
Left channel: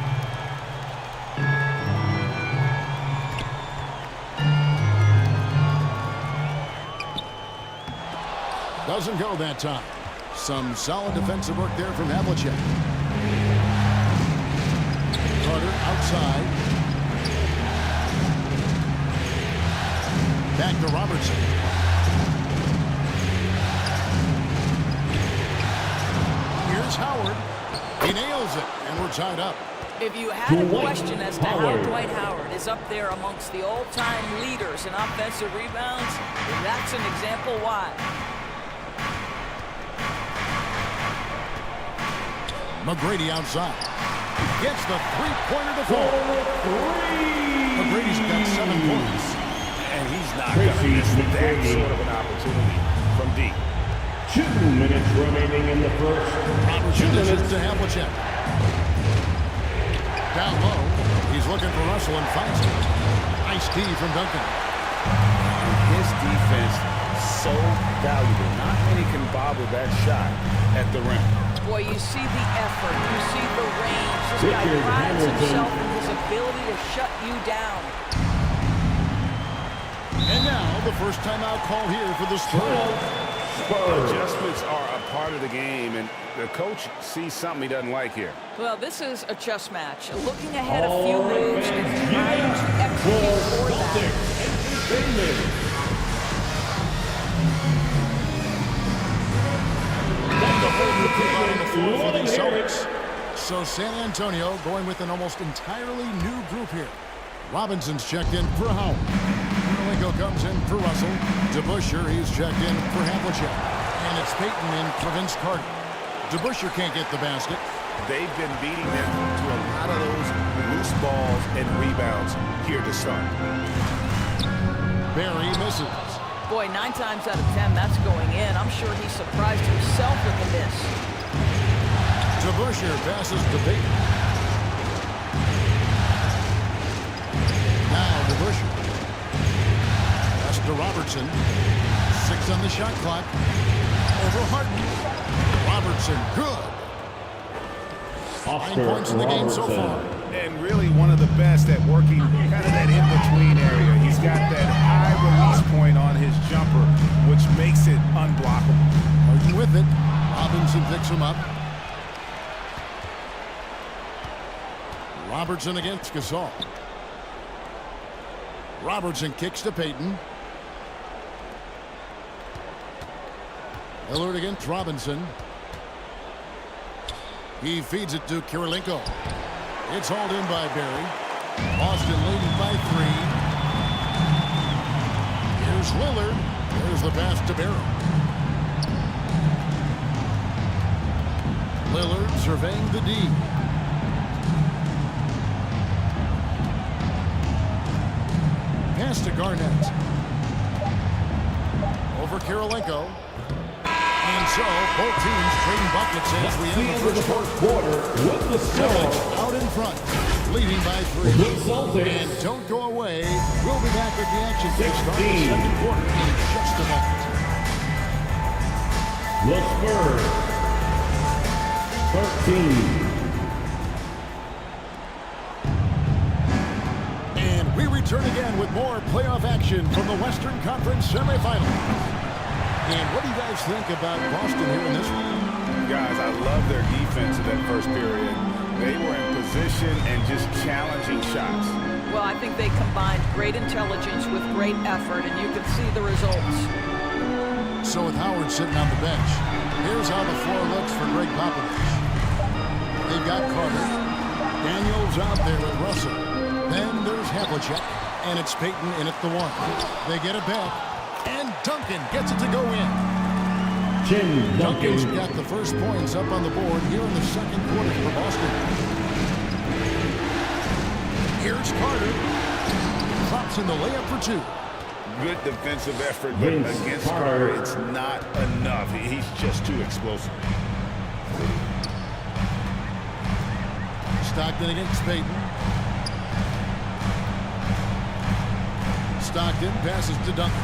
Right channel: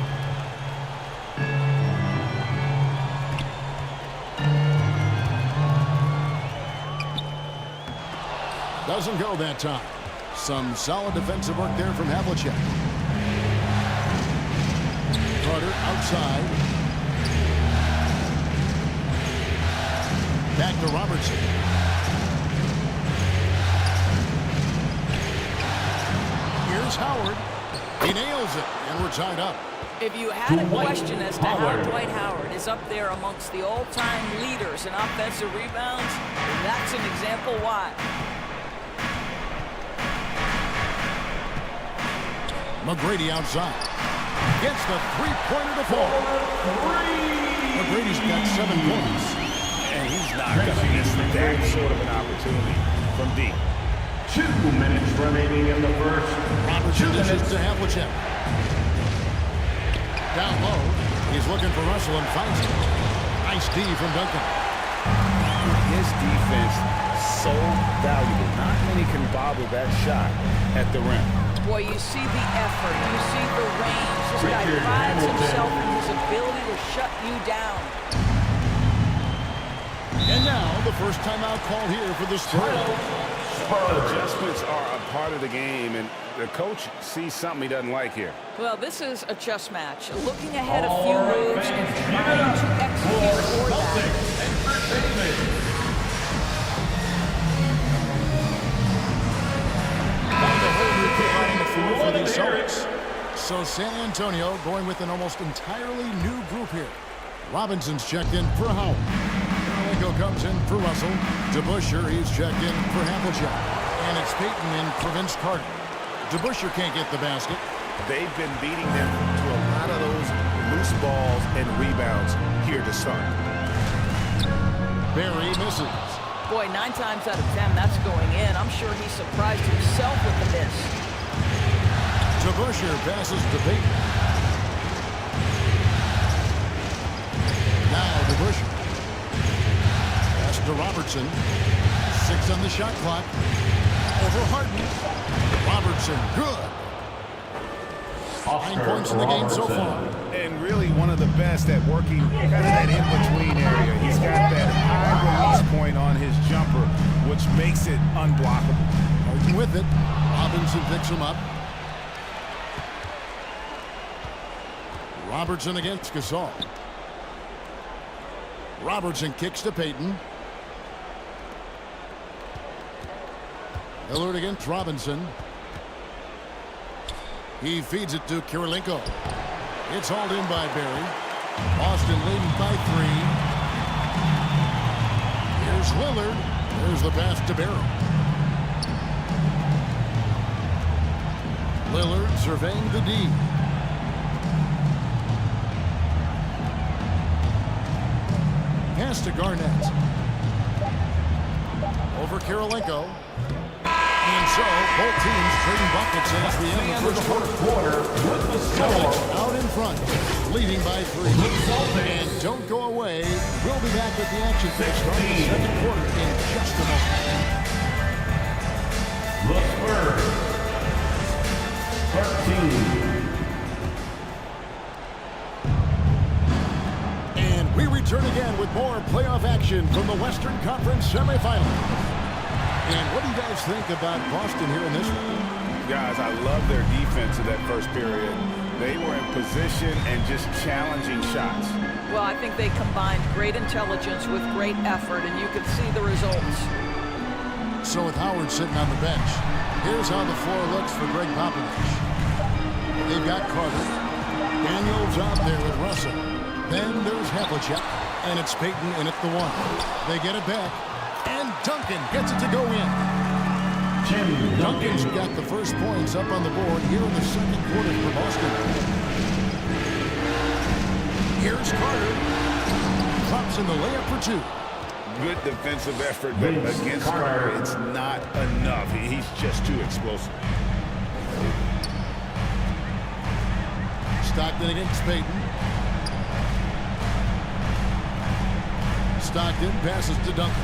Doesn't go that time. Some solid defensive work there from Havlicek. Carter outside. Back to Robertson. Here's Howard. He nails it, and we're tied up. If you had a question as to how Dwight Howard is up there amongst the all-time leaders in offensive rebounds, then that's an example why. McGrady outside. Gets the three-pointer to fall. McGrady's got 7 points. And he's not going to miss that sort of an opportunity from deep. 2 minutes remaining in the first. Robertson dishes to Havlicek. Down low. He's looking for Russell and finds him. Nice D from Duncan. His defense so valuable. Not many can bobble that shot at the rim. Boy, you see the effort, you see the range. This guy prides himself in his ability to shut you down. And now the first timeout call here for the Spurs. Adjustments are a part of the game, and the coach sees something he doesn't like here. Well, this is a chess match. Looking ahead a few moves and trying to execute for that. Out on the floor for the Celtics. So San Antonio going with an almost entirely new group here. Robinson's checked in for Howard. Karolinko comes in for Russell. DeBusschere, he's checked in for Havlicek. And it's Payton in for Vince Carter. DeBusschere can't get the basket. They've been beating them to a lot of those loose balls and rebounds here to start. Barry misses. Boy, 9 times out of 10, that's going in. I'm sure he surprised himself with the miss. DeBusschere passes to Payton. Now DeBusschere. Pass to Robertson. 6 on the shot clock. Over Harden. Robertson, good. 9 points in the game so far. And really one of the best at working kind of that in-between area. He's got that high release point on his jumper, which makes it unblockable. Harden with it. Robinson picks him up. Robertson against Gasol. Robertson kicks to Payton. Lillard against Robinson. He feeds it to Karolinko. It's hauled in by Barry. Boston leading by 3. Here's Lillard. There's the pass to Barry. Lillard surveying the D. Pass to Garnett. Over Kirilenko. And so, both teams trading buckets as we end the first quarter. With the Celtics score. out in front, leading by 3. And don't go away. We'll be back with the action for the start of the second quarter in just a moment. The Spurs. 13. And we return again with more playoff action from the Western Conference semifinals. And what do you guys think about Boston here in this one? Guys, I love their defense in that first period. They were in position and just challenging shots. Well, I think they combined great intelligence with great effort, and you can see the results. So with Howard sitting on the bench, here's how the floor looks for Greg Popovich. They've got Carter. Daniels out there with Russell. Then there's Havlicek, and it's Payton in at the 1. They get it back, and Duncan gets it to go in. Duncan's got the first points up on the board here in the second quarter for Boston. Here's Carter. Drops in the layup for 2. Good defensive effort, but against Carter, it's not enough. He's just too explosive. Stockton against Payton. Stockton passes to Duncan.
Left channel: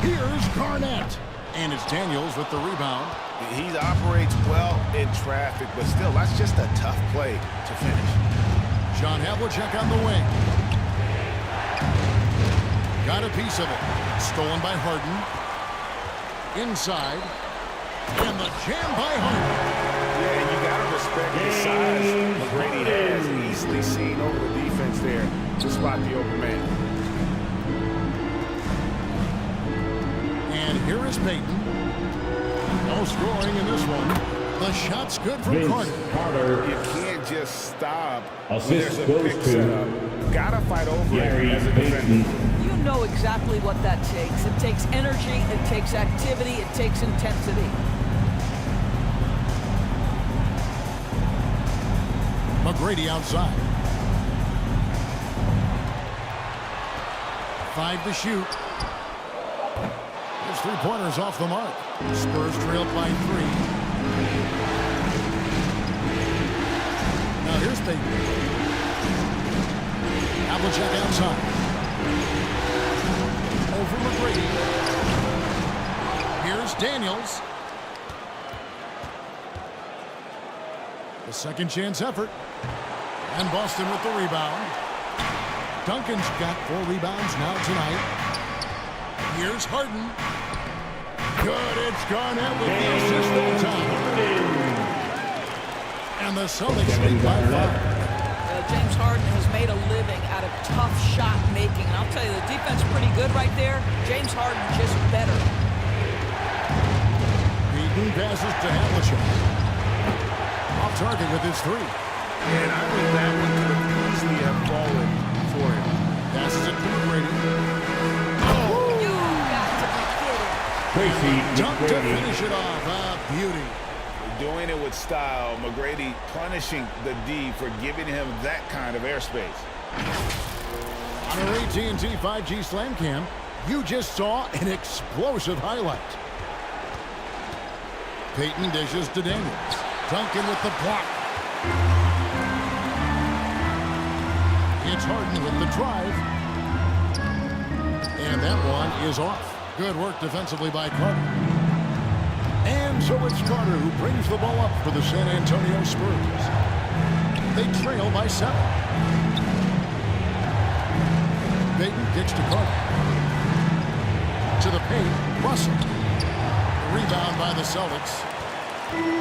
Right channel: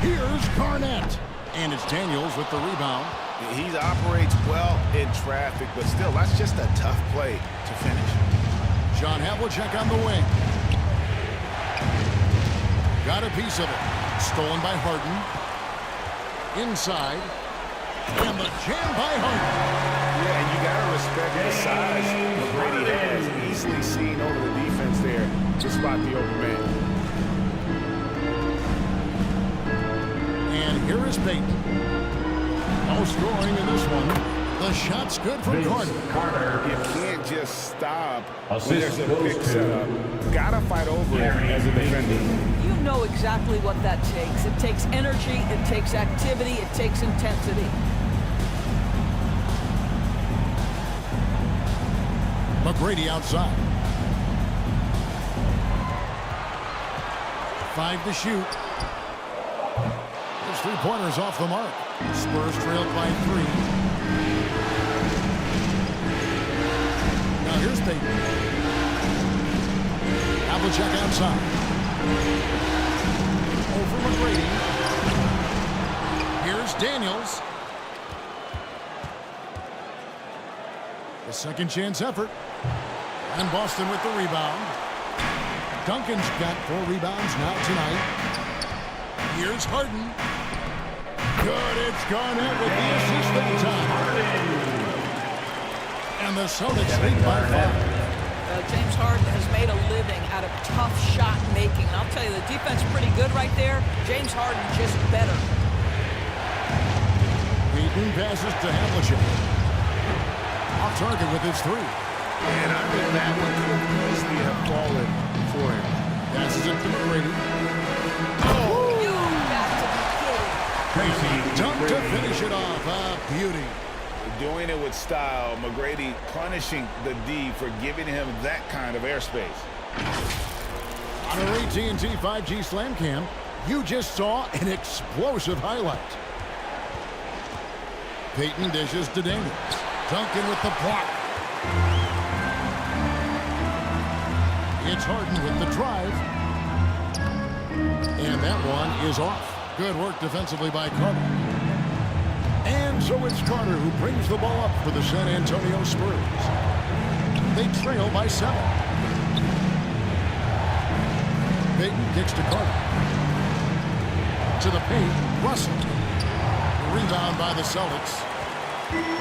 Here's Garnett. And it's Daniels with the rebound. He operates well in traffic, but still, that's just a tough play to finish. John Havlicek on the wing. Got a piece of it. Stolen by Harden. Inside. And the jam by Harden. Yeah, and you got to respect the size McGrady has. Easily seen over the defense there to spot the open man. And here is Payton. No scoring in this one. The shot's good from Carter. You can't just stop when there's a pick set up. Got to fight over it as a defender. You know exactly what that takes. It takes energy, it takes activity, it takes intensity. McGrady outside. 5 to shoot. His 3-pointers off the mark. Spurs trailed by 3. Now here's Payton. Havlicek outside. Over McGrady. Here's Daniels. The second chance effort. And Boston with the rebound. Duncan's got 4 rebounds now tonight. Here's Harden. Good, it's Garnett with the assist that time. And the Celtics lead by 5. James Harden has made a living out of tough shot making. And I'll tell you, the defense is pretty good right there. James Harden just better. Payton passes to Havlicek. Off target with his 3. And I think that one could have easily have fallen for him. Passes it to McGrady. Oh, you got to be kidding. Crazy dunk to finish it off. A beauty. Doing it with style. McGrady punishing the D for giving him that kind of airspace. On our AT&T 5G Slam Cam, you just saw an explosive highlight. Payton dishes to Daniels. Duncan with the block. It's Harden with the drive. And that one is off. Good work defensively by Carter. And so it's Carter who brings the ball up for the San Antonio Spurs. They trail by 7. Payton kicks to Carter. To the paint, Russell. Rebound by the Celtics.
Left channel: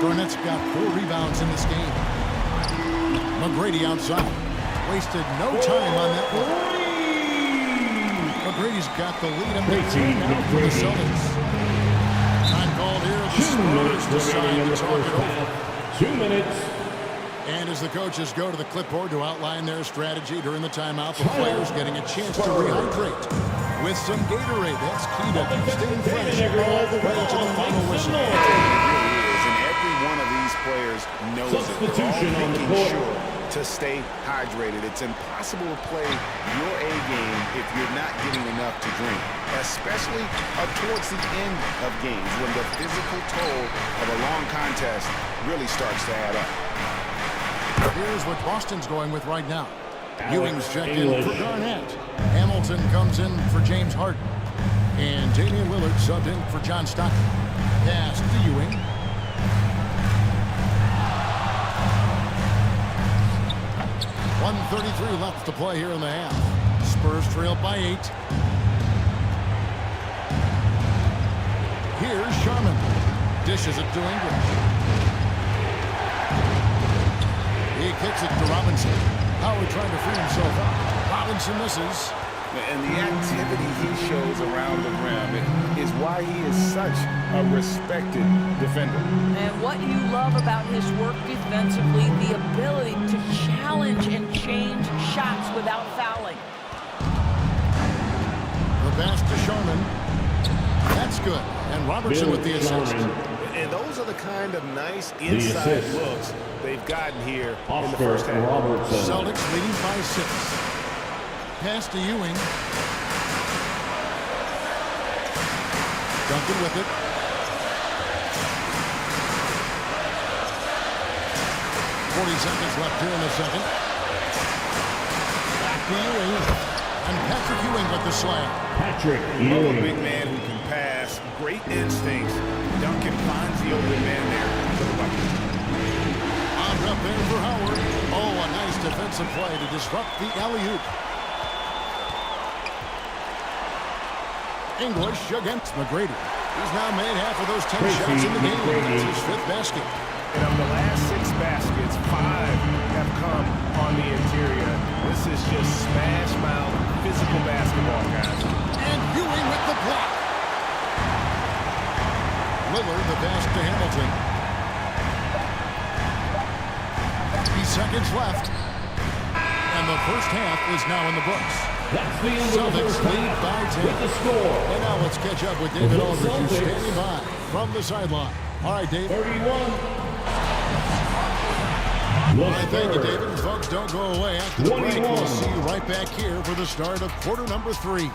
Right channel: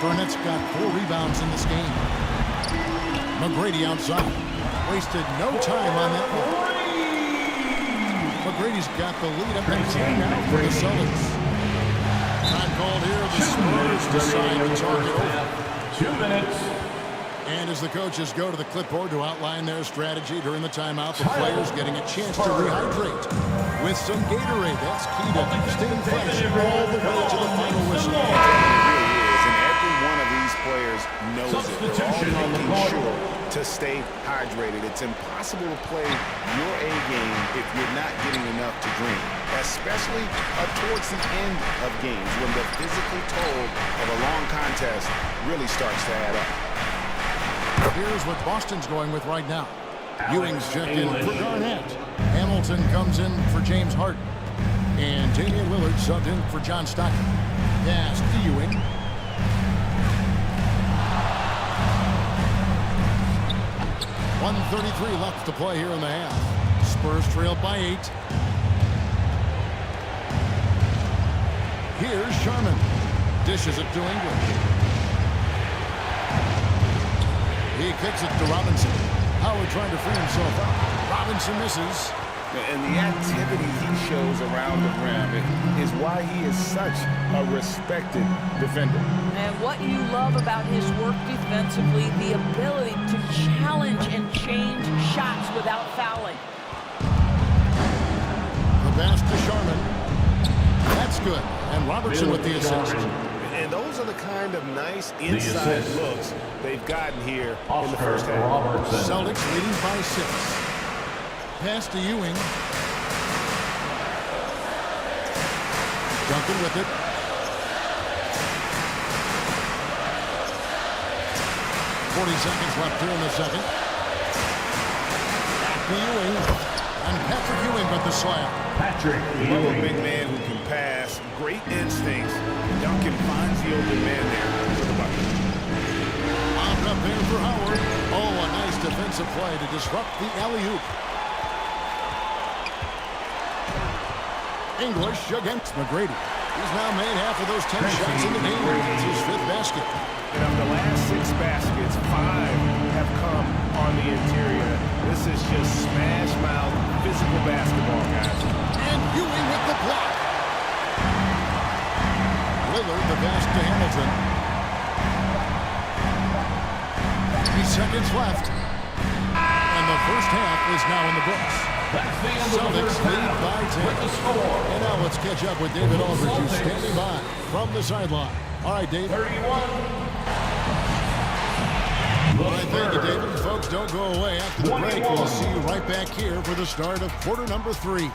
Garnett's got 4 rebounds in this game. McGrady outside. Wasted no time on that one. McGrady's got the lead up to 10 now for the Celtics. Time called here. The Spurs decide to talk it over. 2 minutes. And as the coaches go to the clipboard to outline their strategy during the timeout, the players getting a chance to rehydrate with some Gatorade. That's key to staying fresh all the way to the final whistle. It really is, and every one of these players knows it. They're all making sure to stay hydrated. It's impossible to play your A game if you're not getting enough to drink, especially towards the end of games when the physical toll of a long contest really starts to add up. Here's what Boston's going with right now. Ewing's checked in for Garnett. Hamilton comes in for James Harden. And Damian Lillard subbed in for John Stockton. Pass to Ewing. .133 left to play here in the half. Spurs trail by 8. Here's Sharman. Dishes it to English. He kicks it to Robinson. Howard trying to free himself up. Robinson misses. And the activity he shows around the rim is why he is such a respected defender. And what you love about his work defensively, the ability to challenge and change shots without fouling. The pass to Sharman. That's good. And Robertson with the assist. And those are the kind of nice inside looks they've gotten here in the first half. Celtics leading by 6. Pass to Ewing. Duncan with it. .40 left here in the second. Back to Ewing. And Patrick Ewing with the slam. Patrick Love a Ewing. big man who can pass. Great instincts. Duncan finds the open man there for the bucket. On up there for Howard. Oh, a nice defensive play to disrupt the alley-oop. English against McGrady. He's now made half of those 10 shots in the game. It's his 5th basket. And of the last 6 baskets, 5 have come on the interior. This is just smash mouth physical basketball, guys. And Ewing with the block. Lillard the pass to Hamilton. 3 seconds left. And the first half is now in the books. That's the end of the Celtics first lead half by 10. with the score. And now let's catch up with David Aldridge, who's standing by from the sideline. All right, Dave. 31. All right, thank you, David. Folks, don't go away. After the break, we'll see you right back here for the start of quarter number 3.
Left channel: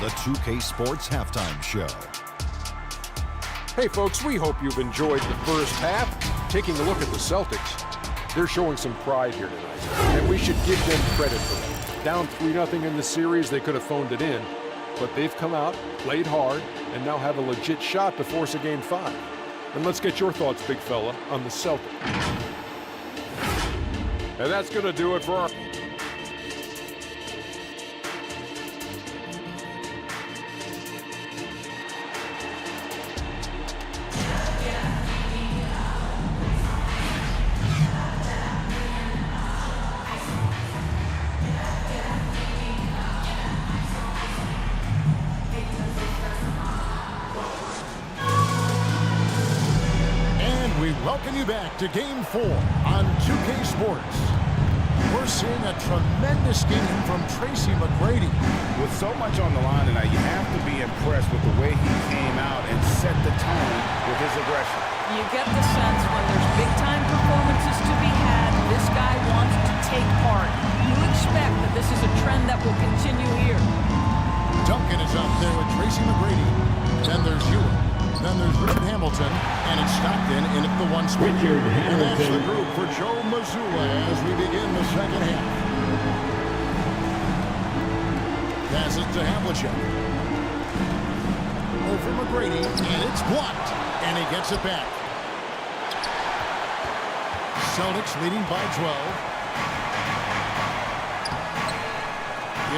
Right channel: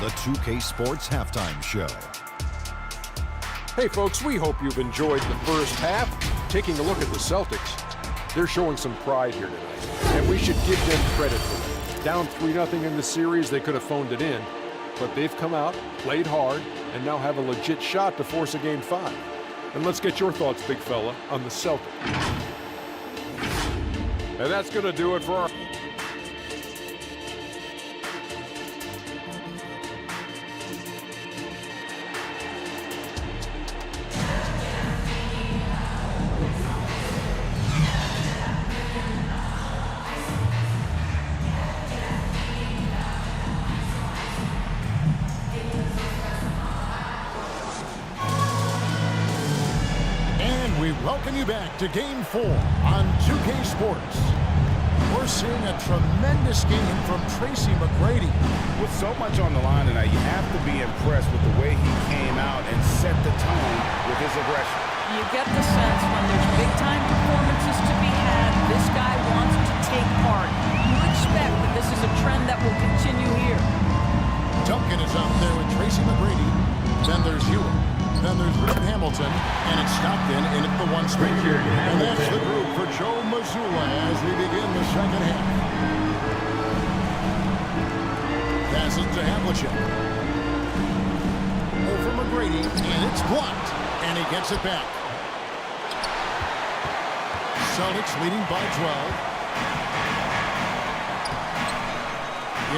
The 2K Sports Halftime Show. Hey, folks, we hope you've enjoyed the first half. Taking a look at the Celtics, they're showing some pride here tonight, and we should give them credit for that. Down 3-0 in the series, they could have phoned it in, but they've come out, played hard, and now have a legit shot to force a Game 5. And let's get your thoughts, big fella, on the Celtics. And that's going to do it for our... We welcome you back to Game 4 on 2K Sports. We're seeing a tremendous game from Tracy McGrady. With so much on the line tonight, you have to be impressed with the way he came out and set the tone with his aggression. You get the sense when there's big-time performances to be had, this guy wants to take part. You expect that this is a trend that will continue here. Duncan is up there with Tracy McGrady. Then there's Ewing. Then there's Richard Hamilton, and it's Stockton in at the 1 spot. And that's the group for Joe Mazzulla as we begin the second half. Passes to Havlicek. Over McGrady, and it's blocked. And he gets it back. Celtics leading by 12.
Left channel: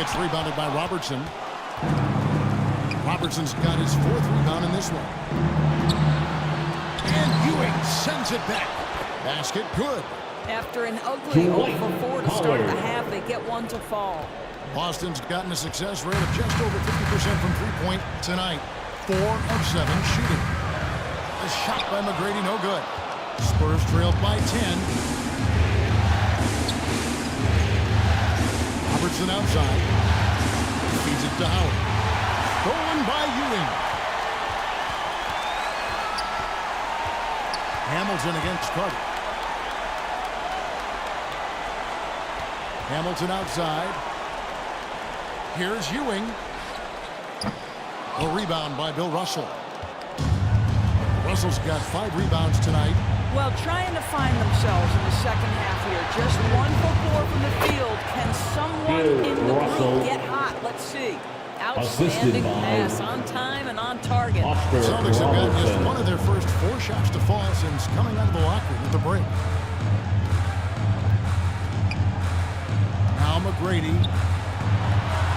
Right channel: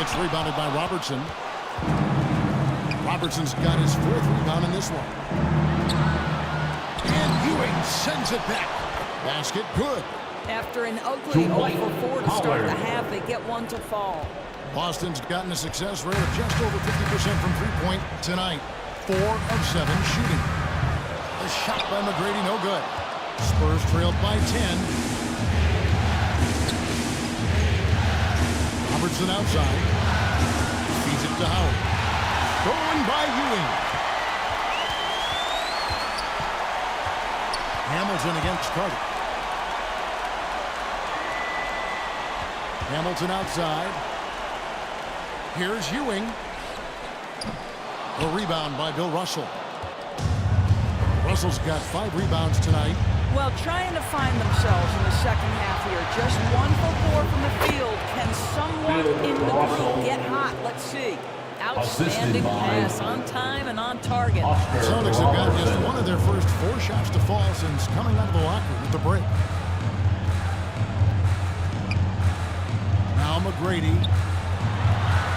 It's rebounded by Robertson. Robertson's got his 4th rebound in this one. And Ewing sends it back. Basket good. After an ugly 0-for-4 to start the half, they get one to fall. Boston's gotten a success rate of just over 50% from three-point tonight. 4 of 7 shooting. A shot by McGrady, no good. Spurs trailed by 10. Robertson outside. Feeds it to Howard. Stolen by Ewing. Hamilton against Carter. Hamilton outside. Here's Ewing. A rebound by Bill Russell. Russell's got 5 rebounds tonight. Well, trying to find themselves in the second half here. Just 1 for 4 from the field. Can someone in the group get hot? Let's see. Outstanding pass on time and on target. Celtics have gotten just one of their first 4 shots to fall since coming out of the locker room at the break. Now McGrady.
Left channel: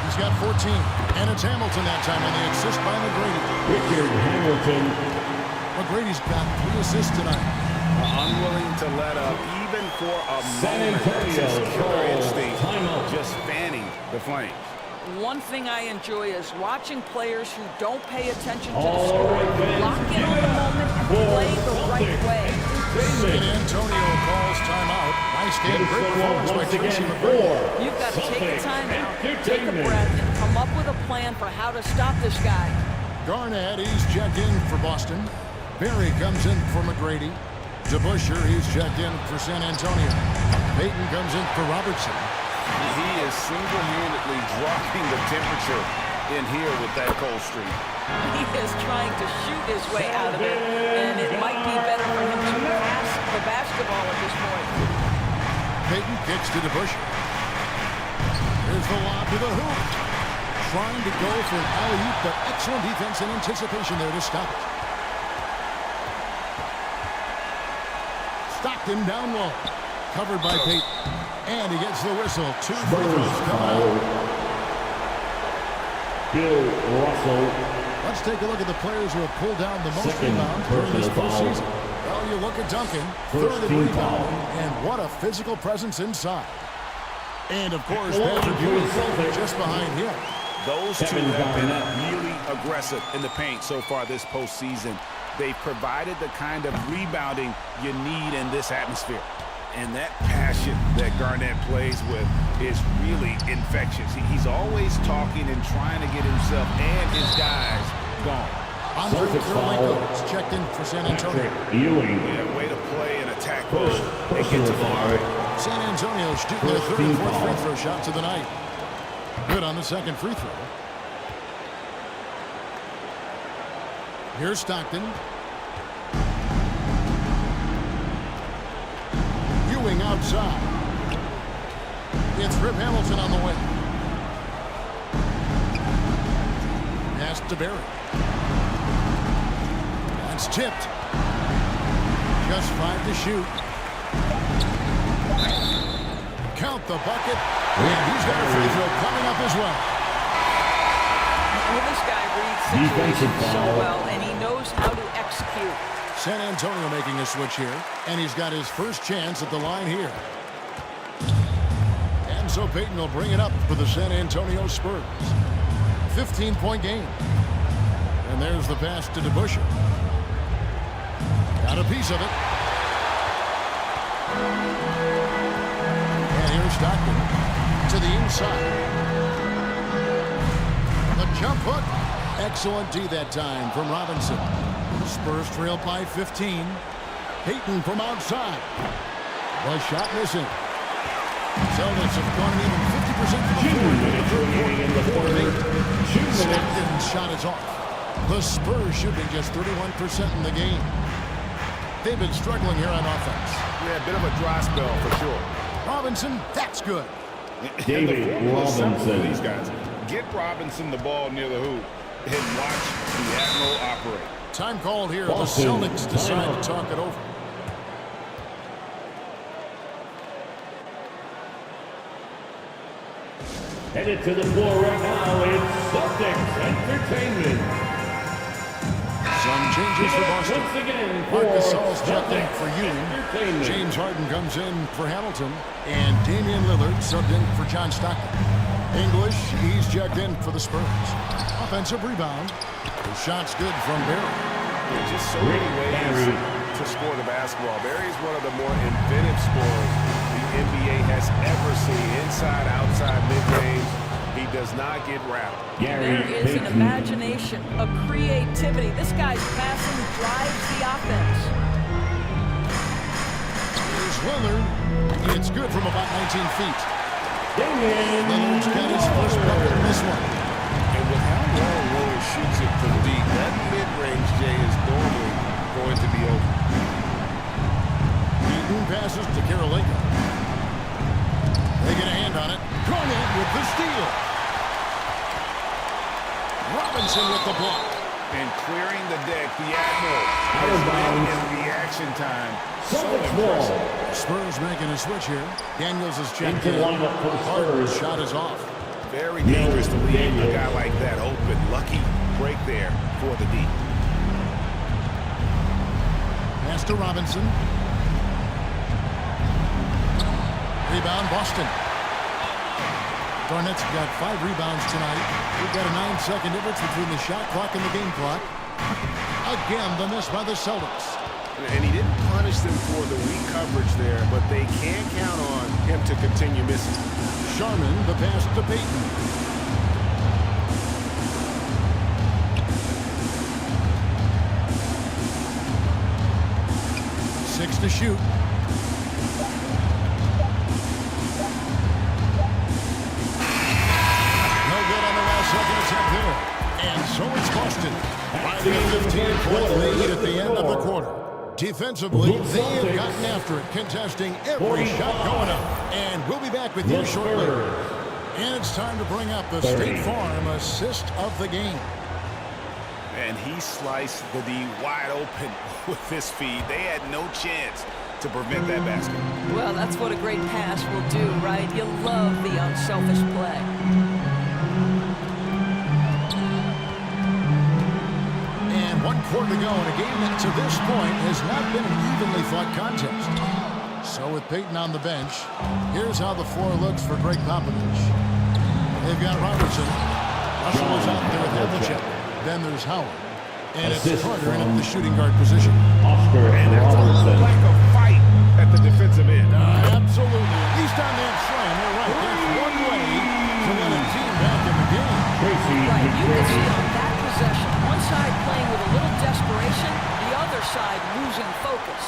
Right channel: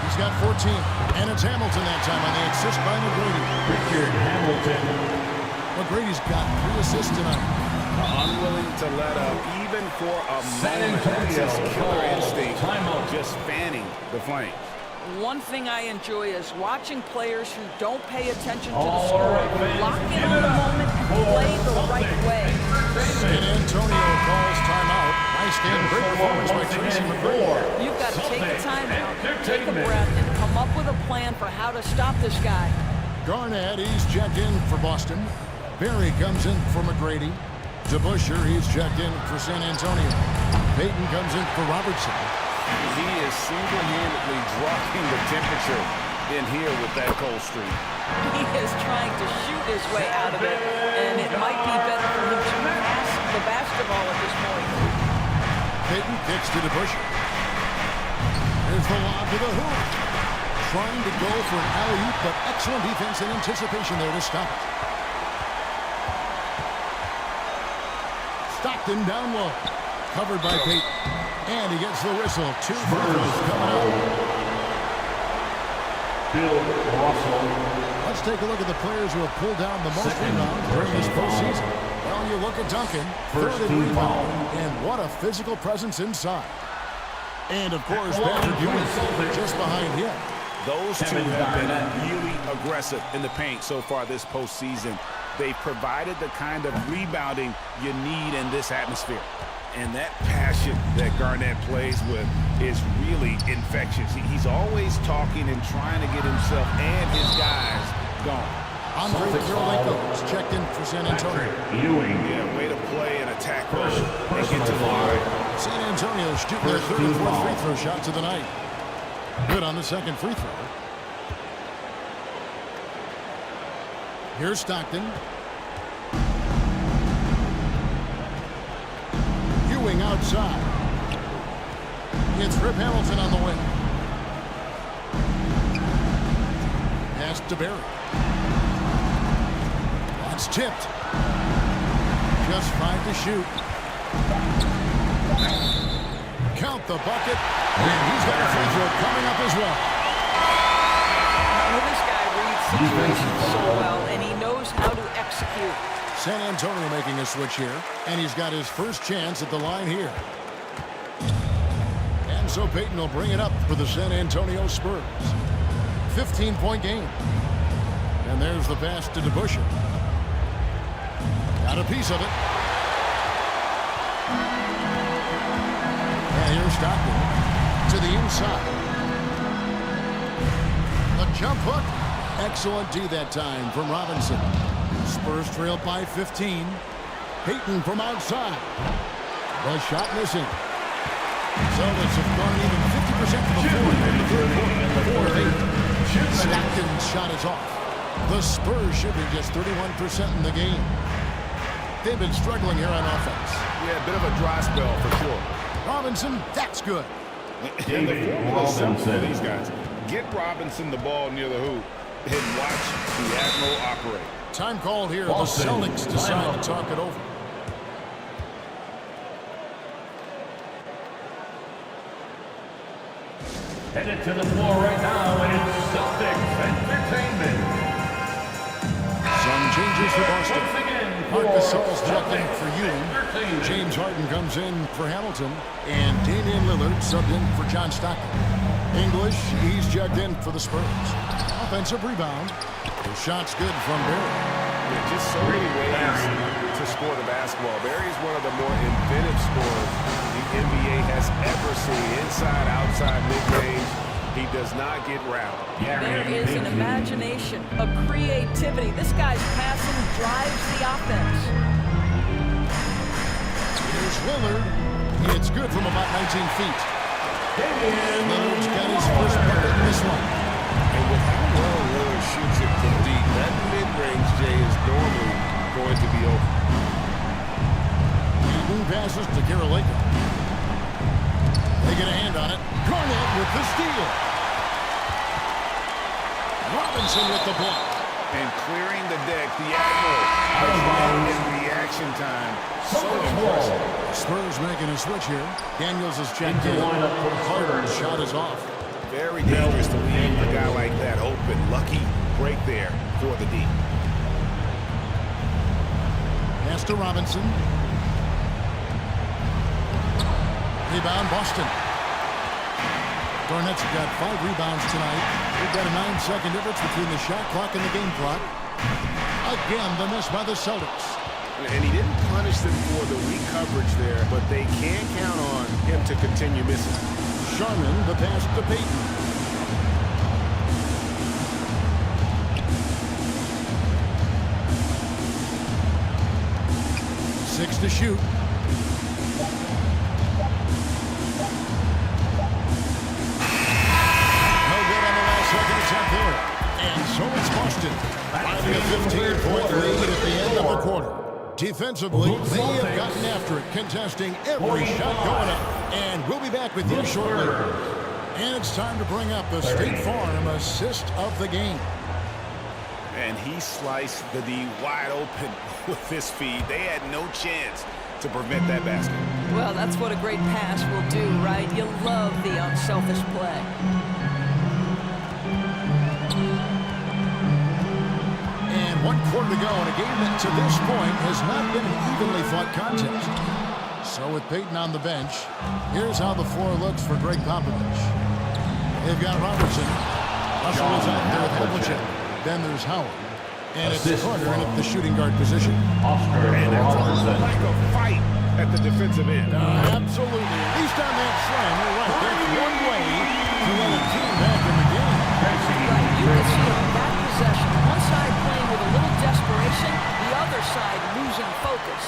He's got 14. And it's Hamilton that time on the assist by McGrady. Richard Hamilton. McGrady's got 3 assists tonight. Unwilling to let up even for a moment. That's his killer instinct. Just fanning the flames. One thing I enjoy is watching players who don't pay attention to the score, lock in on the moment and play the right way. San Antonio calls timeout. Nice game, great performance by Tracy McGrady. You've got to take a timeout, take a breath, and come up with a plan for how to stop this guy. Garnett, he's checked in for Boston. Barry comes in for McGrady. DeBusschere, he's checked in for San Antonio. Payton comes in for Robertson. He is single-handedly dropping the temperature in here with that cold streak. He is trying to shoot his way out of it, and it might be better for him to pass the basketball at this point. Payton kicks to DeBusschere. Here's the lob to the hoop. Trying to go for an alley-oop, but excellent defense and anticipation there to stop it. Stockton down low. Covered by Payton. And he gets the whistle. 2 free throws coming out. Bill Russell. Let's take a look at the players who have pulled down the most rebounds during this postseason. Well, you look at Duncan, 3rd in rebounding, and what a physical presence inside. And, of course, Patrick Ewing just behind him. Those two have been really aggressive in the paint so far this postseason. They've provided the kind of rebounding you need in this atmosphere. And that passion that Garnett plays with is really infectious. He's always talking and trying to get himself and his guys going. Andre Kirilenko is checked in for San Antonio. Ewing. Yeah, way to play and attack mode and get to the line. San Antonio shooting their 3rd and 4th free throw shots of the night. Good on the 2nd free throw. Here's Stockton. Ewing outside. It's Rip Hamilton on the way. Pass to Barry. That's tipped. Just 5 to shoot. Count the bucket. And he's got a free throw coming up as well. Well, this guy reads situations so well, and he knows how to execute. San Antonio making a switch here, and he's got his first chance at the line here. And so Payton will bring it up for the San Antonio Spurs. 15-point game. And there's the pass to DeBusschere. Got a piece of it. And here's Stockton to the inside. The jump hook. Excellent D that time from Robinson. Spurs trail by 15. Payton from outside. The shot missing. Celtics have gone even 50% from the floor in the 3rd quarter. 4 of 8. Stockton's shot is off. The Spurs shooting just 31% in the game. They've been struggling here on offense. Yeah, a bit of a dry spell for sure. Robinson, that's good. And the formula is simple for these guys. Get Robinson the ball near the hoop and watch the Admiral operate. Time called here. Boston. The Celtics decide to talk it over. Headed to the floor right now, it's Celtics Entertainment. Some changes for Boston. Once again, Marcus Gasol's checked in for Ewing. James Harden comes in for Hamilton. And Damian Lillard subbed in for John Stockton. English, he's checked in for the Spurs. Offensive rebound. The shot's good from Barry. There's just so many ways to score score the basketball. Barry is one of the more inventive scorers the NBA has ever seen. Inside, outside, mid-range. He does not get rattled. There is an imagination, a creativity. This guy's passing drives the offense. Here's Lillard. It's good from about 19 feet. Lillard's got his first bucket in this one. And with how well Lillard shoots it from deep, that mid-range, Jay, is normally going to be open. Newton passes to Karolinko. They get a hand on it. Garnett with the steal. Robinson with the block. And clearing the deck, the Admiral is in reaction time. So impressive. The Spurs making a switch here. Daniels is checked in. Carter's shot is off. Very dangerous to leave a guy like that open. Lucky break there for the D. Pass to Robinson. Rebound, Boston. Garnett's got 5 rebounds tonight. We've got a 9-second difference between the shot clock and the game clock. Again, the miss by the Celtics. And he didn't punish them for the weak coverage there, but they can count on him to continue missing. Sharman, the pass to Payton. Six to shoot. Second attempt there. And so it's Boston. Riding a 15-point lead at the end of the quarter. Defensively, they have gotten after it, contesting every shot going up. And we'll be back with you shortly. And it's time to bring up the State Farm assist of the game. And he sliced the D wide open with this feed. They had no chance to prevent that basket. Well, that's what a great pass will do, right? You love the unselfish play. And 1 quarter to go in a game that to this point has not been an evenly fought contest. So with Payton on the bench, here's how the floor looks for Greg Popovich. They've got Robertson. Russell is out there with Havlicek. Then there's Howard. And it's Carter in at the shooting guard position. And there's a little lack of fight at the defensive end. Absolutely. At least on that slam, you're right. That's one way to let a team back in the game. Right, you can see on that possession, one side playing with a little desperation, the other side losing focus.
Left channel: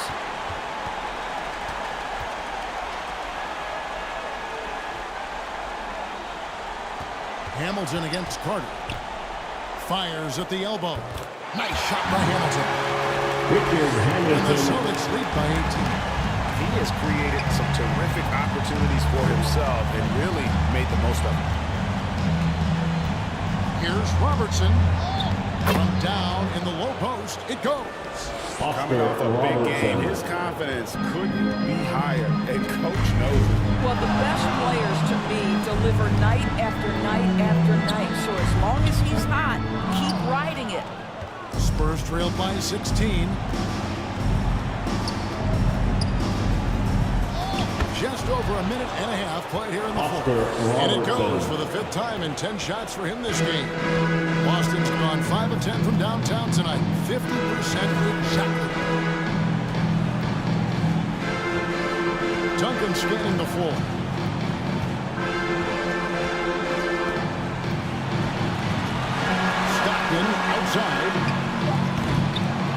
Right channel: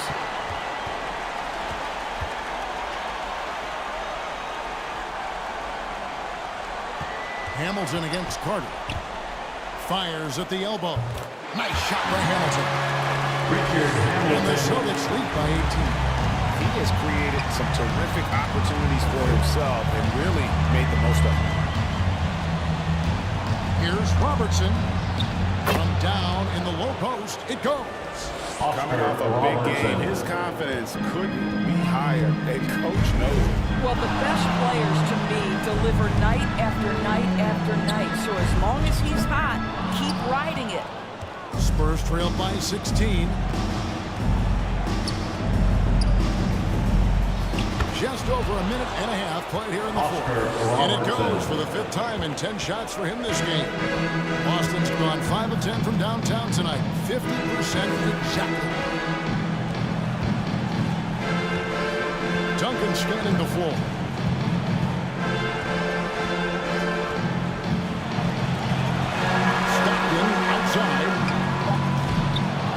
Hamilton against Carter. Fires at the elbow. Nice shot by Hamilton. And the Celtics lead by 18. He has created some terrific opportunities for himself and really made the most of them. Here's Robertson. From down in the low post, it goes. Coming off a big game, his confidence couldn't be higher, and coach knows it. Well, the best players to me deliver night after night after night. So as long as he's hot, keep riding it. Spurs trail by 16. Just over a minute and a half played here in the fourth. And it goes for the 5th time in 10 shots for him this game. Boston's gone 5 of 10 from downtown tonight. 50% exactly. Duncan scanning the floor. Stockton outside.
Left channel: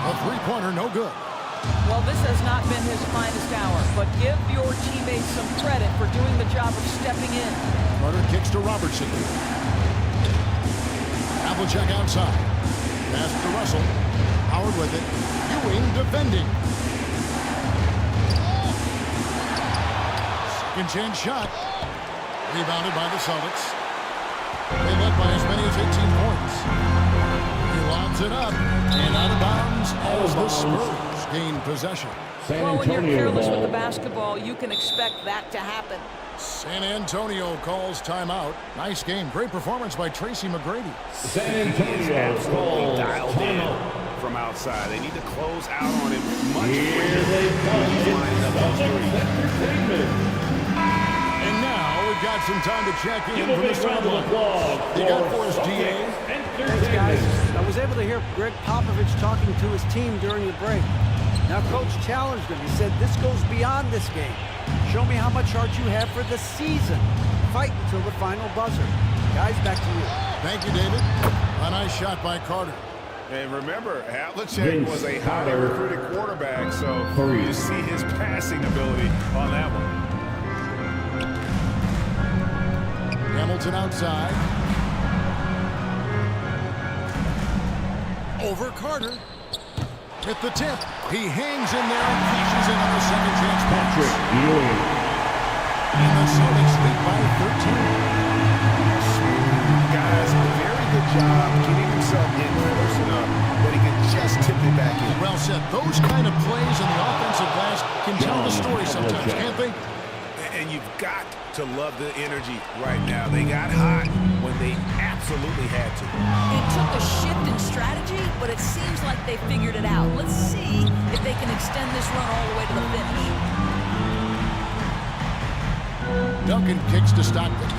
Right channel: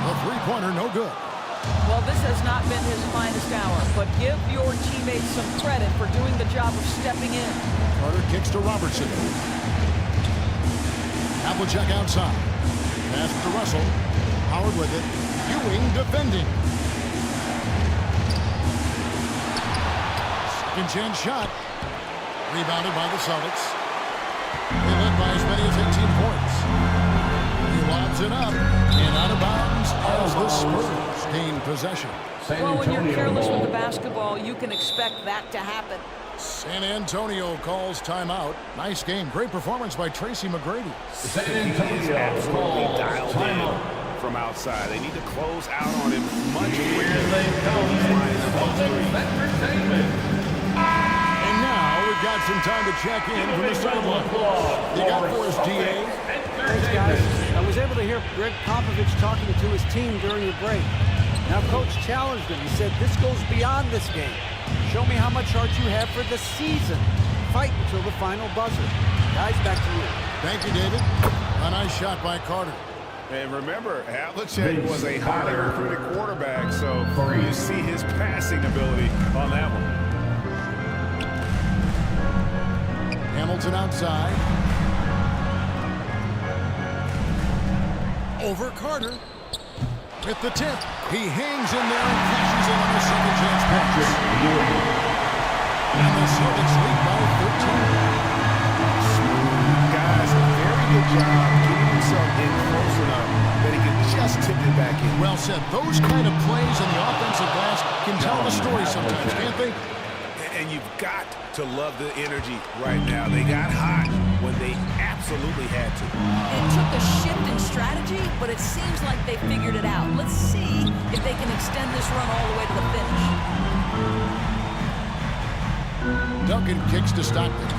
A 3-pointer, no good. Well, this has not been his finest hour, but give your teammates some credit for doing the job of stepping in. Carter kicks to Robertson. Havlicek outside. Pass to Russell. Howard with it. Ewing defending. Second chance shot. Rebounded by the Celtics. They led by as many as 18 points. He lobs it up and out of bounds as the Spurs gain possession. Well, when you're careless with the basketball, you can expect that to happen. San Antonio calls timeout. Nice game. Great performance by Tracy McGrady. He is absolutely dialed in from outside. They need to close out on him much quicker when he's lining up those threes. And now we've got some time to check in from the sideline. You got for us, GA? Thanks, guys. I was able to hear Greg Popovich talking to his team during the break. Now, Coach challenged him. He said, this goes beyond this game. Show me how much heart you have for the season. Fight until the final buzzer. Guys, back to you. Thank you, David. A nice shot by Carter. And remember, Havlicek was a highly recruited quarterback, so you see his passing ability on that one. Hamilton outside. Over Carter. With the tip. He hangs in there and cashes in on the second chance points. And the Celtics lead by 13. Smooth. Guys, very good job getting himself in close enough that he could just tip it back in. Well said. Those kind of plays on the offensive glass can tell the story sometimes, can't they? And you've got to love the energy right now. They got hot when they absolutely had to. It took a shift in strategy, but it seems like they figured it out. Let's see if they can extend this run all the way to the finish. Duncan kicks to Stockton.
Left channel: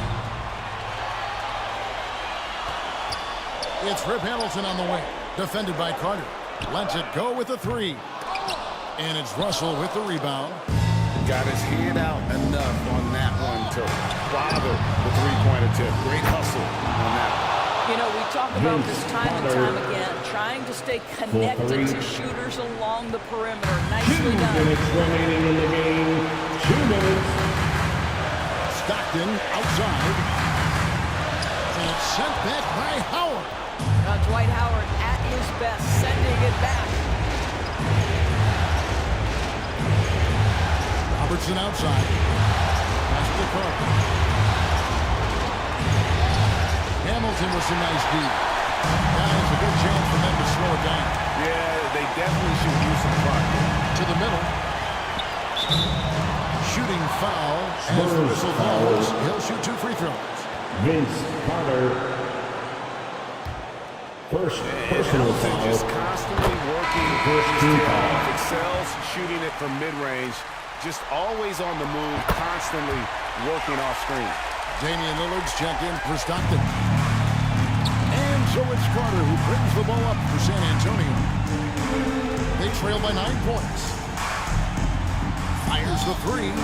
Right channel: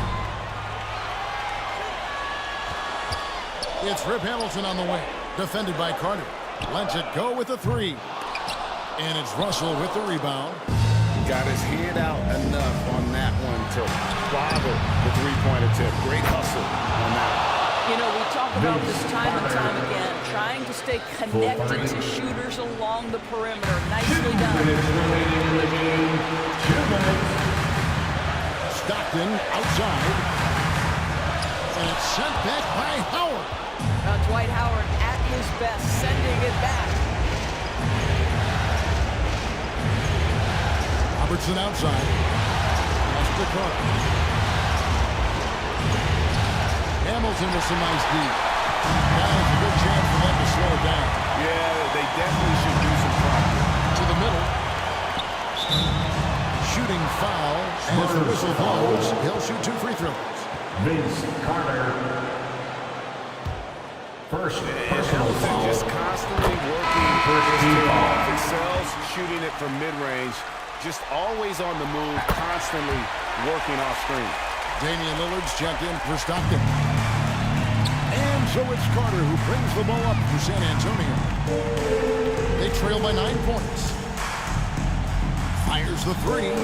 It's Rip Hamilton on the wing. Defended by Carter. Lets it go with the three. And it's Russell with the rebound. Got his hand out enough on that one to bother the three-point attempt. Great hustle on that one. You know, we talk about this time and time again, trying to stay connected to shooters along the perimeter. Nicely done. 2 minutes remaining in the game. 2 minutes. Stockton outside. And it's sent back by Howard. Now Dwight Howard at his best, sending it back. Robertson outside. Pass to Carter. Hamilton with some nice D. Guys, a good chance for them to slow it down. Yeah, they definitely should use some clock here. To the middle. Shooting foul. As the whistle blows, he'll shoot 2 free throws. Vince Carter. First personal foul. Just constantly working his tail off. Excels shooting it from mid-range. Just always on the move, constantly working off screen. Damian Lillard's checked in for Stockton. And so it's Carter who brings the ball up for San Antonio. They trail by 9 points. Fires the three.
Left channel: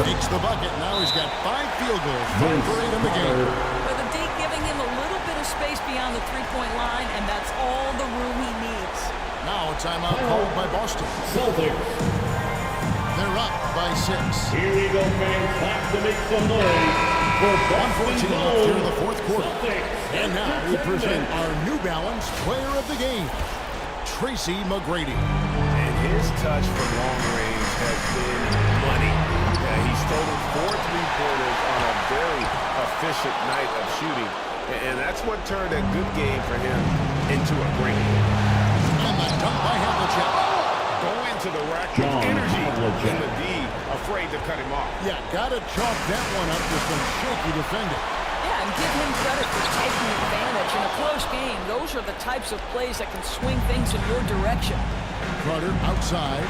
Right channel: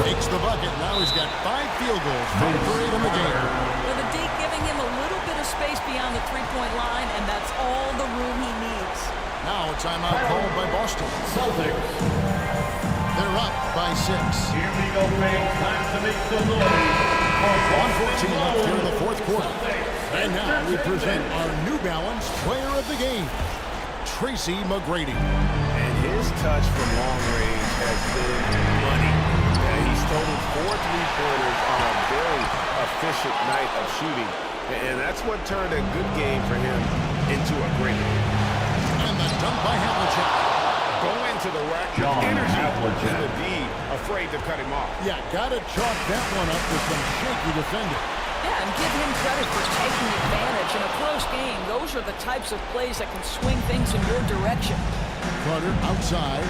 Takes the bucket. Now he's got 5 field goals. 5 for 8 in the game. But the D giving him a little bit of space beyond the three-point line, and that's all the room he needs. Now a timeout called by Boston. Celtics. They're up by 6. Here we go, fans. Time to make some noise. 1:14 left here in the fourth quarter. And now we present our New Balance Player of the Game, Tracy McGrady. And his touch from long range has been money. He's totaled 4 3-pointers on a very efficient night of shooting. And that's what turned a good game for him into a great one. And the dunk by Havlicek. Going to the rack with energy. And the D afraid to cut him off. Yeah, got to chalk that one up to some shaky defending. Yeah, and give him credit for taking advantage. In a close game, those are the types of plays that can swing things in your direction. Carter outside.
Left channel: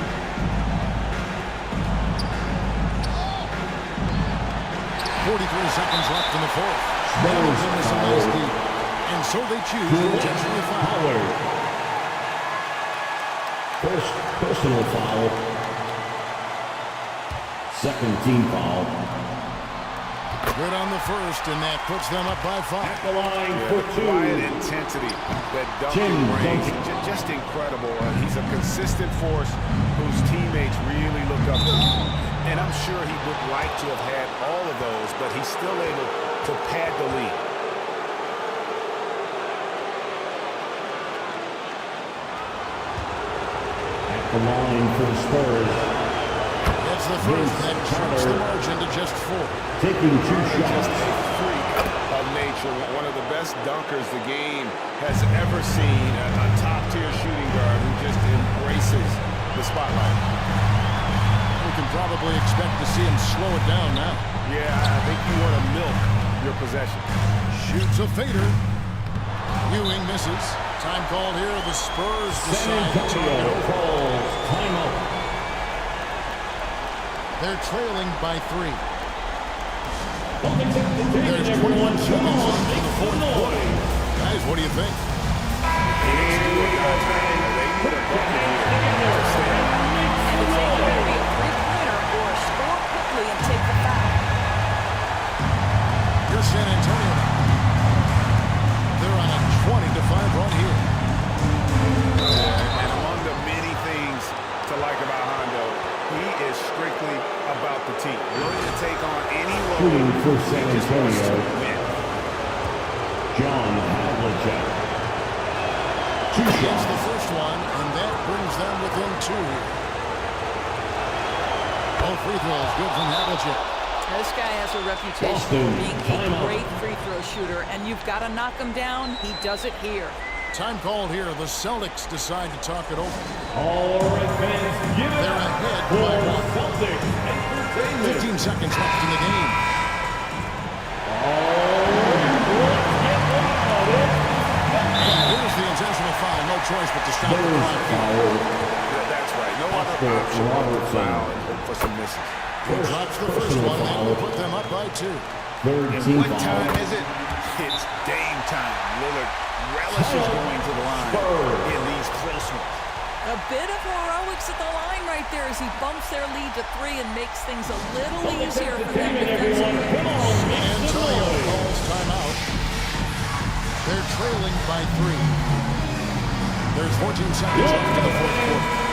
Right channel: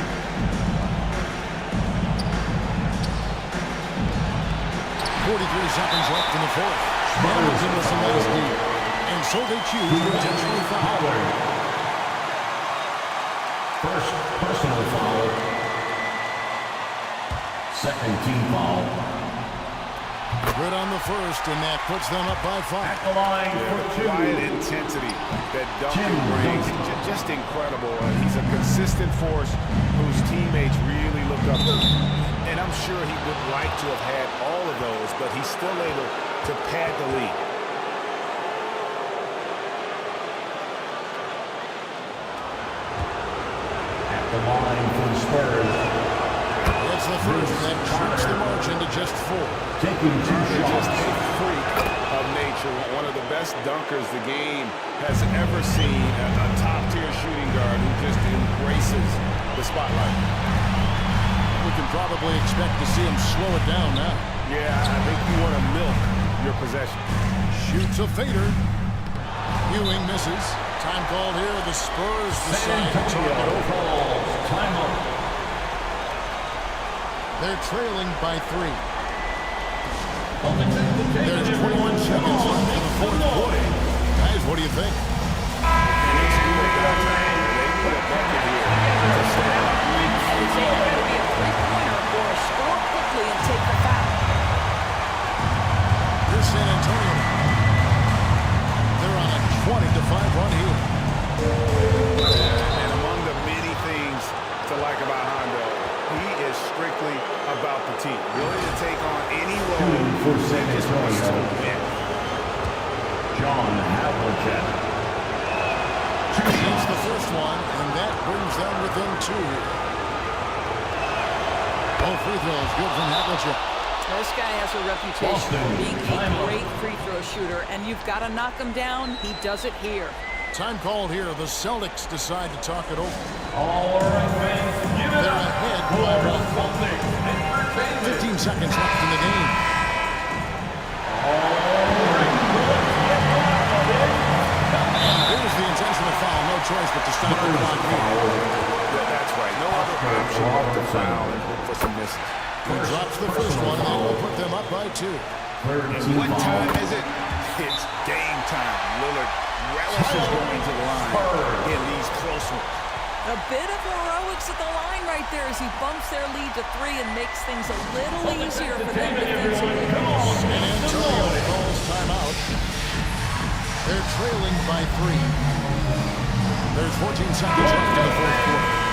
.43 seconds left in the fourth. Hamilton with some nice D. And so they choose to intentionally foul. First personal foul. Second team foul. Good on the first, and that puts them up by 5. At the line for the 2. quiet intensity that Duncan brings, just incredible. He's a consistent force whose teammates really look up to. And I'm sure he would like to have had all of those, but he's still able to pad the lead. At the line for the Spurs. It's the first that shrinks the margin to just 4. Taking 2 shots. Just a freak of nature. One of the best dunkers the game has ever seen. A top-tier shooting guard who just embraces the spotlight. We can probably expect to see him slow it down now. Yeah, I think you want to milk your possession. Shoots a fader. Ewing misses. Time called here. The Spurs decide to talk it over. Timeout. They're trailing by 3. There's 21 seconds left in the fourth quarter. Guys, what do you think? They put a bucket here. to stay alive. And it's either going to be a three-pointer or a score quickly and take the foul. Here's San Antonio now. They're on a 20-5 run here. And among the many things to like about Hondo, he is strictly about the team. Willing to take on any role. For San He just wants to Antonio, win. John Havlicek. Against the first one, and that brings them within 2 here. Both free throws good from Havlicek. This guy has a reputation for being a great free throw shooter, and you've got to knock him down. He does it here. Time called here. The Celtics decide to talk it over. All right, fans, give it They're up ahead for by 1. Celtics Entertainment. 15 seconds left in the game. All right, let's get wild. And there's the intentional foul. No choice but to stop the clock here. That's right. No other option but to foul and hope for some misses. He drops the first one, and that will put them up by 2. And what time is it? It's Dame time. Lillard relishes going to the line in these close ones. A bit of heroics at the line right there as he bumps their lead to 3 and makes things a little easier for them defensively. San Antonio calls timeout. They're trailing by 3. There's 14 seconds left in the fourth quarter.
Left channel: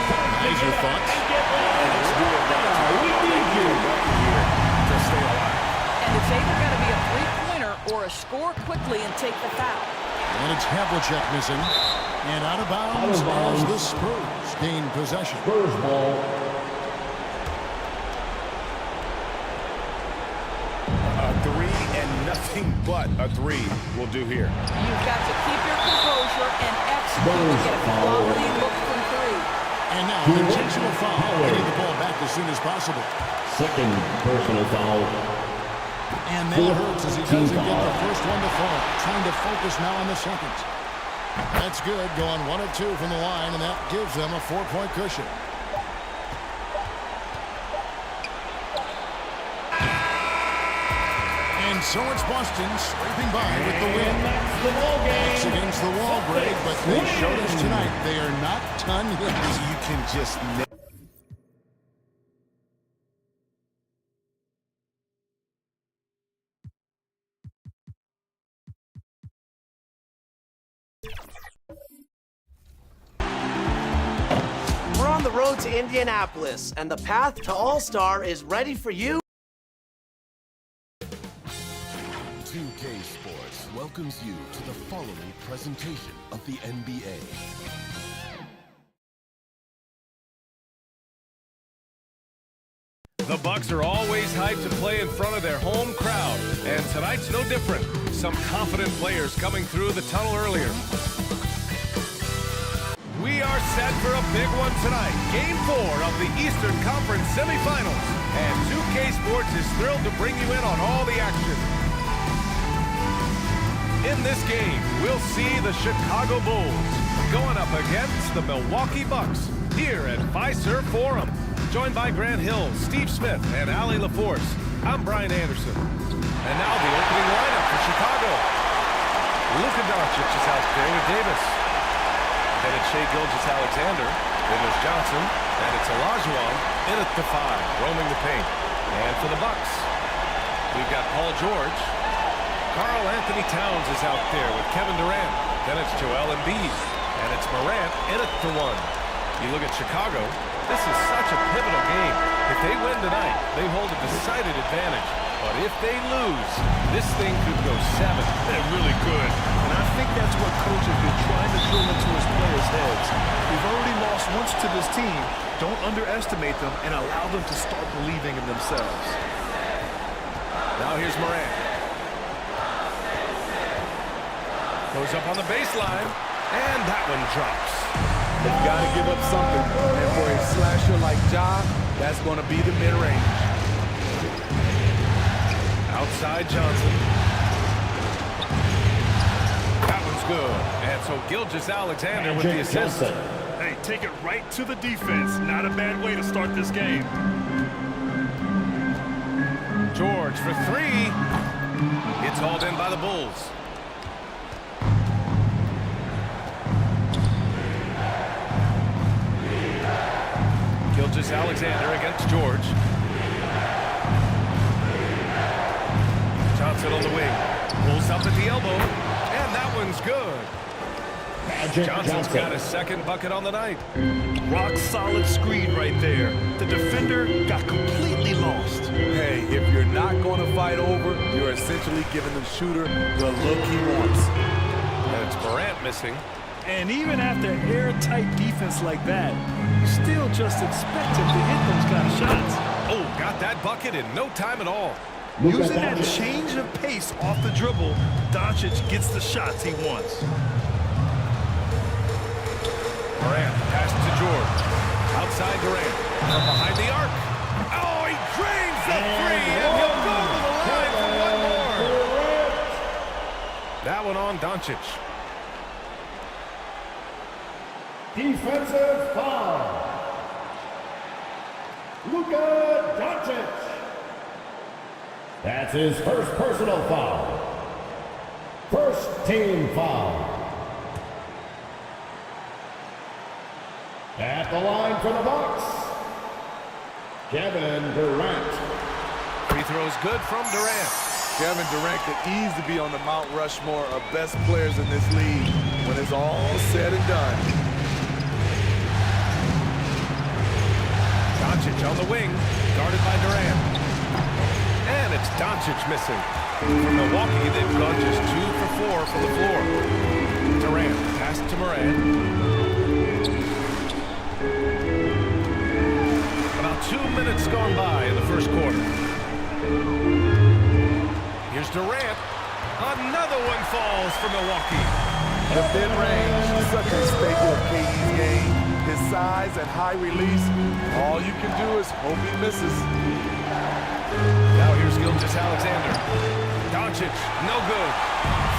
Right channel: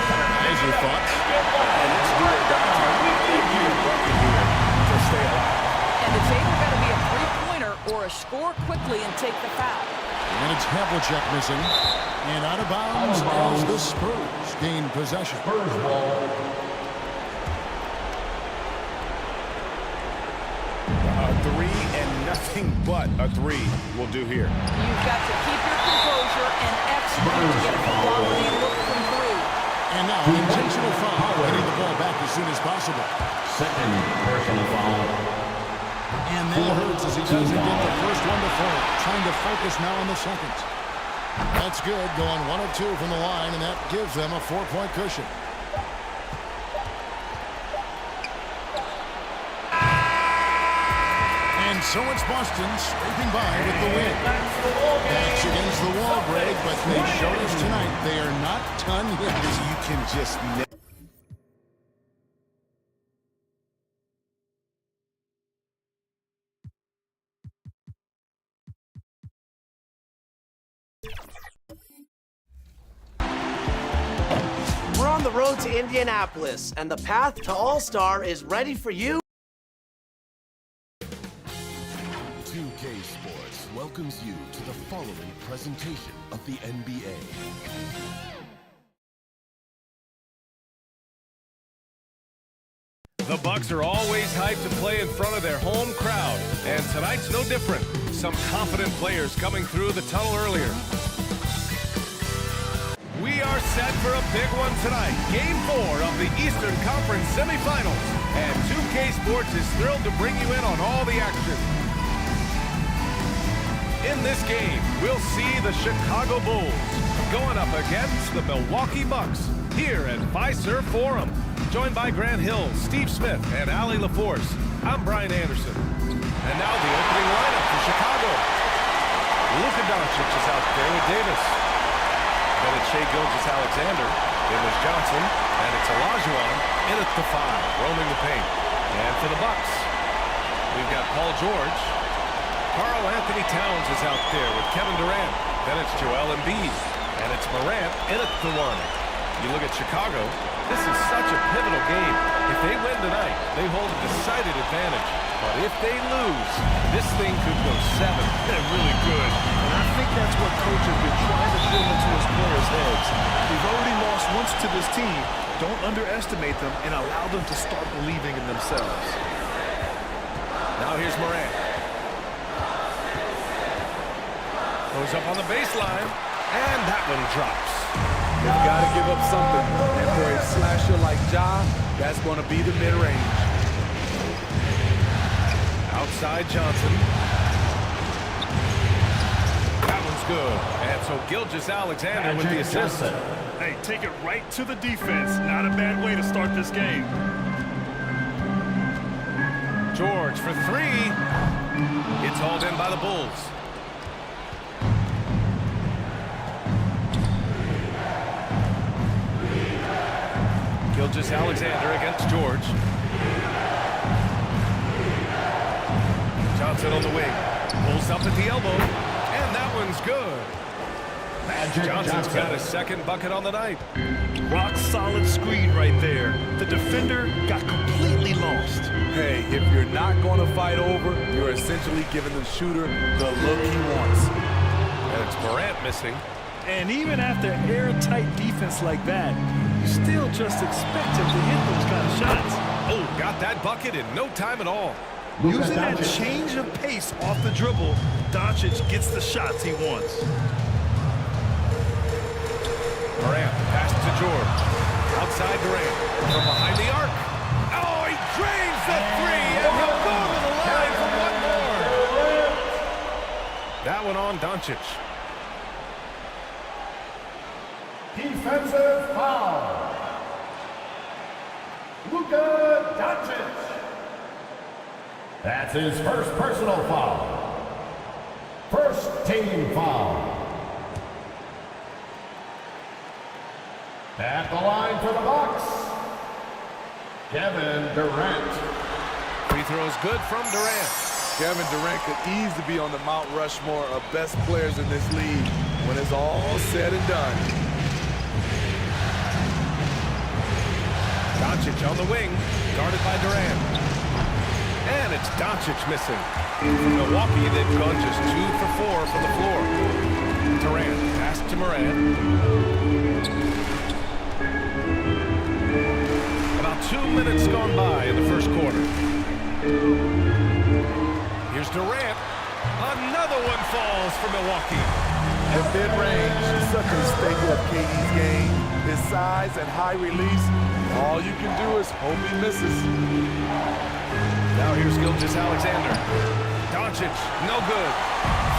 Guys, your thoughts? And it's do or die time. They need a bucket here to stay alive. And it's either got to be a three-pointer or a score quickly and take the foul. And it's Havlicek missing. And out of bounds as the Spurs gain possession. Spurs ball. A 3 and nothing but a 3 will do here. You've got to keep your composure and execute to get a quality look from 3. And now an intentional foul. Getting the ball back as soon as possible. Second personal foul. And that hurts as he doesn't get the first one to fall. Trying to focus now on the second. That's good. Going 1 of 2 from the line, and that gives them a 4-point cushion. And so it's Boston scraping by with the win. Backs against the wall, Greg, but they showed us tonight they are not done yet. You can just We're on the road to Indianapolis, and the path to All-Star is ready for you. 2K Sports welcomes you to the following presentation of the NBA. The Bucks are always hyped to play in front of their home crowd, and tonight's no different. Some confident players coming through the tunnel earlier. We are set for a big one tonight. Game 4 of the Eastern Conference semifinals. And 2K Sports is thrilled to bring you in on all the action. In this game, we'll see the Chicago Bulls going up against the Milwaukee Bucks here at Fiserv Forum. Joined by Grant Hill, Steve Smith, and Allie LaForce, I'm Brian Anderson. And now the opening lineup for Chicago. Luka Doncic is out there with Davis. Then it's Shai Gilgeous-Alexander. Then there's Johnson, and it's Olajuwon in at the 5, roaming the paint. And for the Bucks, we've got Paul George. Karl Anthony Towns is out there with Kevin Durant. Then it's Joel Embiid, and it's Morant in at the 1. You look at Chicago, this is such a pivotal game. If they win tonight, they hold a decided advantage. But if they lose, this thing could go 7. They're really good. And I think that's what coach has been trying to drill into his players' heads. We've already lost once to this team. Don't underestimate them and allow them to start believing in themselves. Now here's Morant. Goes up on the baseline, and that one drops. They've got to give up something. And for a slasher like Ja, that's going to be the mid-range. Outside Johnson. That one's good. And so Gilgeous-Alexander with the assist. Hey, take it right to the defense. Not a bad way to start this game. George for 3. It's hauled in by the Bulls. Gilgeous-Alexander against George. Johnson on the wing. Pulls up at the elbow. And that one's good. Johnson's got his second bucket on the night. Rock solid screen right there. The defender got completely lost. Hey, if you're not going to fight over, you're essentially giving the shooter the look he wants. And it's Morant missing. And even after airtight defense like that, you still just expect him to hit those kind of shots. Oh, got that bucket in no time at all. Using that change of pace off the dribble, Doncic gets the shots he wants. Morant, pass to George. Outside Durant. From behind the arc. Oh, he drains the three, and he'll go to the line for one more. That one on Doncic. Defensive foul. Luka Doncic. That's his first personal foul. First team foul. At the line for the Bucks, Kevin Durant. Free throws good from Durant. Kevin Durant could easily be on the Mount Rushmore of best players in this league when it's all said and done. Doncic on the wing, guarded by Durant. And it's Doncic missing. For Milwaukee, they've gone just 2 for 4 from the floor. Durant, pass to Morant. About 2 minutes gone by in the first quarter. Here's Durant. Another one falls for Milwaukee. The mid-range, such a staple of KD's game. His size and high release, all you can do is hope he misses. Now here's Gilgeous-Alexander. Doncic, no good.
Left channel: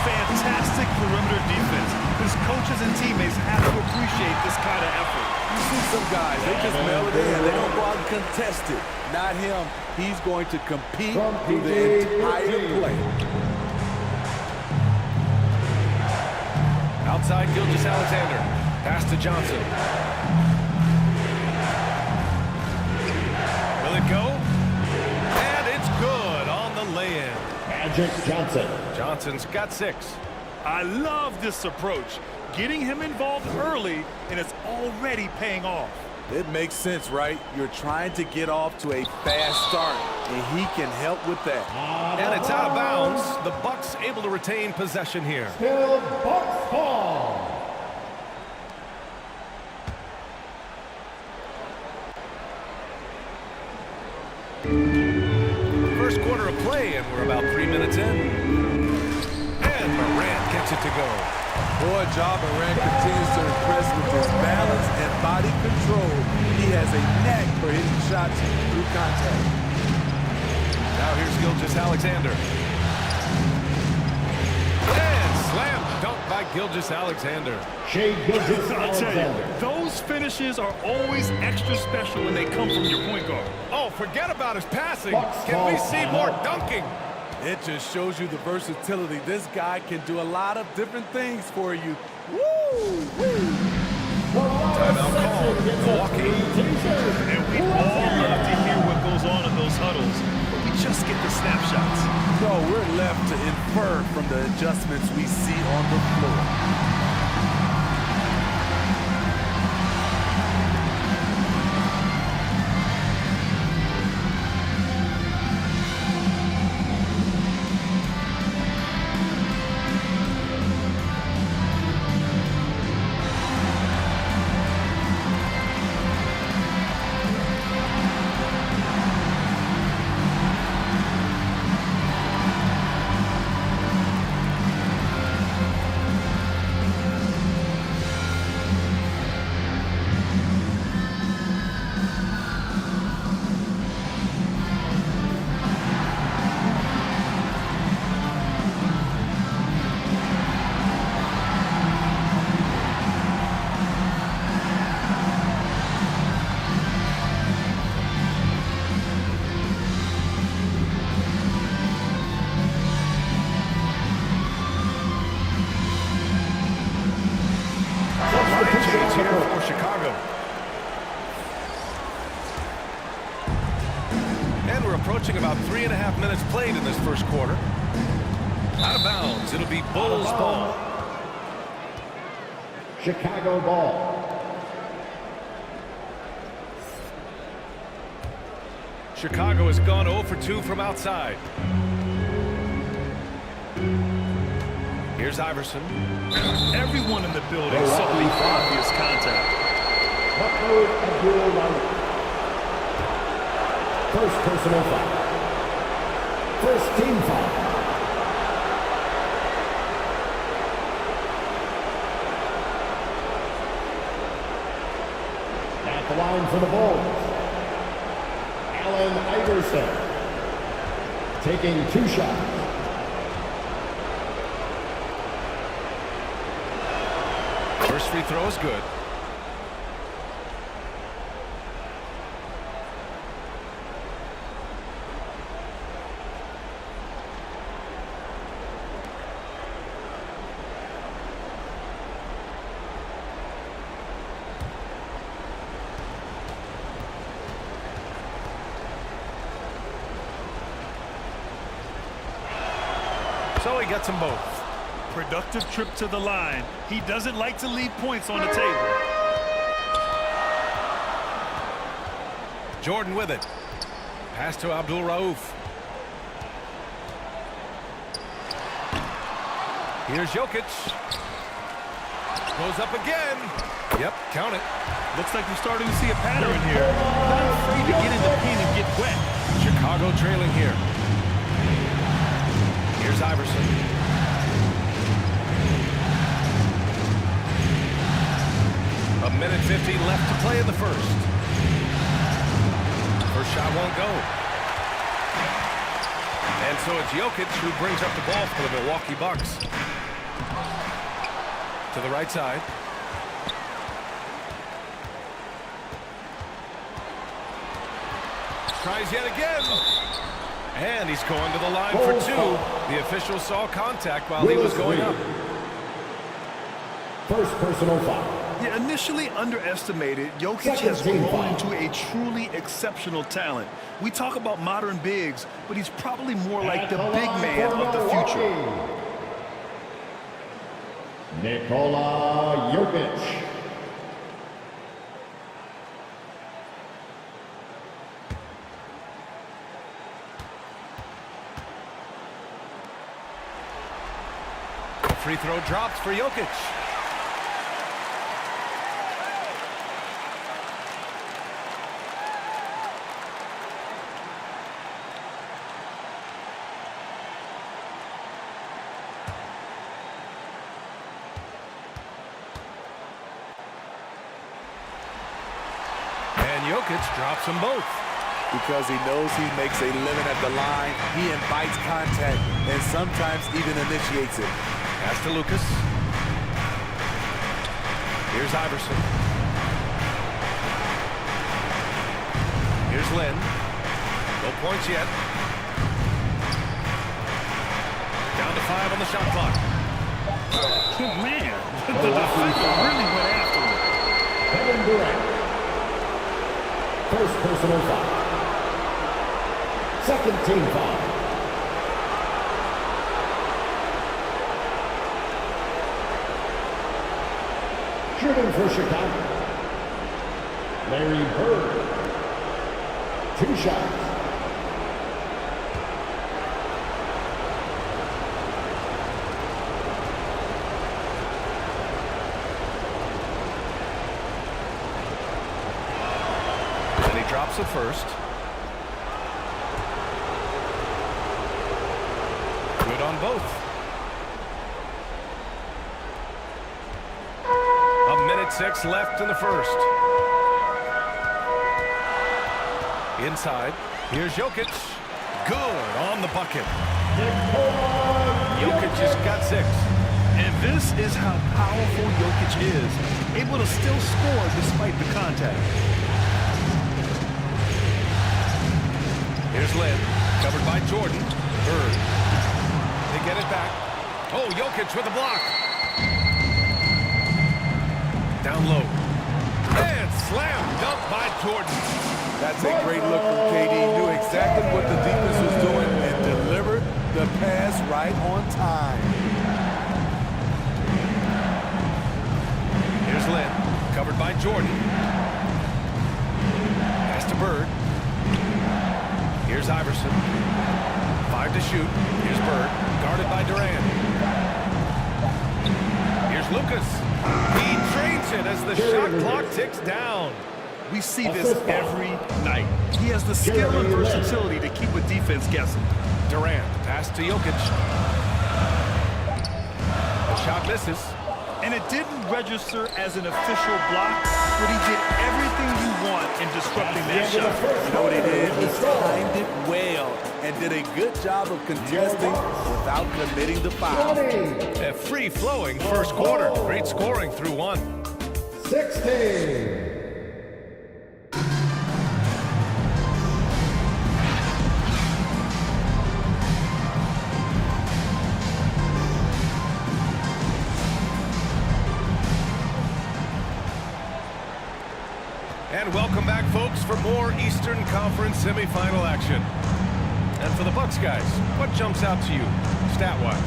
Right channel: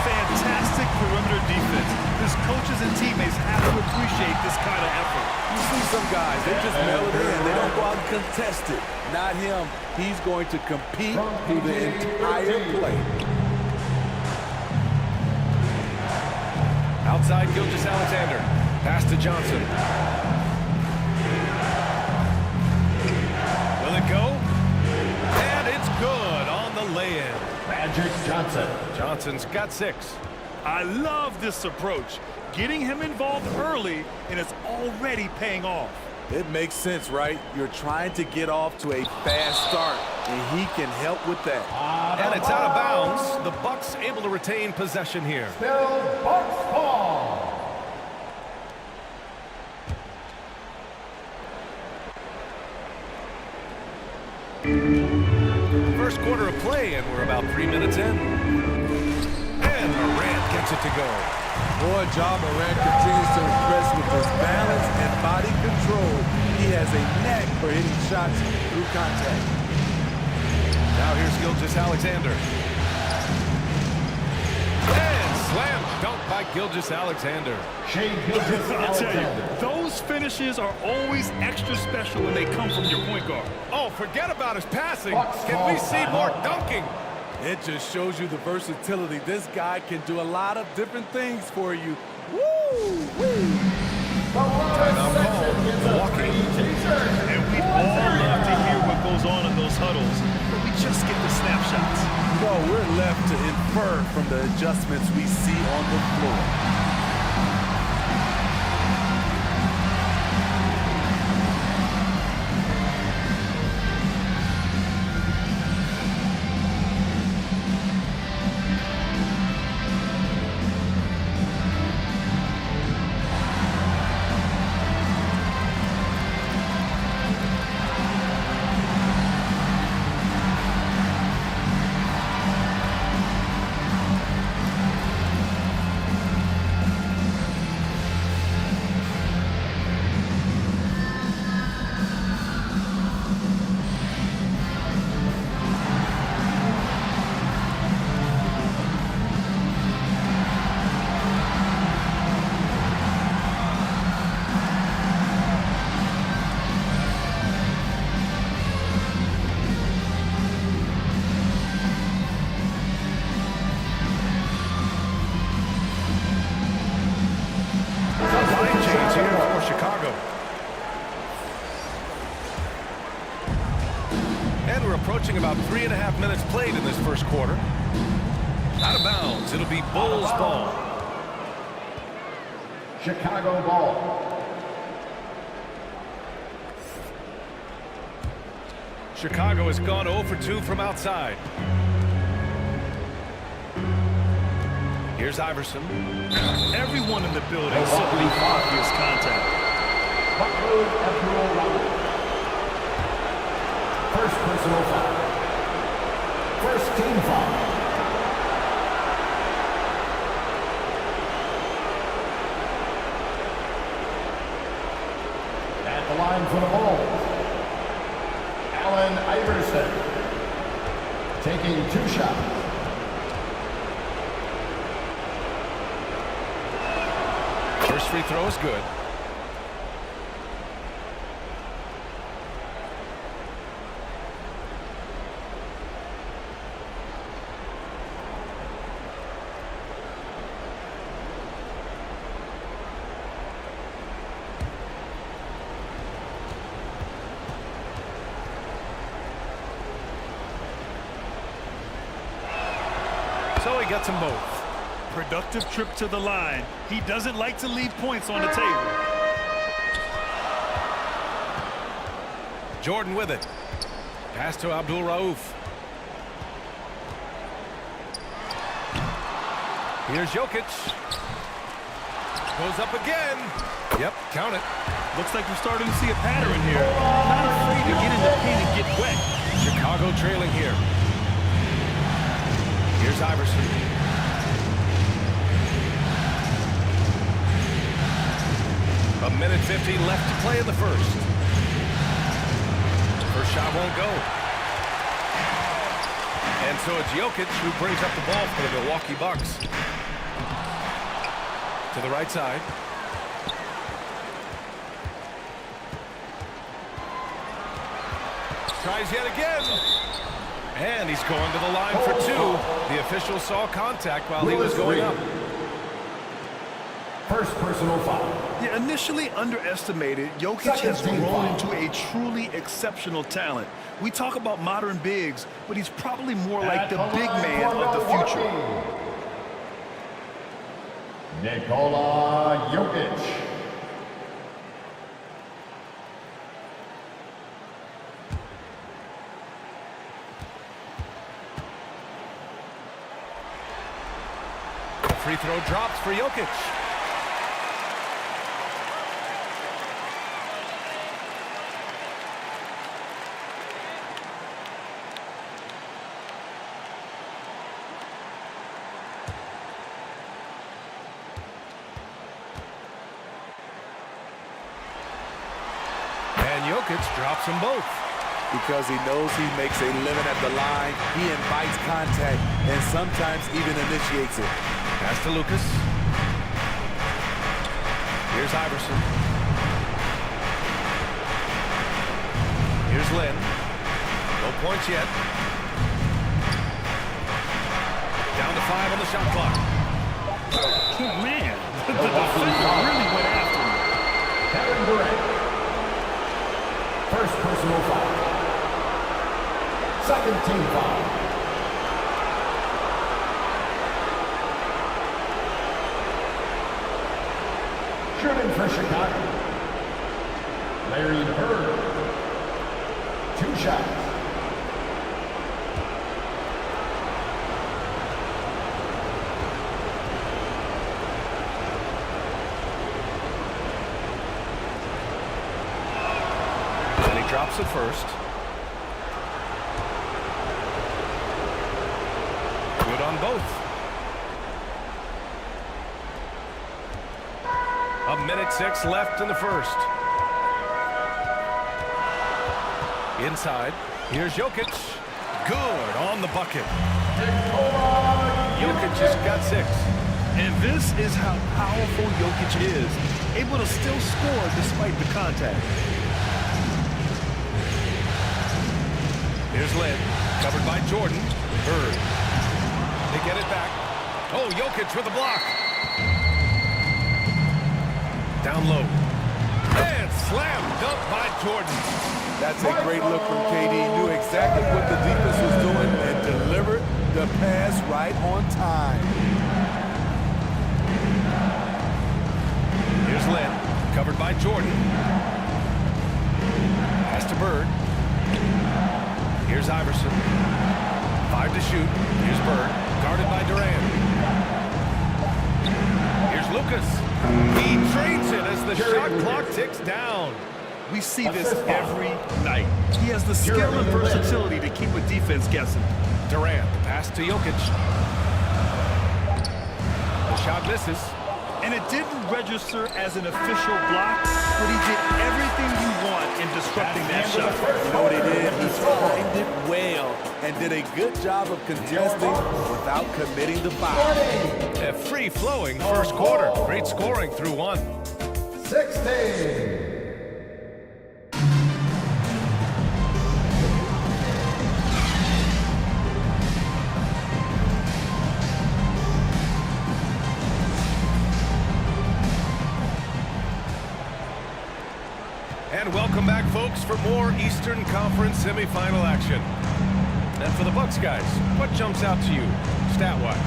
Fantastic perimeter defense. His coaches and teammates have to appreciate this kind of effort. You see some guys, they just mail it in. They don't go out and contest it. Not him. He's going to compete through the entire play. Outside Gilgeous-Alexander. Pass to Johnson. Will it go? And it's good on the lay-in. Magic Johnson. Johnson's got 6. I love this approach. Getting him involved early, and it's already paying off. It makes sense, right? You're trying to get off to a fast start, and he can help with that. And it's out of bounds. The Bucks able to retain possession here. Still Bucks ball. First quarter of play, and we're about 3 minutes in. And Morant gets it to go. Boy, Ja Morant continues to impress with his balance and body control. He has a knack for hitting shots through contact. Now here's Gilgeous-Alexander. And slam dunk by Gilgeous-Alexander. I'll tell you, those finishes are always extra special when they come from your point guard. Oh, forget about his passing. Can we see more dunking? It just shows you the versatility. This guy can do a lot of different things for you. Woo! Woo! Timeout called. Milwaukee. And we all love to hear what goes on in those huddles, but we just get the snapshots. No, we're left to infer from the adjustments we see on the floor. Here for Chicago. And we're approaching about 3.5 minutes played in this first quarter. Out of bounds. It'll be Bulls ball. Chicago ball. Chicago has gone 0 for 2 from outside. Here's Iverson. Everyone in the building saw the obvious contact. First personal foul. First team foul. At the line for the Bulls, Allen Iverson taking 2 shots. First free throw is good. So he gets them both. Productive trip to the line. He doesn't like to leave points on the table. Jordan with it. Pass to Abdul Rauf. Here's Jokic. Goes up again. Yep, count it. Looks like we're starting to see a pattern here. Not afraid to get in the paint and get wet. Chicago trailing here. Here's Iverson. A minute 15 left to play in the first. First shot won't go. And so it's Jokic who brings up the ball for the Milwaukee Bucks. To the right side. Tries yet again. And he's going to the line for 2. The official saw contact while he was going up. First personal foul. Yeah, initially underestimated, Jokic has grown into a truly exceptional talent. We talk about modern bigs, but he's probably more like the big man of the future. Nikola Jokic. Free throw drops for Jokic. And Jokic drops them both. Because he knows he makes a living at the line, he invites contact and sometimes even initiates it. Pass to Lucas. Here's Iverson. Here's Lynn. No points yet. Down to 5 on the shot clock. Oh, man, the defender really went after him. Kevin Durant. First personal foul. Second team foul. Shooting for Chicago, Larry Bird. 2 shots. And he drops it first. Good on both. A minute 6 left in the first. Inside. Here's Jokic. Good on the bucket. Jokic just got 6. And this is how powerful Jokic is. Able to still score despite the contact. Here's Lynn. Covered by Jordan. Bird. They get it back. Oh, Jokic with a block. Down low. And slam dunk by Jordan. That's a great look from KD. Knew exactly what the defense was doing and delivered the pass right on time. Here's Lynn, covered by Jordan. Pass to Bird. Here's Iverson. 5 to shoot. Here's Bird, guarded by Durant. Here's Lucas. He trains it as the shot clock ticks down. We see this every night. He has the skill and versatility to keep a defense guessing. Durant, the pass to Jokic. The shot misses. And it didn't register as an official block, but he did everything you want in disrupting that shot. You know what he did? He timed it well and did a good job of contesting without committing the foul. A free-flowing first quarter. Great scoring through 1. 16. And welcome back, folks, for more Eastern Conference semifinal action. And for the Bucks guys, what jumps out to you, stat-wise?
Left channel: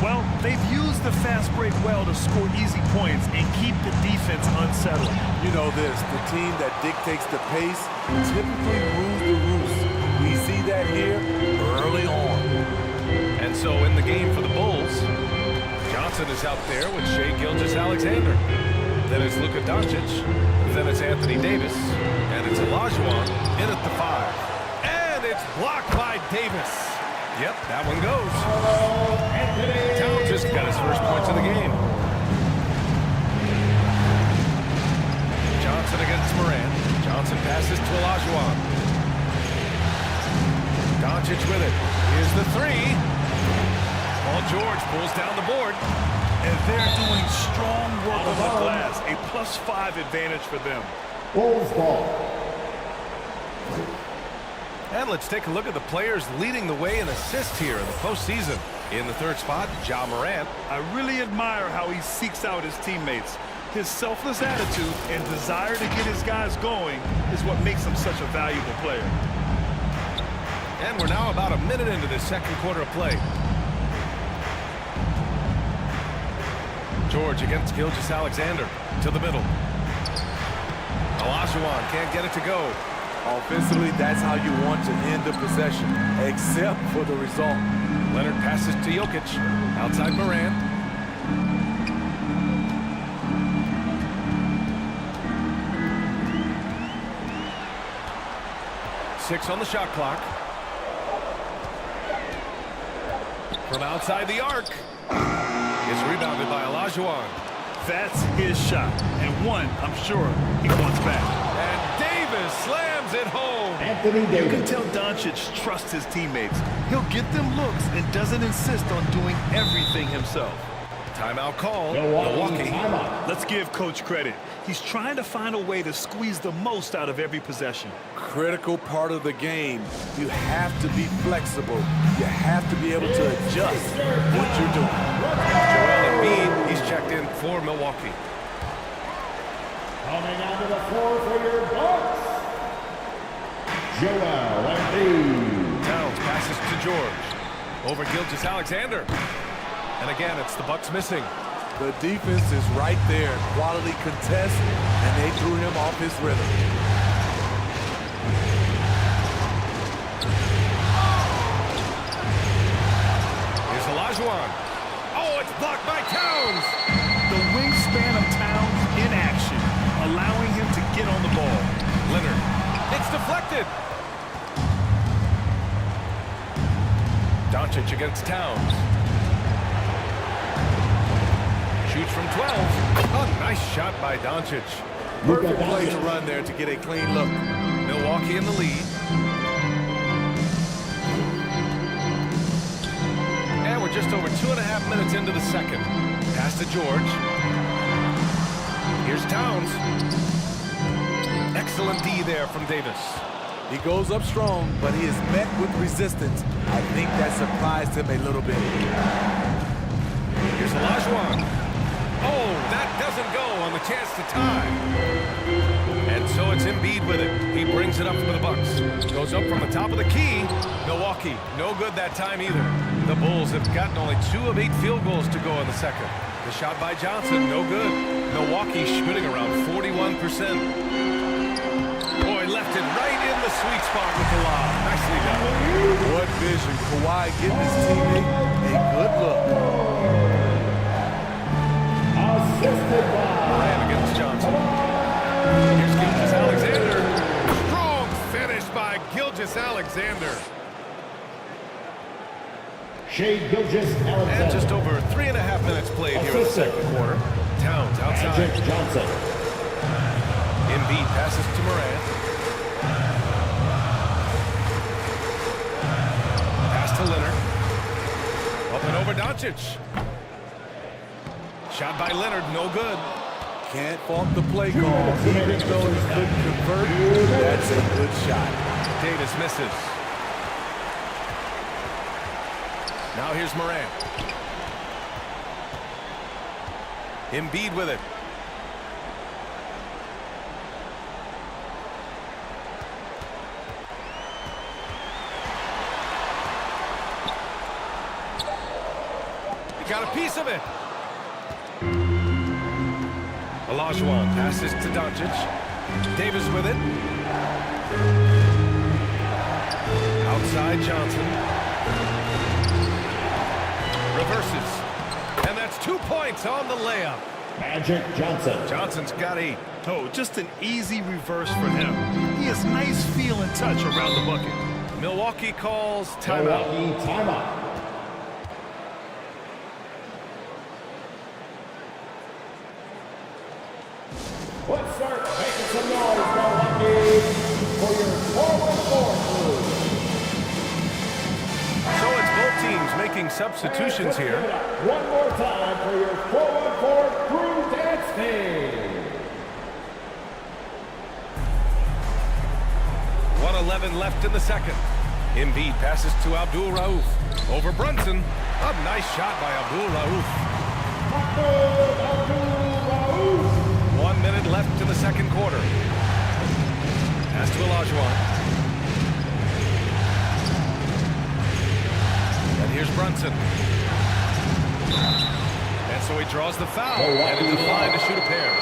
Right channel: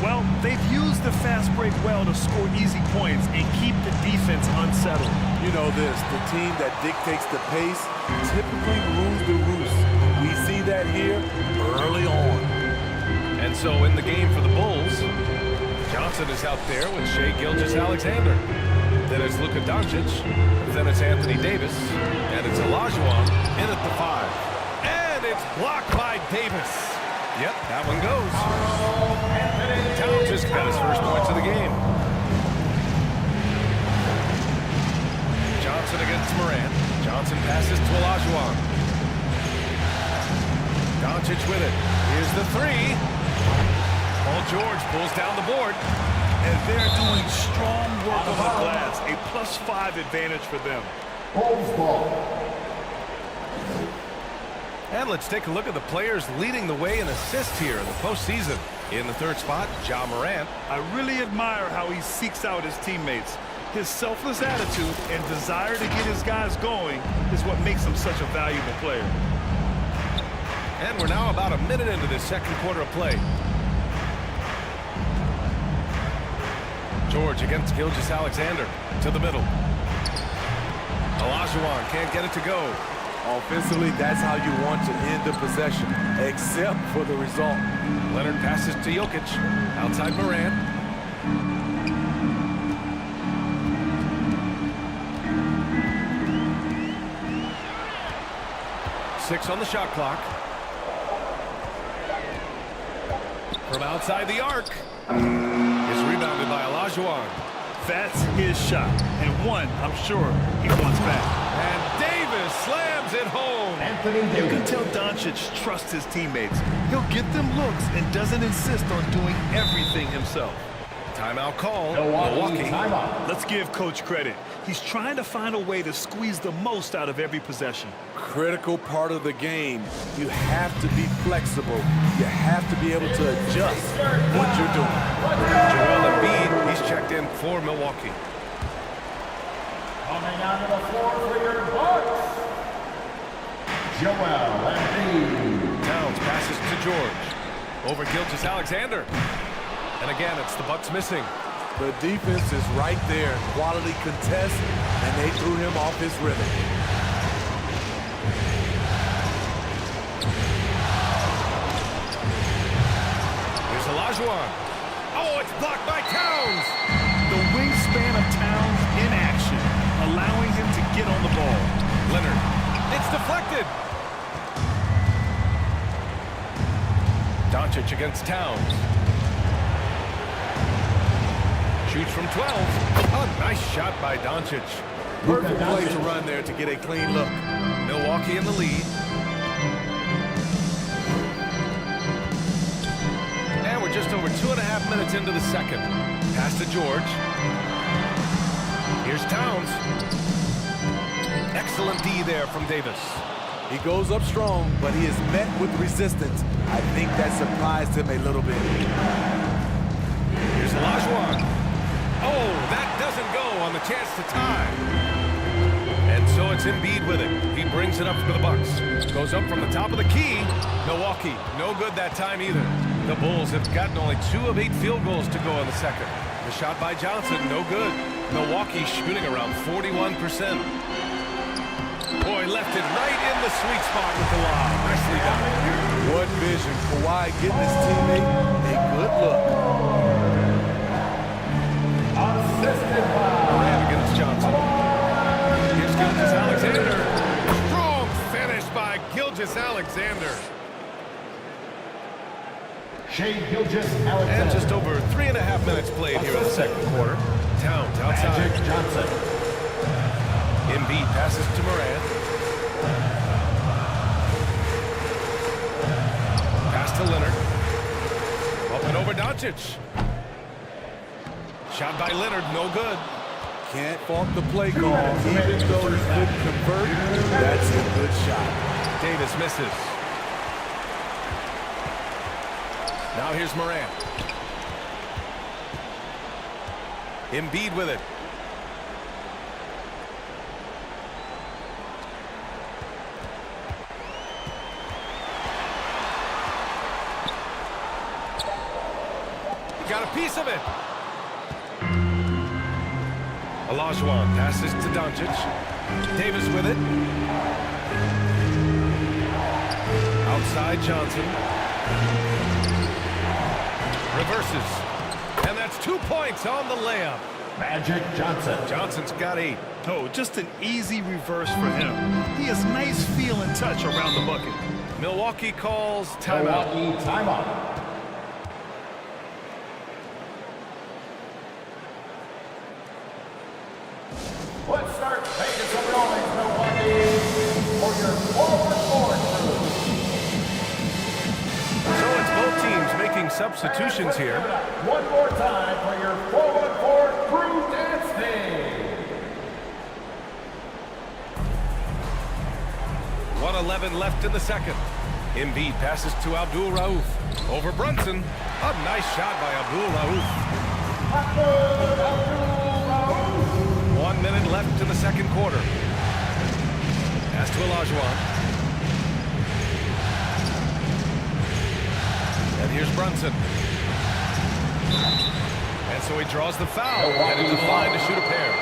Well, they've used the fast break well to score easy points and keep the defense unsettled. You know this, the team that dictates the pace typically rules the roost. We see that here early on. And so in the game for the Bulls, Johnson is out there with Shai Gilgeous-Alexander. Then it's Luka Doncic. Then it's Anthony Davis. And it's Olajuwon in at the 5. And it's blocked by Davis. Yep, that one goes. Towns just got his first points of the game. Johnson against Morant. Johnson passes to Olajuwon. Doncic with it. Here's the 3. Paul George pulls down the board. And they're doing strong work on the glass. A +5 advantage for them. Bulls ball. And let's take a look at the players leading the way in assists here in the postseason. In the 3rd spot, Ja Morant. I really admire how he seeks out his teammates. His selfless attitude and desire to get his guys going is what makes him such a valuable player. And we're now about a minute into this second quarter of play. George against Gilgeous-Alexander to the middle. Olajuwon can't get it to go. Offensively, that's how you want to end the possession, except for the result. Leonard passes to Jokic. Outside Morant. Six on the shot clock. From outside the arc. It's rebounded by Olajuwon. That's his shot, and one I'm sure he wants back. And Davis slams it home. Anthony Davis. You can tell Doncic trusts his teammates. He'll get them looks and doesn't insist on doing everything himself. Timeout call. Milwaukee. Timeout. Let's give Coach credit. He's trying to find a way to squeeze the most out of every possession. Critical part of the game. You have to be flexible. You have to be able to adjust what you're doing. Joel Embiid, he's checked in for Milwaukee. Coming onto the floor for your Bucks, Joel Embiid. Towns passes to George. Over Gilgeous-Alexander. And again, it's the Bucks missing. The defense is right there. Quality contest, and they threw him off his rhythm. Here's Olajuwon. Oh, it's blocked by Towns. The wingspan of Towns in action, allowing him to get on the ball. Leonard. It's deflected. Doncic against Towns. Shoots from 12. A nice shot by Doncic. Perfect play to run there to get a clean look. Milwaukee in the lead. And we're just over 2.5 minutes into the second. Pass to George. Here's Towns. Excellent D there from Davis. He goes up strong, but he is met with resistance. I think that surprised him a little bit. Here's Olajuwon. Oh, that doesn't go on the chance to tie. And so it's Embiid with it. He brings it up for the Bucks. Goes up from the top of the key. Milwaukee, no good that time either. The Bulls have gotten only 2 of 8 field goals to go in the second. The shot by Johnson, no good. Milwaukee shooting around 41%. Boy, left it right in the sweet spot with the lob. Nicely done. What vision. Kawhi getting his teammate a good look. Assisted by Durant against Johnson. Here's Gilgeous-Alexander. Strong finish by Gilgeous-Alexander. Shea Gilgeous-Alexander. And just over 3.5 minutes played here in the second quarter. Towns outside. Magic Johnson. Embiid passes to Morant. Pass to Leonard. Up and over Doncic. Shot by Leonard, no good. Can't fault the play call. Even though he couldn't convert, that's a good shot. Davis misses. Now here's Morant. Embiid with it. He got a piece of it. Olajuwon passes to Doncic. Davis with it. Outside Johnson. Reverses. And that's 2 points on the layup. Magic Johnson. Johnson's got 8. Oh, just an easy reverse for him. He has nice feel and touch around the bucket. Milwaukee calls timeout. Milwaukee timeout. Let's start making some noise, Milwaukee, for your 4-1-4 crew. So it's both teams making substitutions here. One more time for your 4-1-4 crew dance team. 1:11 left in the second. Embiid passes to Abdul Rauf. Over Brunson. A nice shot by Abdul Rauf. Abdul Rauf. 1 minute left in the second quarter. Pass to Olajuwon. And here's Brunson. And so he draws the foul. Headed to the line to shoot a pair.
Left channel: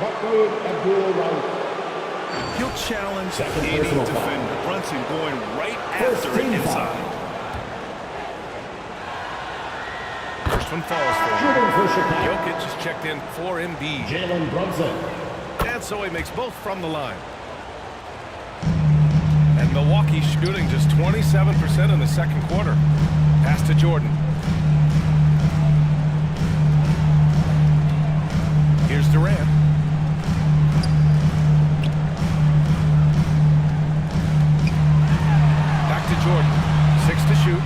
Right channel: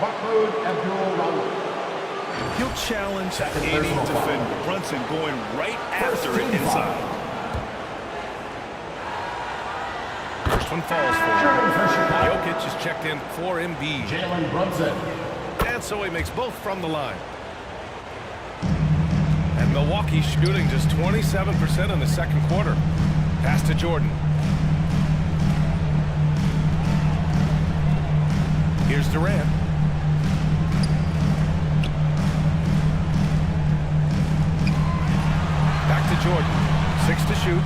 Abdul Rauf. He'll challenge any defender. Brunson going right after it inside. First one falls for him. Jokic is checked in for Embiid. Jalen Brunson. And so he makes both from the line. And Milwaukee shooting just 27% in the second quarter. Pass to Jordan. Here's Durant. Back to Jordan. 6 to shoot.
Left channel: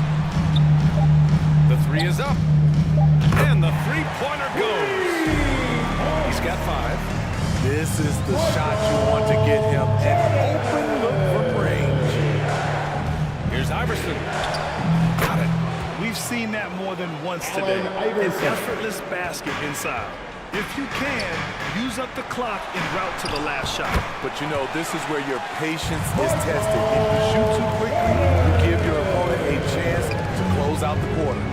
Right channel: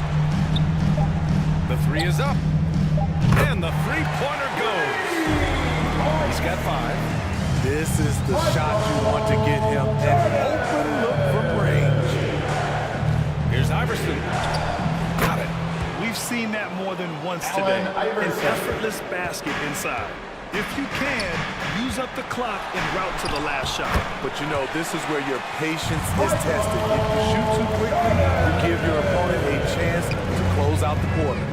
The 3 is up. And the three-pointer goes. He's got 5. This is the shot you want to get him. An open look from range. Here's Iverson. Got it. We've seen that more than once today. An effortless basket inside. If you can, use up the clock en route to the last shot. But you know, this is where your patience is tested. If you shoot too quickly, you give your opponent a chance to close out the quarter.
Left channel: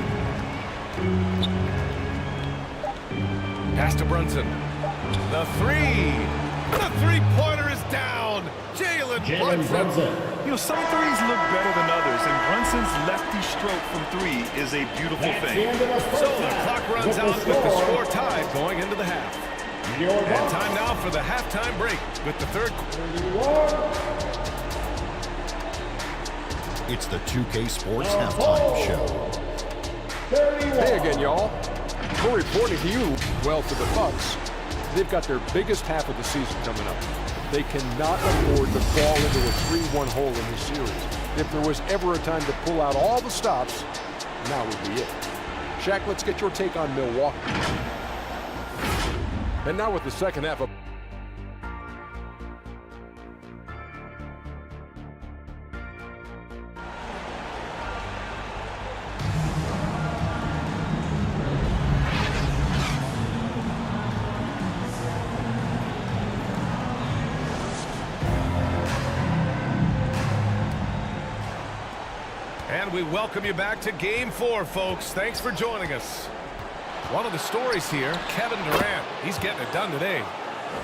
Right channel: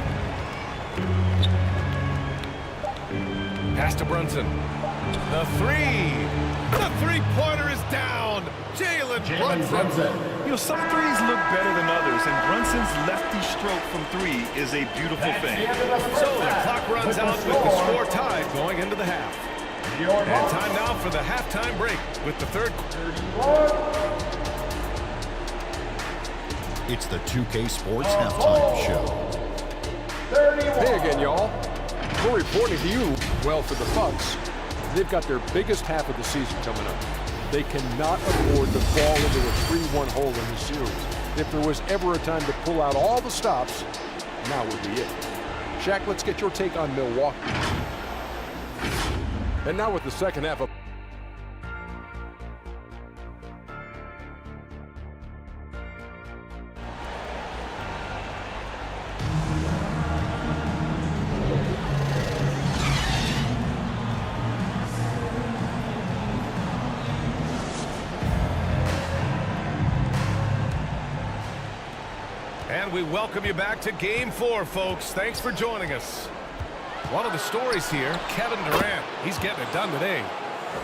Pass to Brunson. The 3. The three-pointer is down. Jalen Brunson. You know, some threes look better than others, and Brunson's lefty stroke from 3 is a beautiful thing. So the clock runs out with the score tied going into the half. And time now for the halftime break with the third. It's the 2K Sports Halftime Show. Hey again, y'all. We're reporting to you, well, for the Bucks, they've got their biggest half of the season coming up. They cannot afford to fall into a 3-1 hole in this series. If there was ever a time to pull out all the stops, now would be it. Shaq, let's get your take on Milwaukee. And now with the second half of And we welcome you back to Game 4, folks. Thanks for joining us. One of the stories here, Kevin Durant. He's getting it done today.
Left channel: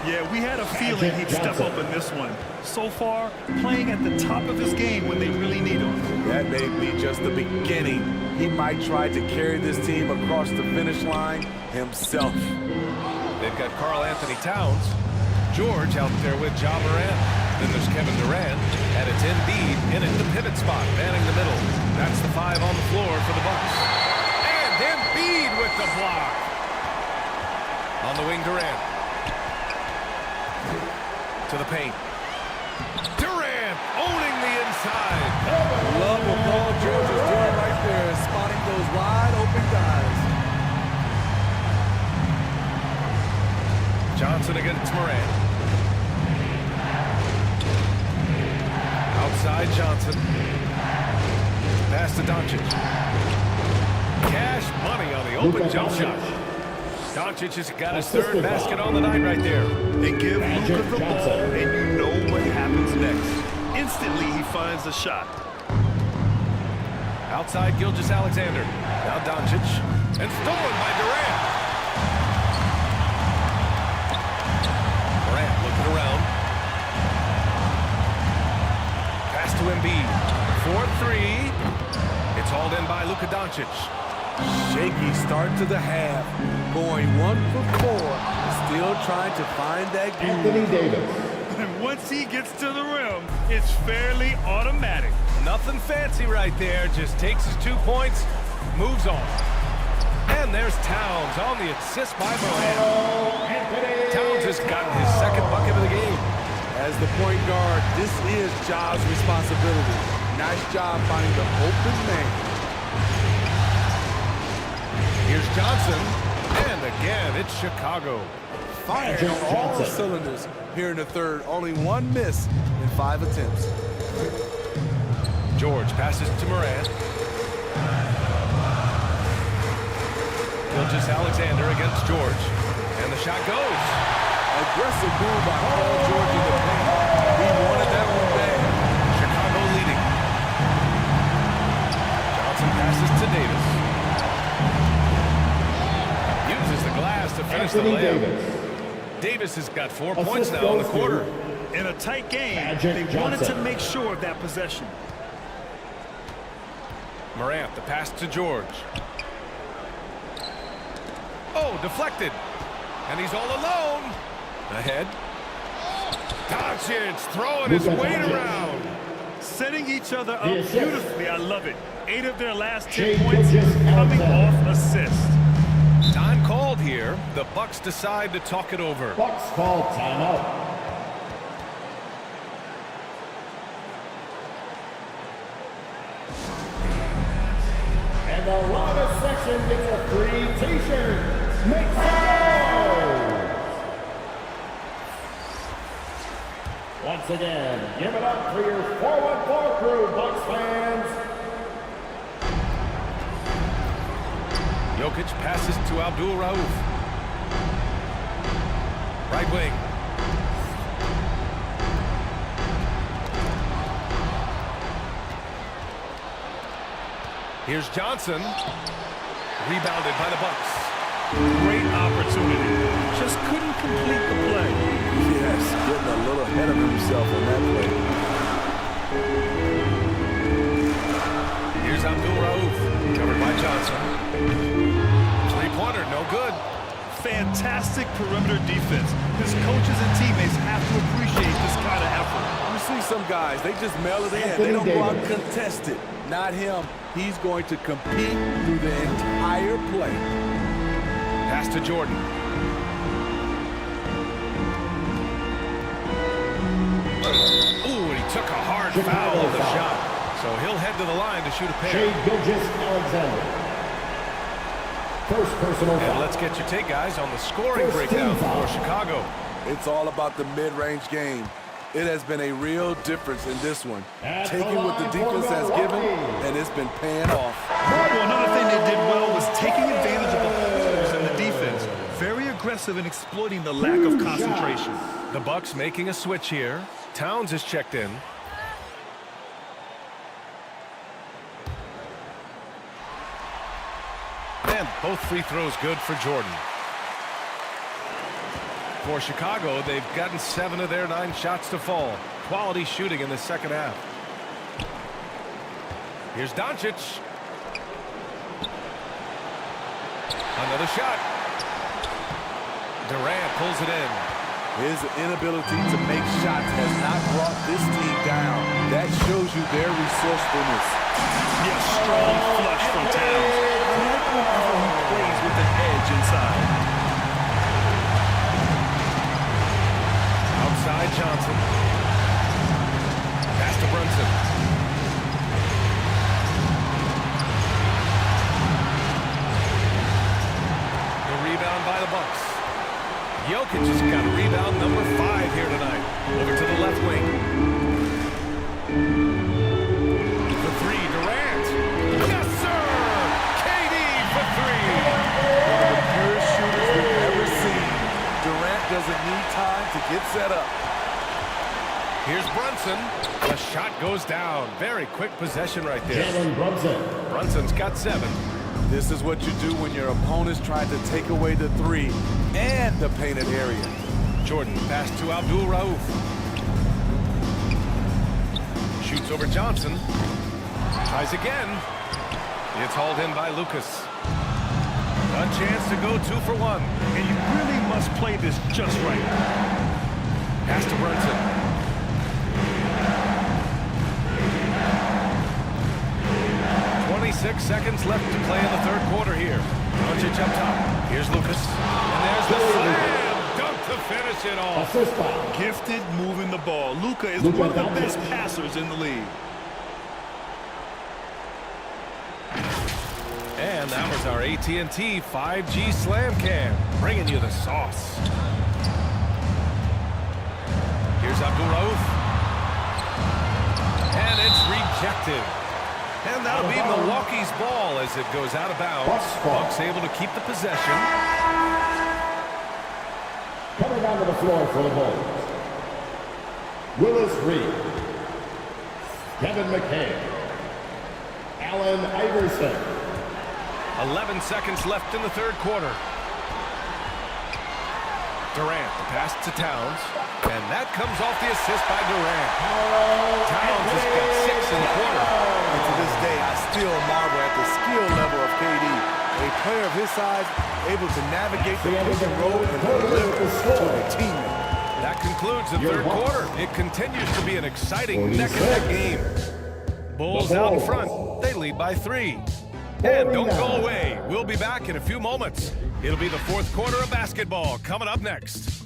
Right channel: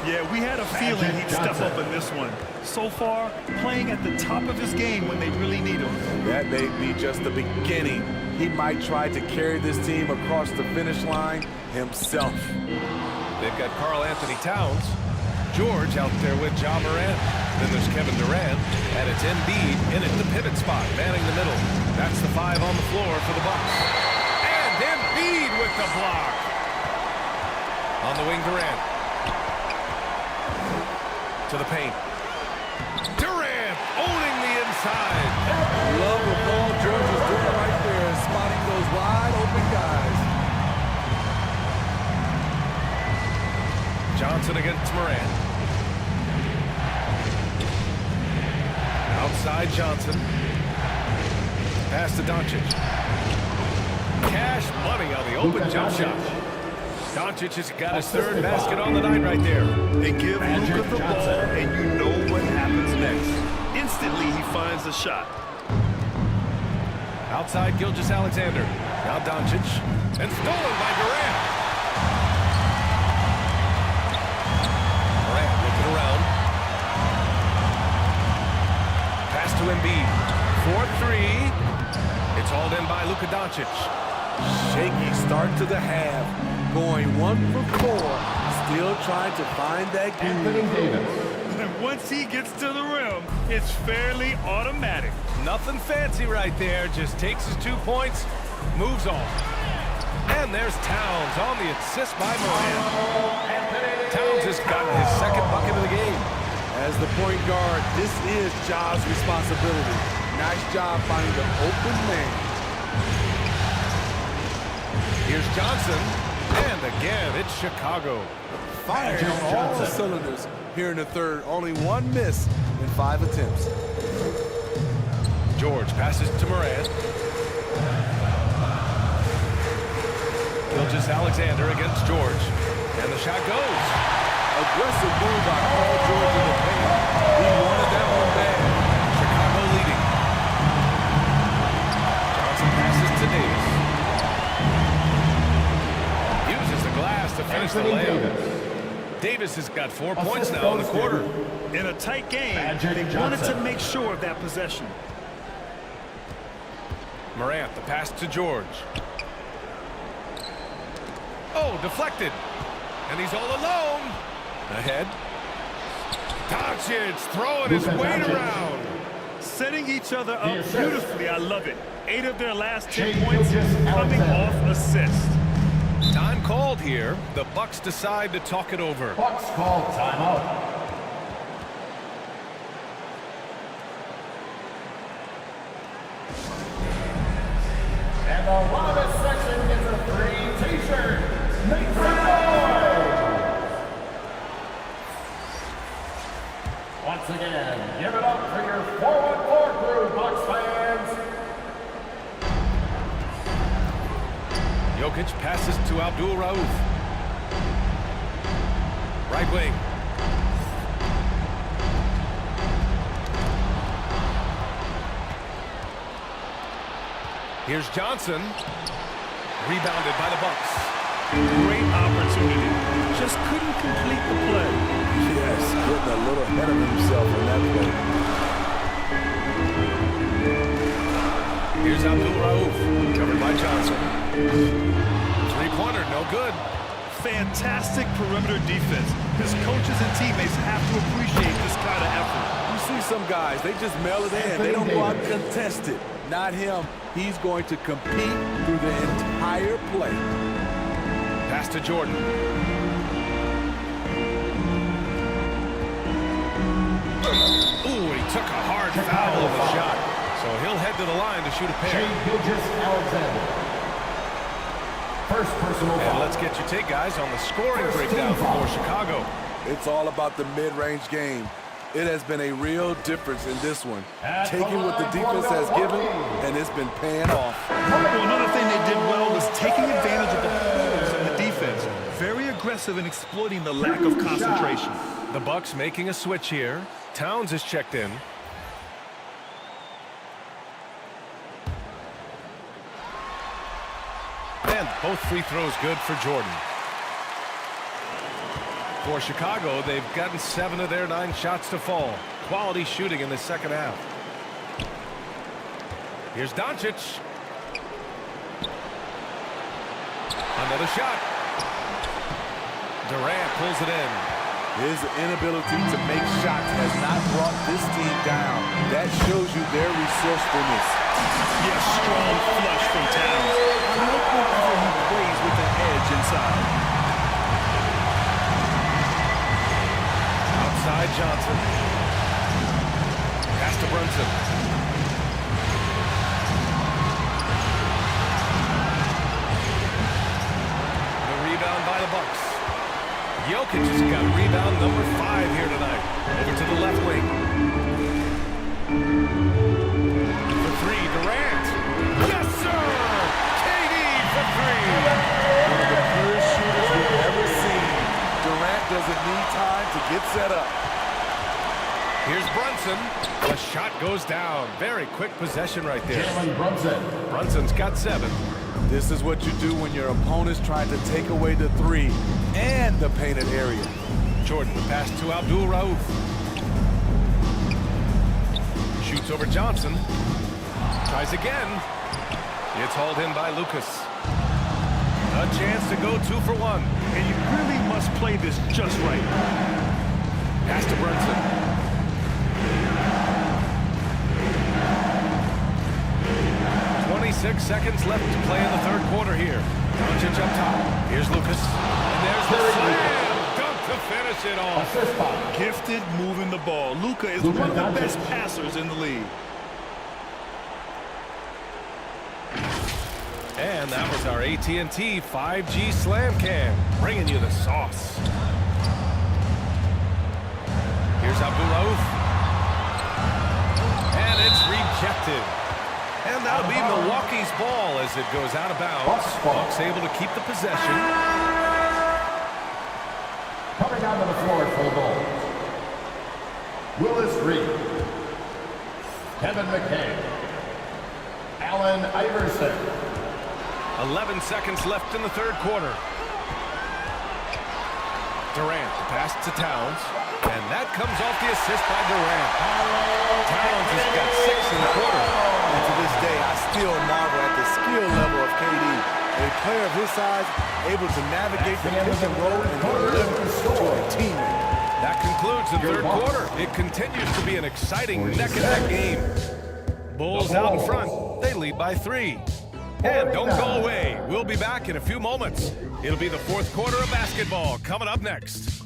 Yeah, we had a feeling he'd step up in this one. So far, playing at the top of his game when they really need him. That may be just the beginning. He might try to carry this team across the finish line himself. They've got Karl Anthony Towns. George out there with Ja Morant. Then there's Kevin Durant, and it's Embiid in at the pivot spot, manning the middle. That's the 5 on the floor for the Bucks. And Embiid with the block. On the wing, Durant. To the paint. Durant owning the inside. Love what Paul George is doing right there, spotting those wide open guys. Johnson against Morant. Outside Johnson. Pass to Doncic. Cash money on the open jump shot. Doncic has got his third basket on the night right there. And give Luka the ball, and you know what happens next. Instantly, he finds a shot. Outside Gilgeous-Alexander. Now Doncic. And stolen by Durant. Durant looking around. Pass to Embiid. 4-3. It's hauled in by Luka Doncic. Shaky start to the half. Going 1 for 4. Still trying to find that groove. Anthony Davis. And once he gets to the rim, it's fairly automatic. Nothing fancy right there. Just takes his 2 points, moves on. And there's Towns on the assist by Morant. Towns has gotten his second bucket of the game. As the point guard, this is Ja's responsibility. Nice job finding the open man. Here's Johnson. And again, it's Chicago. Firing on all cylinders here in the third. Only 1 miss in 5 attempts. George passes to Morant. Gilgeous-Alexander against George. And the shot goes. Aggressive move by Paul George in the paint. He wanted that one bad. Chicago leading. Johnson passes to Davis. Uses the glass to finish the layup. Davis has got 4 points now in the quarter. In a tight game, they wanted to make sure of that possession. Morant, the pass to George. Oh, deflected. And he's all alone. Ahead. Doncic throwing his weight around. Setting each other up beautifully. I love it. 8 of their last 10 points coming off assist. Time called here. The Bucks decide to talk it over. Bucks call timeout. And the loudest section gets a free t-shirt. Make some noise! Once again, give it up for your 414 crew, Bucks fans. Jokic passes to Abdul Rauf. Right wing. Here's Johnson. Rebounded by the Bucks. Great opportunity. Just couldn't complete the play. Yes, getting a little ahead of himself on that play. Here's Abdul Rauf. Covered by Johnson. Three-pointer, no good. Fantastic perimeter defense. His coaches and teammates have to appreciate this kind of effort. You see some guys, they just mail it in. They don't go out and contest it. Not him. He's going to compete through the entire play. Pass to Jordan. Ooh, and he took a hard foul on the shot. So he'll head to the line to shoot a pair. Shai Gilgeous-Alexander. First personal foul. And let's get your take, guys, on the scoring breakdown for Chicago. It's all about the mid-range game. It has been a real difference in this one. Taking what the defense has given, and it's been paying off. Well, another thing they did well was taking advantage of the holes in the defense. Very aggressive in exploiting the lack of concentration. The Bucks making a switch here. Towns is checked in. And both free throws good for Jordan. For Chicago, they've gotten 7 of their 9 shots to fall. Quality shooting in the second half. Here's Doncic. Another shot. Durant pulls it in. His inability to make shots has not brought this team down. That shows you their resourcefulness. Yes, strong flush from Towns. I like whenever he plays with an edge inside. Outside Johnson. Pass to Brunson. The rebound by the Bucks. Jokic has got rebound number 5 here tonight. Over to the left wing. For 3, Durant. Yes, sir! KD for 3. One of the purest shooters we've ever seen. Durant doesn't need time to get set up. Here's Brunson. The shot goes down. Very quick possession right there. Jalen Brunson. Brunson's got 7. This is what you do when your opponent's trying to take away the 3 and the painted area. Jordan, the pass to Abdul Rauf. Shoots over Johnson. Tries again. It's hauled in by Lucas. A chance to go 2 for 1. And you really must play this just right. Pass to Brunson. 26 seconds left to play in the third quarter here. Doncic up top. Here's Lucas. And there's the slam dunk to finish it off. Gifted moving the ball. Luka is one of the best passers in the league. And that was our AT&T 5G Slam Cam, bringing you the sauce. Here's Abdul Rauf. And it's rejected. And that'll be Milwaukee's ball as it goes out of bounds. Bucks able to keep the possession. Coming onto the floor for the Bulls. Willis Reed. Kevin McHale. Allen Iverson. 11 seconds left in the third quarter. Durant, the pass to Towns. And that comes off the assist by Durant. Towns has got 6 in the quarter. And to this day, I still marvel at the skill level of KD. A player of his size, able to navigate the pick and roll and deliver to a teammate. That concludes the third quarter. It continues to be an exciting neck-and-neck game. Bulls out in front. They lead by 3. And don't go away. We'll be back in a few moments. It'll be the fourth quarter of basketball coming up next.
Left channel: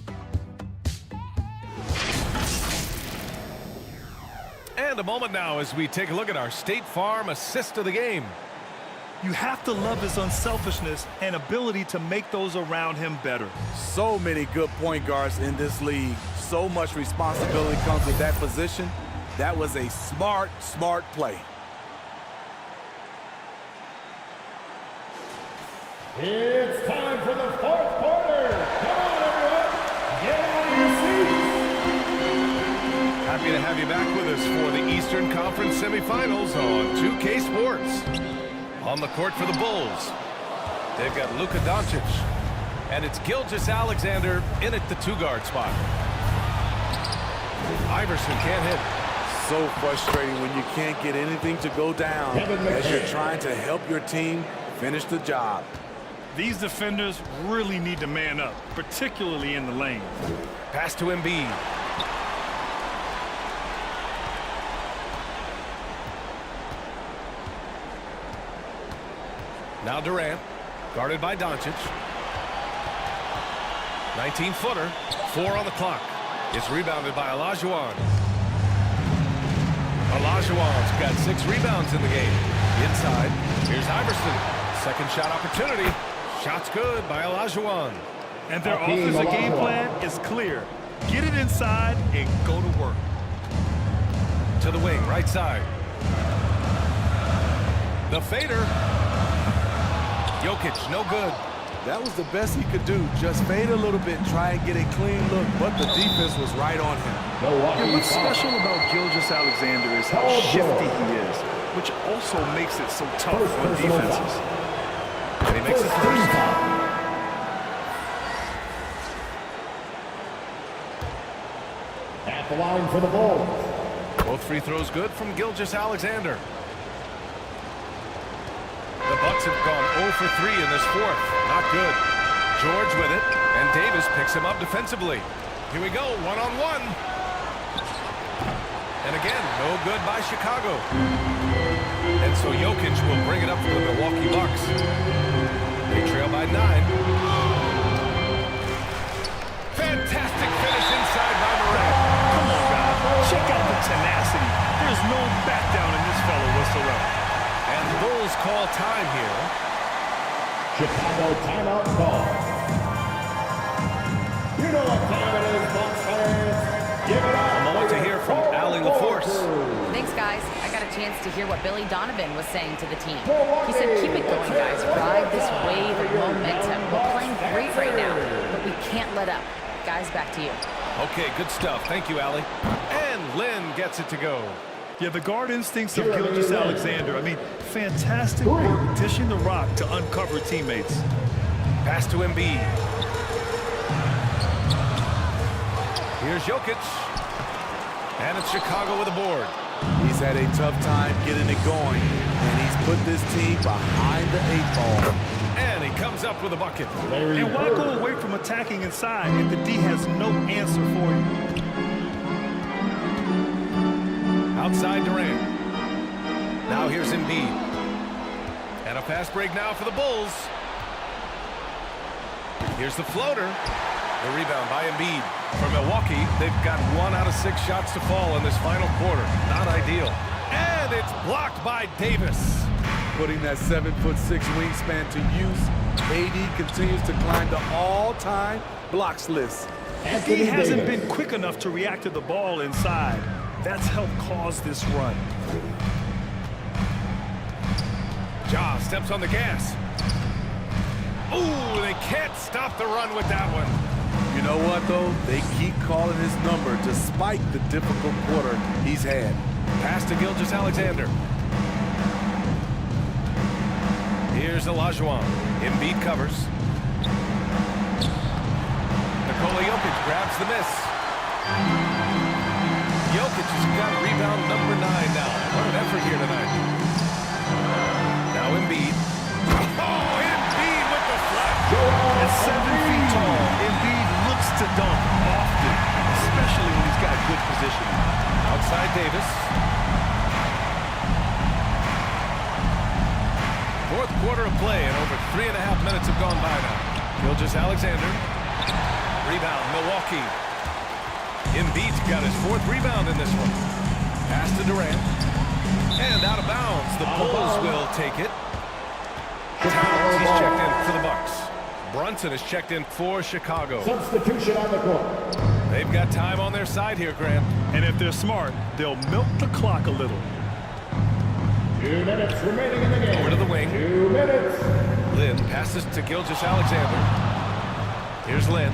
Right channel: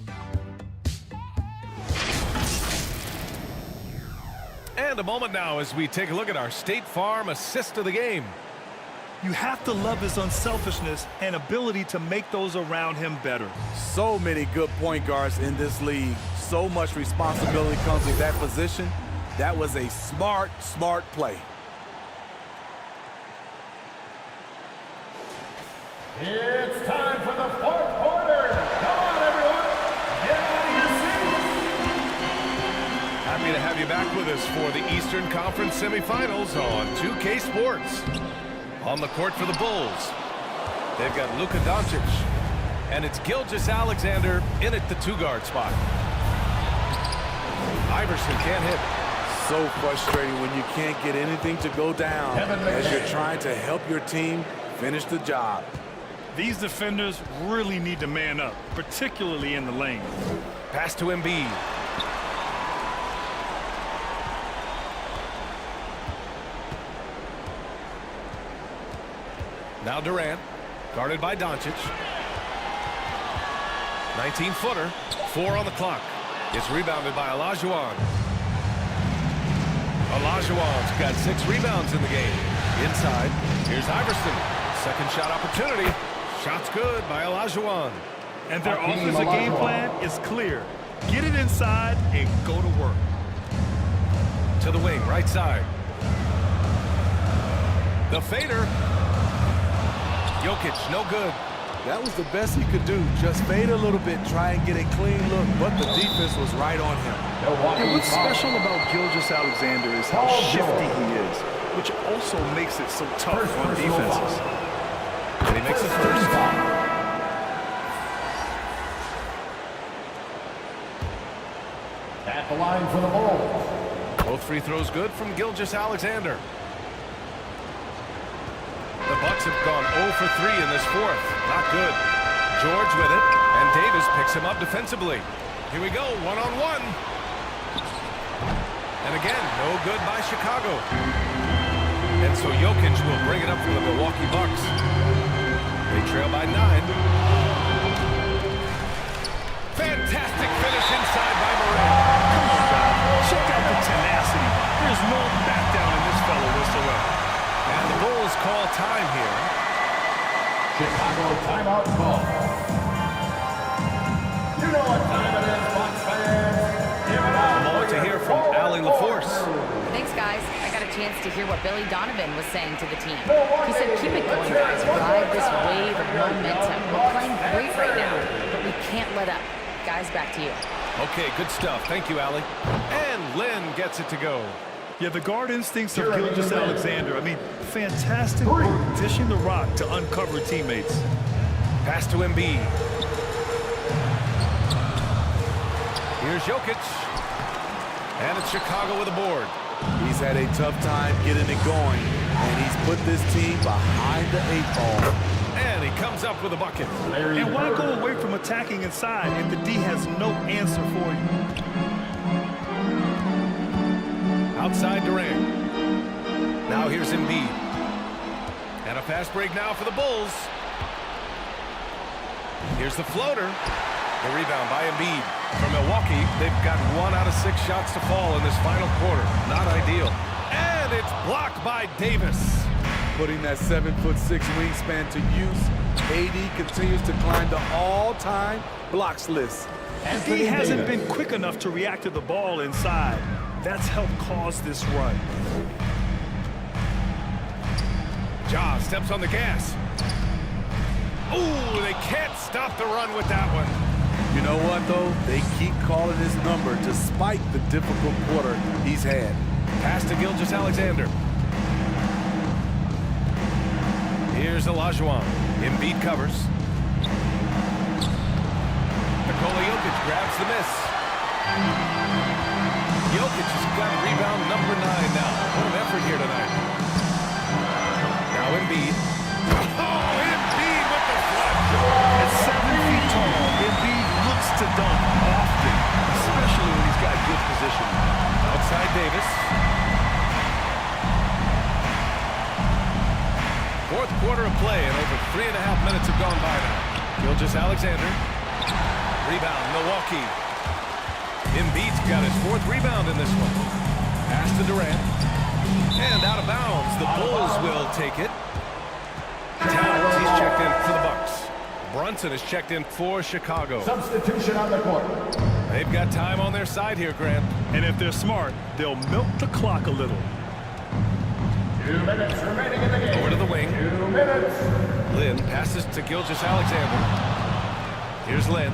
And a moment now as we take a look at our State Farm assist of the game. You have to love his unselfishness and ability to make those around him better. So many good point guards in this league. So much responsibility comes with that position. That was a smart play. It's time for the fourth quarter. Come on, everyone. Get out of your seats. Happy to have you back with us for the Eastern Conference semifinals on 2K Sports. On the court for the Bulls, they've got Luka Doncic, and it's Gilgeous-Alexander in at the 2-guard spot. Iverson can't hit. So frustrating when you can't get anything to go down as you're trying to help your team finish the job. These defenders really need to man up, particularly in the lane. Pass to Embiid. Now Durant, guarded by Doncic. 19-footer, 4 on the clock. It's rebounded by Olajuwon. Olajuwon's got 6 rebounds in the game. Inside, here's Iverson. Second shot opportunity. Shot's good by Olajuwon. And their offensive game plan is clear. Get it inside and go to work. To the wing, right side. The fader. Jokic, no good. That was the best he could do. Just fade a little bit, try and get a clean look, but the defense was right on him. Yeah, what's special about Gilgeous-Alexander is how shifty he is, which also makes it so tough on defenses. And he makes the first. At the line for the Bulls. Both free throws good from Gilgeous-Alexander. The Bucks have gone 0 for 3 in this fourth. Not good. George with it, and Davis picks him up defensively. Here we go, one-on-one. And again, no good by Chicago. And so Jokic will bring it up for the Milwaukee Bucks. They trail by 9. Fantastic finish inside by Morant. Come on, guys. Check out the tenacity. There's no back down in this fellow whatsoever. And the Bulls call time here. Chicago timeout call. You know what time it is, Bucks fans. Give it up. A moment to hear from Allie LaForce. Thanks, guys. I got a chance to hear what Billy Donovan was saying to the team. He said, keep it going, guys. Ride this wave of momentum. We're playing great right now, but we can't let up. Guys, back to you. Okay, good stuff. Thank you, Allie. And Lynn gets it to go. Yeah, the guard instincts of Gilgeous-Alexander. I mean, fantastic work dishing the rock to uncover teammates. Pass to Embiid. Here's Jokic. And it's Chicago with a board. He's had a tough time getting it going, and he's put this team behind the 8 ball. And he comes up with a bucket. And why go away from attacking inside if the D has no answer for you? Outside Durant. Now here's Embiid. And a fast break now for the Bulls. Here's the floater. The rebound by Embiid. For Milwaukee, they've got 1 out of 6 shots to fall in this final quarter. Not ideal. And it's blocked by Davis. Putting that 7'6" wingspan to use, AD continues to climb the all-time blocks list. He hasn't been quick enough to react to the ball inside. That's helped cause this run. Ja steps on the gas. Ooh, they can't stop the run with that one. You know what, though? They keep calling his number despite the difficult quarter he's had. Pass to Gilgeous-Alexander. Here's Olajuwon. Embiid covers. Nikola Jokic grabs the miss. Jokic has got rebound number 9 now. What an effort here tonight. Now Embiid. Oh, Embiid with the flush. At 7 feet tall, Embiid looks to dunk often, especially when he's got good positioning. Outside Davis. Fourth quarter of play, and over 3.5 minutes have gone by now. Gilgeous-Alexander. Rebound, Milwaukee. Embiid's got his 4th rebound in this one. Pass to Durant. And out of bounds. The Bulls will take it. Towns, he's checked in for the Bucks. Brunson is checked in for Chicago. Substitution on the court. They've got time on their side here, Grant. And if they're smart, they'll milk the clock a little. 2 minutes remaining in the game. Over to the wing. 2 minutes. Lynn passes to Gilgeous-Alexander. Here's Lynn.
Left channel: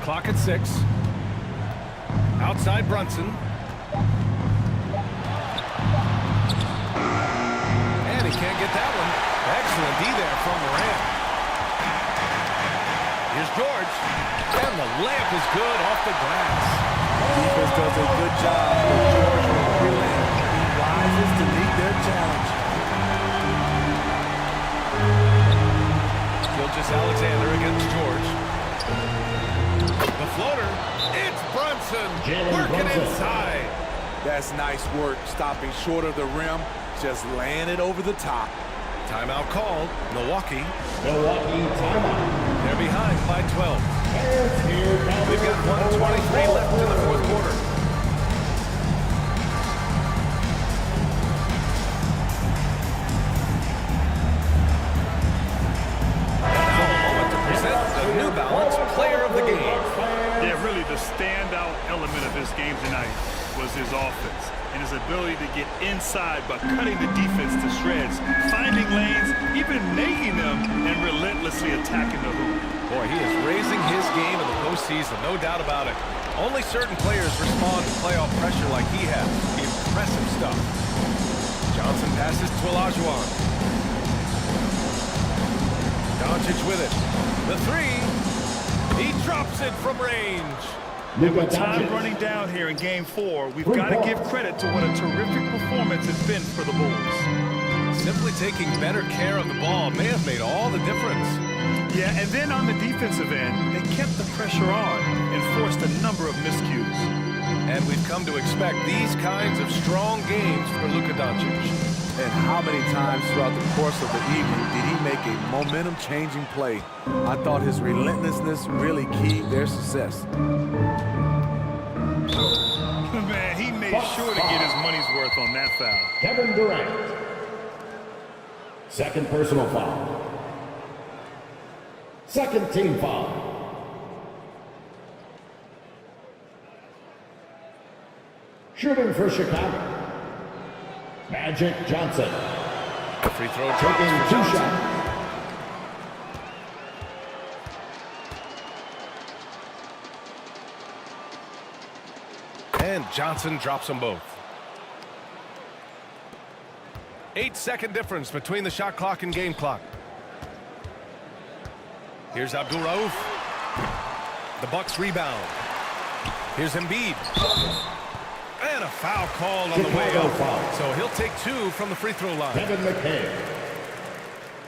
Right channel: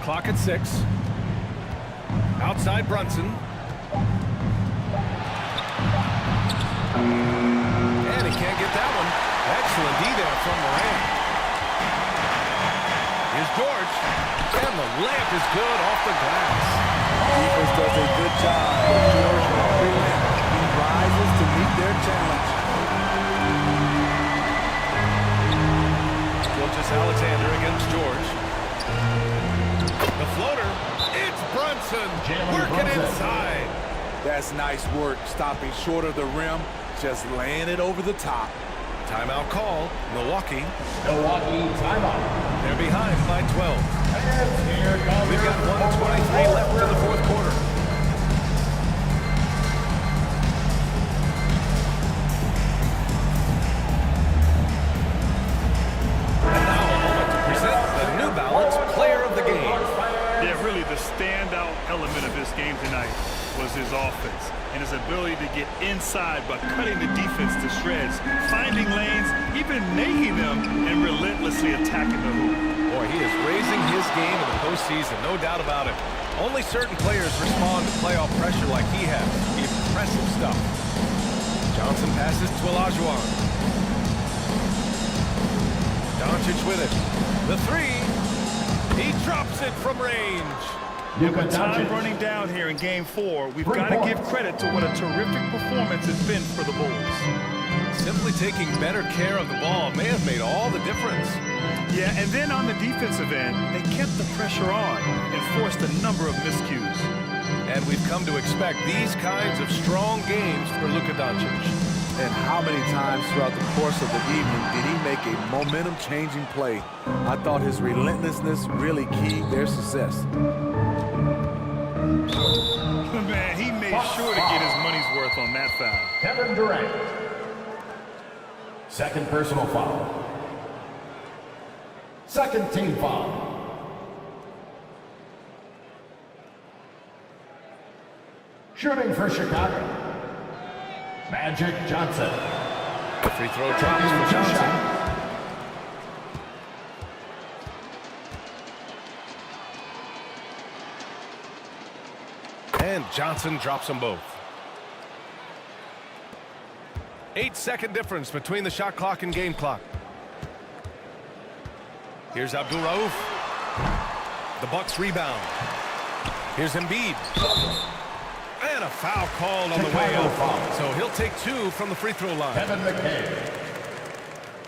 Clock at 6. Outside Brunson. And he can't get that one. Excellent D there from Morant. Here's George. And the layup is good off the glass. Defense does a good job, but George won't relent. He rises to meet their challenge. Gilgeous-Alexander against George. The floater. It's Brunson working inside. That's nice work, stopping short of the rim, just laying it over the top. Timeout called. Milwaukee. Milwaukee timeout. They're behind by 12. And here comes We've got 1:23 left in the fourth quarter. And now a moment to present the New Balance Player of the Game. Yeah, really the standout element of his game tonight was his offense and his ability to get inside by cutting the defense to shreds, finding lanes, even making them, and relentlessly attacking the hoop. Boy, he is raising his game in the postseason, no doubt about it. Only certain players respond to playoff pressure like he has. Impressive stuff. Johnson passes to Olajuwon. Doncic with it. The three. He drops it from range. And with time running down here in Game 4, we've got to give credit to what a terrific performance it's been for the Bulls. Simply taking better care of the ball may have made all the difference. Yeah, and then on the defensive end, they kept the pressure on and forced a number of miscues. And we've come to expect these kinds of strong games for Luka Doncic. And how many times throughout the course of the evening did he make a momentum-changing play? I thought his relentlessness really keyed their success. Man, he made sure to get his money's worth on that foul. Kevin Durant. Second personal foul. Second team foul. Shooting for Chicago. Magic Johnson. The free throw drops for Johnson. And Johnson drops them both. 8-second difference between the shot clock and game clock. Here's Abdul Rauf. The Bucks rebound. Here's Embiid. And a foul called on the way up. So he'll take 2 from the free throw line. Kevin McHale.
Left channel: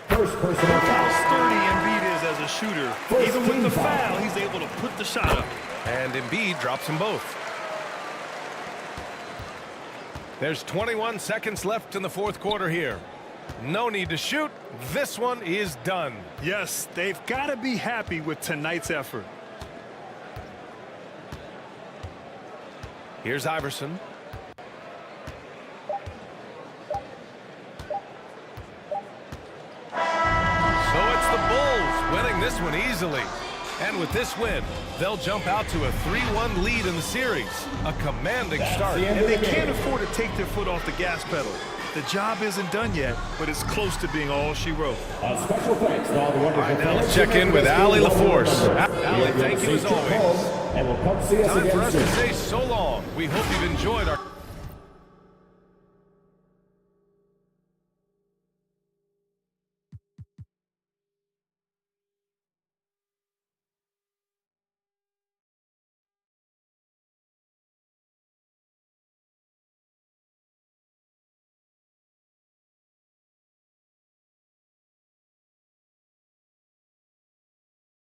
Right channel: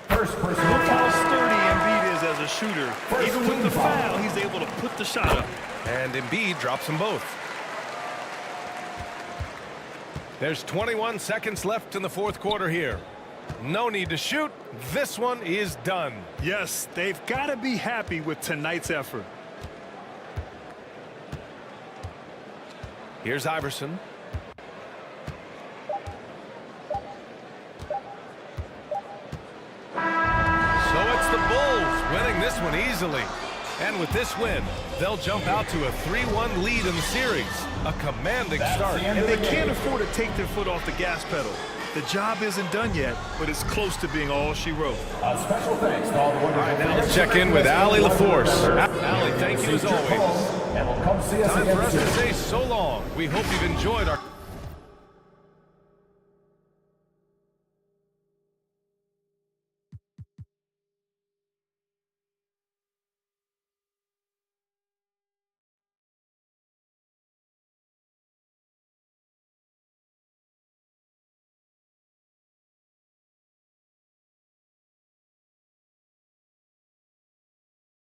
First personal Look foul. how sturdy Embiid is as a shooter. Even with the foul, he's able to put the shot up. And Embiid drops them both. There's 21 seconds left in the fourth quarter here. No need to shoot. This one is done. Yes, they've got to be happy with tonight's effort. Here's Iverson. So it's the Bulls winning this one easily. And with this win, they'll jump out to a 3-1 lead in the series. A commanding start. And they can't afford to take their foot off the gas pedal. The job isn't done yet, but it's close to being all she wrote. Special thanks to all the wonderful fans. Now let's check in with Allie LaForce. Allie, thank you as always. And we'll come see us Time again for us soon. to say so long. We hope you've enjoyed our